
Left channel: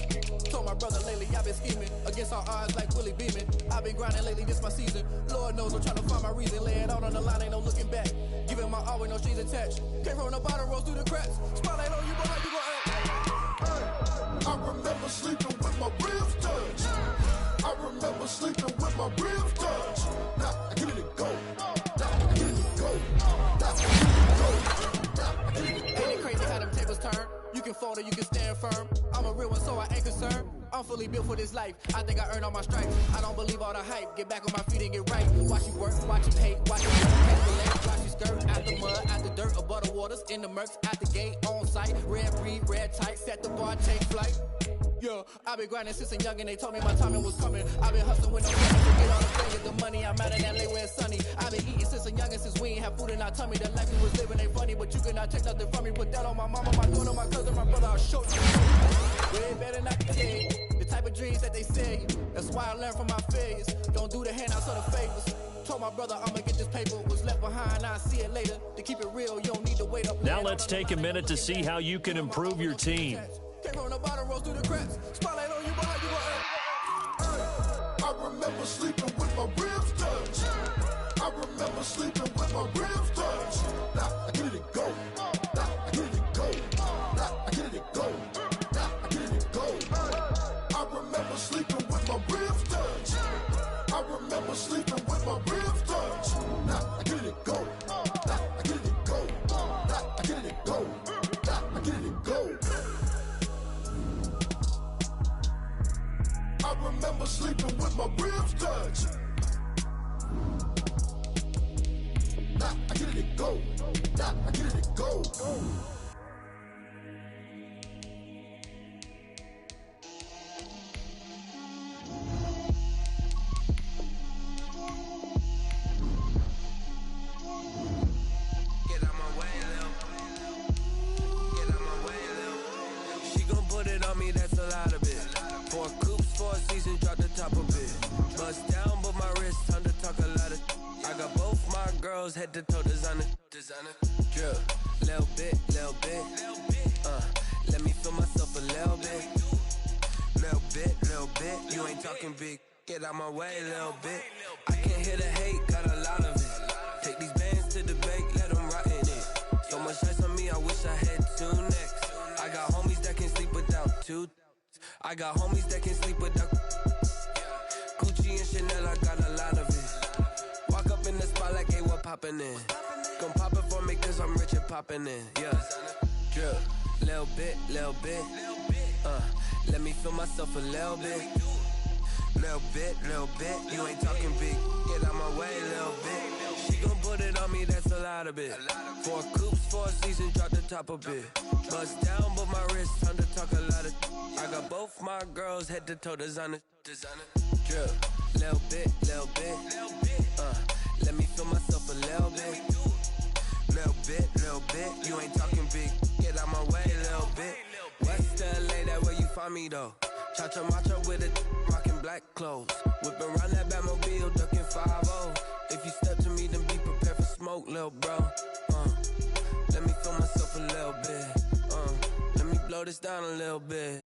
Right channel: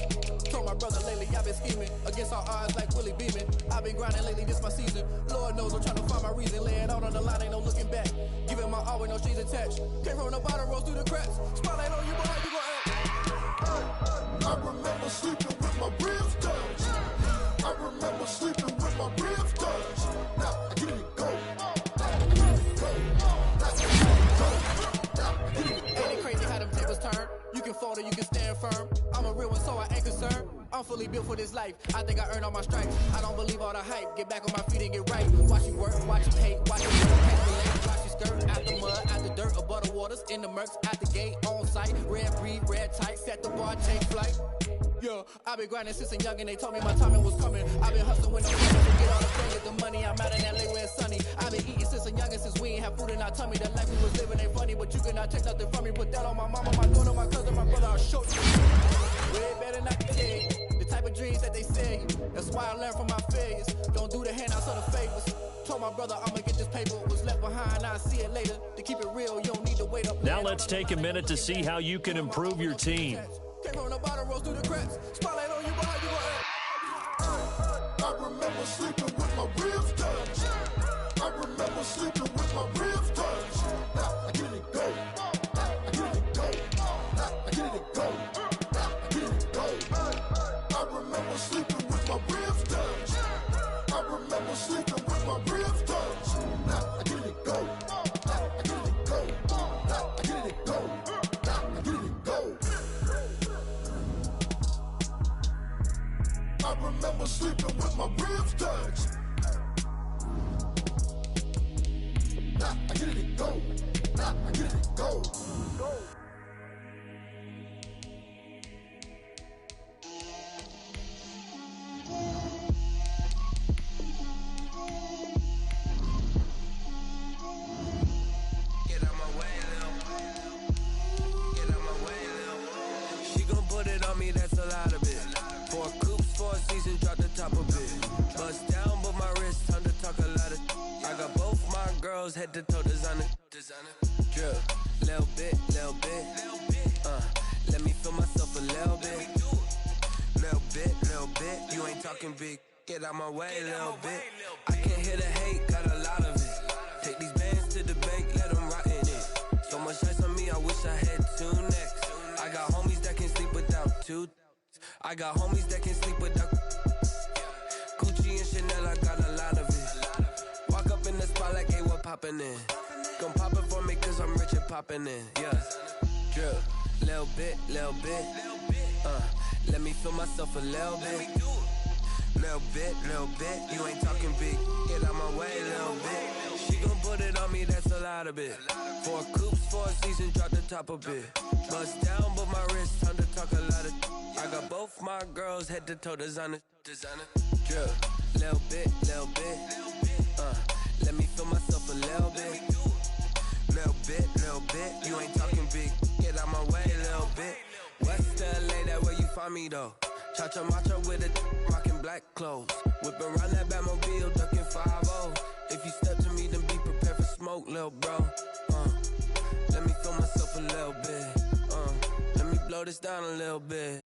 Told my brother lately, I've been scheming against all odds like Willie Beeman. I've been grinding lately, this my season. Lord knows I'm trying to find my reason. Lay it out on the line, ain't no looking back. Giving my all with no strings attached. Came from the bottom, rose through the cracks. Spotlight on you, boy, how you gon' act? I remember sleeping with my ribs touched. I remember sleeping with my ribs touched. Now I give it a go. Ain't it crazy how them tables turn? You can fold or you can stand firm. I'm a real one, so I ain't concerned. I'm fully built for this life. I think I earned all my stripes. I don't believe all the hype. Get back on my feet and get right. Watch you work, watch you hate, watch you work, can't relate. Watch you skirt out the mud, out the dirt, above the waters, in the murks, out the gate, on site. Red breed, red tight, set the bar, take flight. Yeah, I been grinding since a young and they told me my timing was coming. I been hustling with no money, forget all the fingers, the money. I'm out in LA where it's sunny. I been eating since a young and since we ain't have food in our tummy. The life we was living ain't funny, but you cannot take nothing from me. Put that on my mama, my daughter, my cousin, my brother, I'll show you. Way better not to tell you the type of dreams that they sell you. That's why I learned from my failures. Don't do the handouts or the favors. Told my brother I'ma get this paper. Was left behind, I'll see it later. To keep it real, you don't need to wait up. Now let's take a minute to see how you can improve your team. Came from the bottom, rose through the cracks. Spotlight on you, boy, how you gon' act? I remember sleeping with my ribs touched. I remember sleeping with my ribs touched. Now I get it a go. Now I get it a go. Now I get it a go. Now I get it a go. I remember sleeping with my ribs touched. I remember sleeping with my ribs touched. Now I get it a go. Now I get it a go. Now I get it a go. Now I get it a go. I remember sleeping with my ribs touched. Now I get it to go. Now I get it to go. Get out my way, Lil. Get out my way, Lil. She gon' put it on me, that's a lot of it. 4 coops, 4 seasons, drop the top of it. Bust down, but my wrist, time to talk a lot of. I got both my girls, head to toe designer. Drip, little bit, little bit. Let me feel myself a little bit. Little bit, you ain't talking big. Get out my way, little bit. I can't hear the hate, got a lot of it. Take these bands to the bank, let them rot in it. So much ice on me, I wish I had 2 necks. I got homies that can sleep without 2. I got homies that can sleep without Gucci and Chanel, I got a lot of it. Walk up in the spot like, hey, what poppin' in? Gon' pop it for me cause I'm rich and poppin' in, yeah. Drip, little bit, little bit. Let me feel myself a little bit. Little bit, you ain't talking big. Get out my way, little bit. She gon' put it on me, that's a lot of it. 4 coops, 4 seasons, drop the top a bit. Bust down, but my wrist, time to talk a lot of. I got both my girls, head to toe designer. Drip, little bit. Let me feel myself a little bit. Little bit, you ain't talking big. Get out my way, little bit. West LA, that where you find me though. Cha-cha matcha with a rockin' black clothes. Whip around that Batmobile, ducking 5-0. If you step to me, then be prepared for smoke, lil' bro. Let me feel myself a little bit. Let me blow this down a little bit.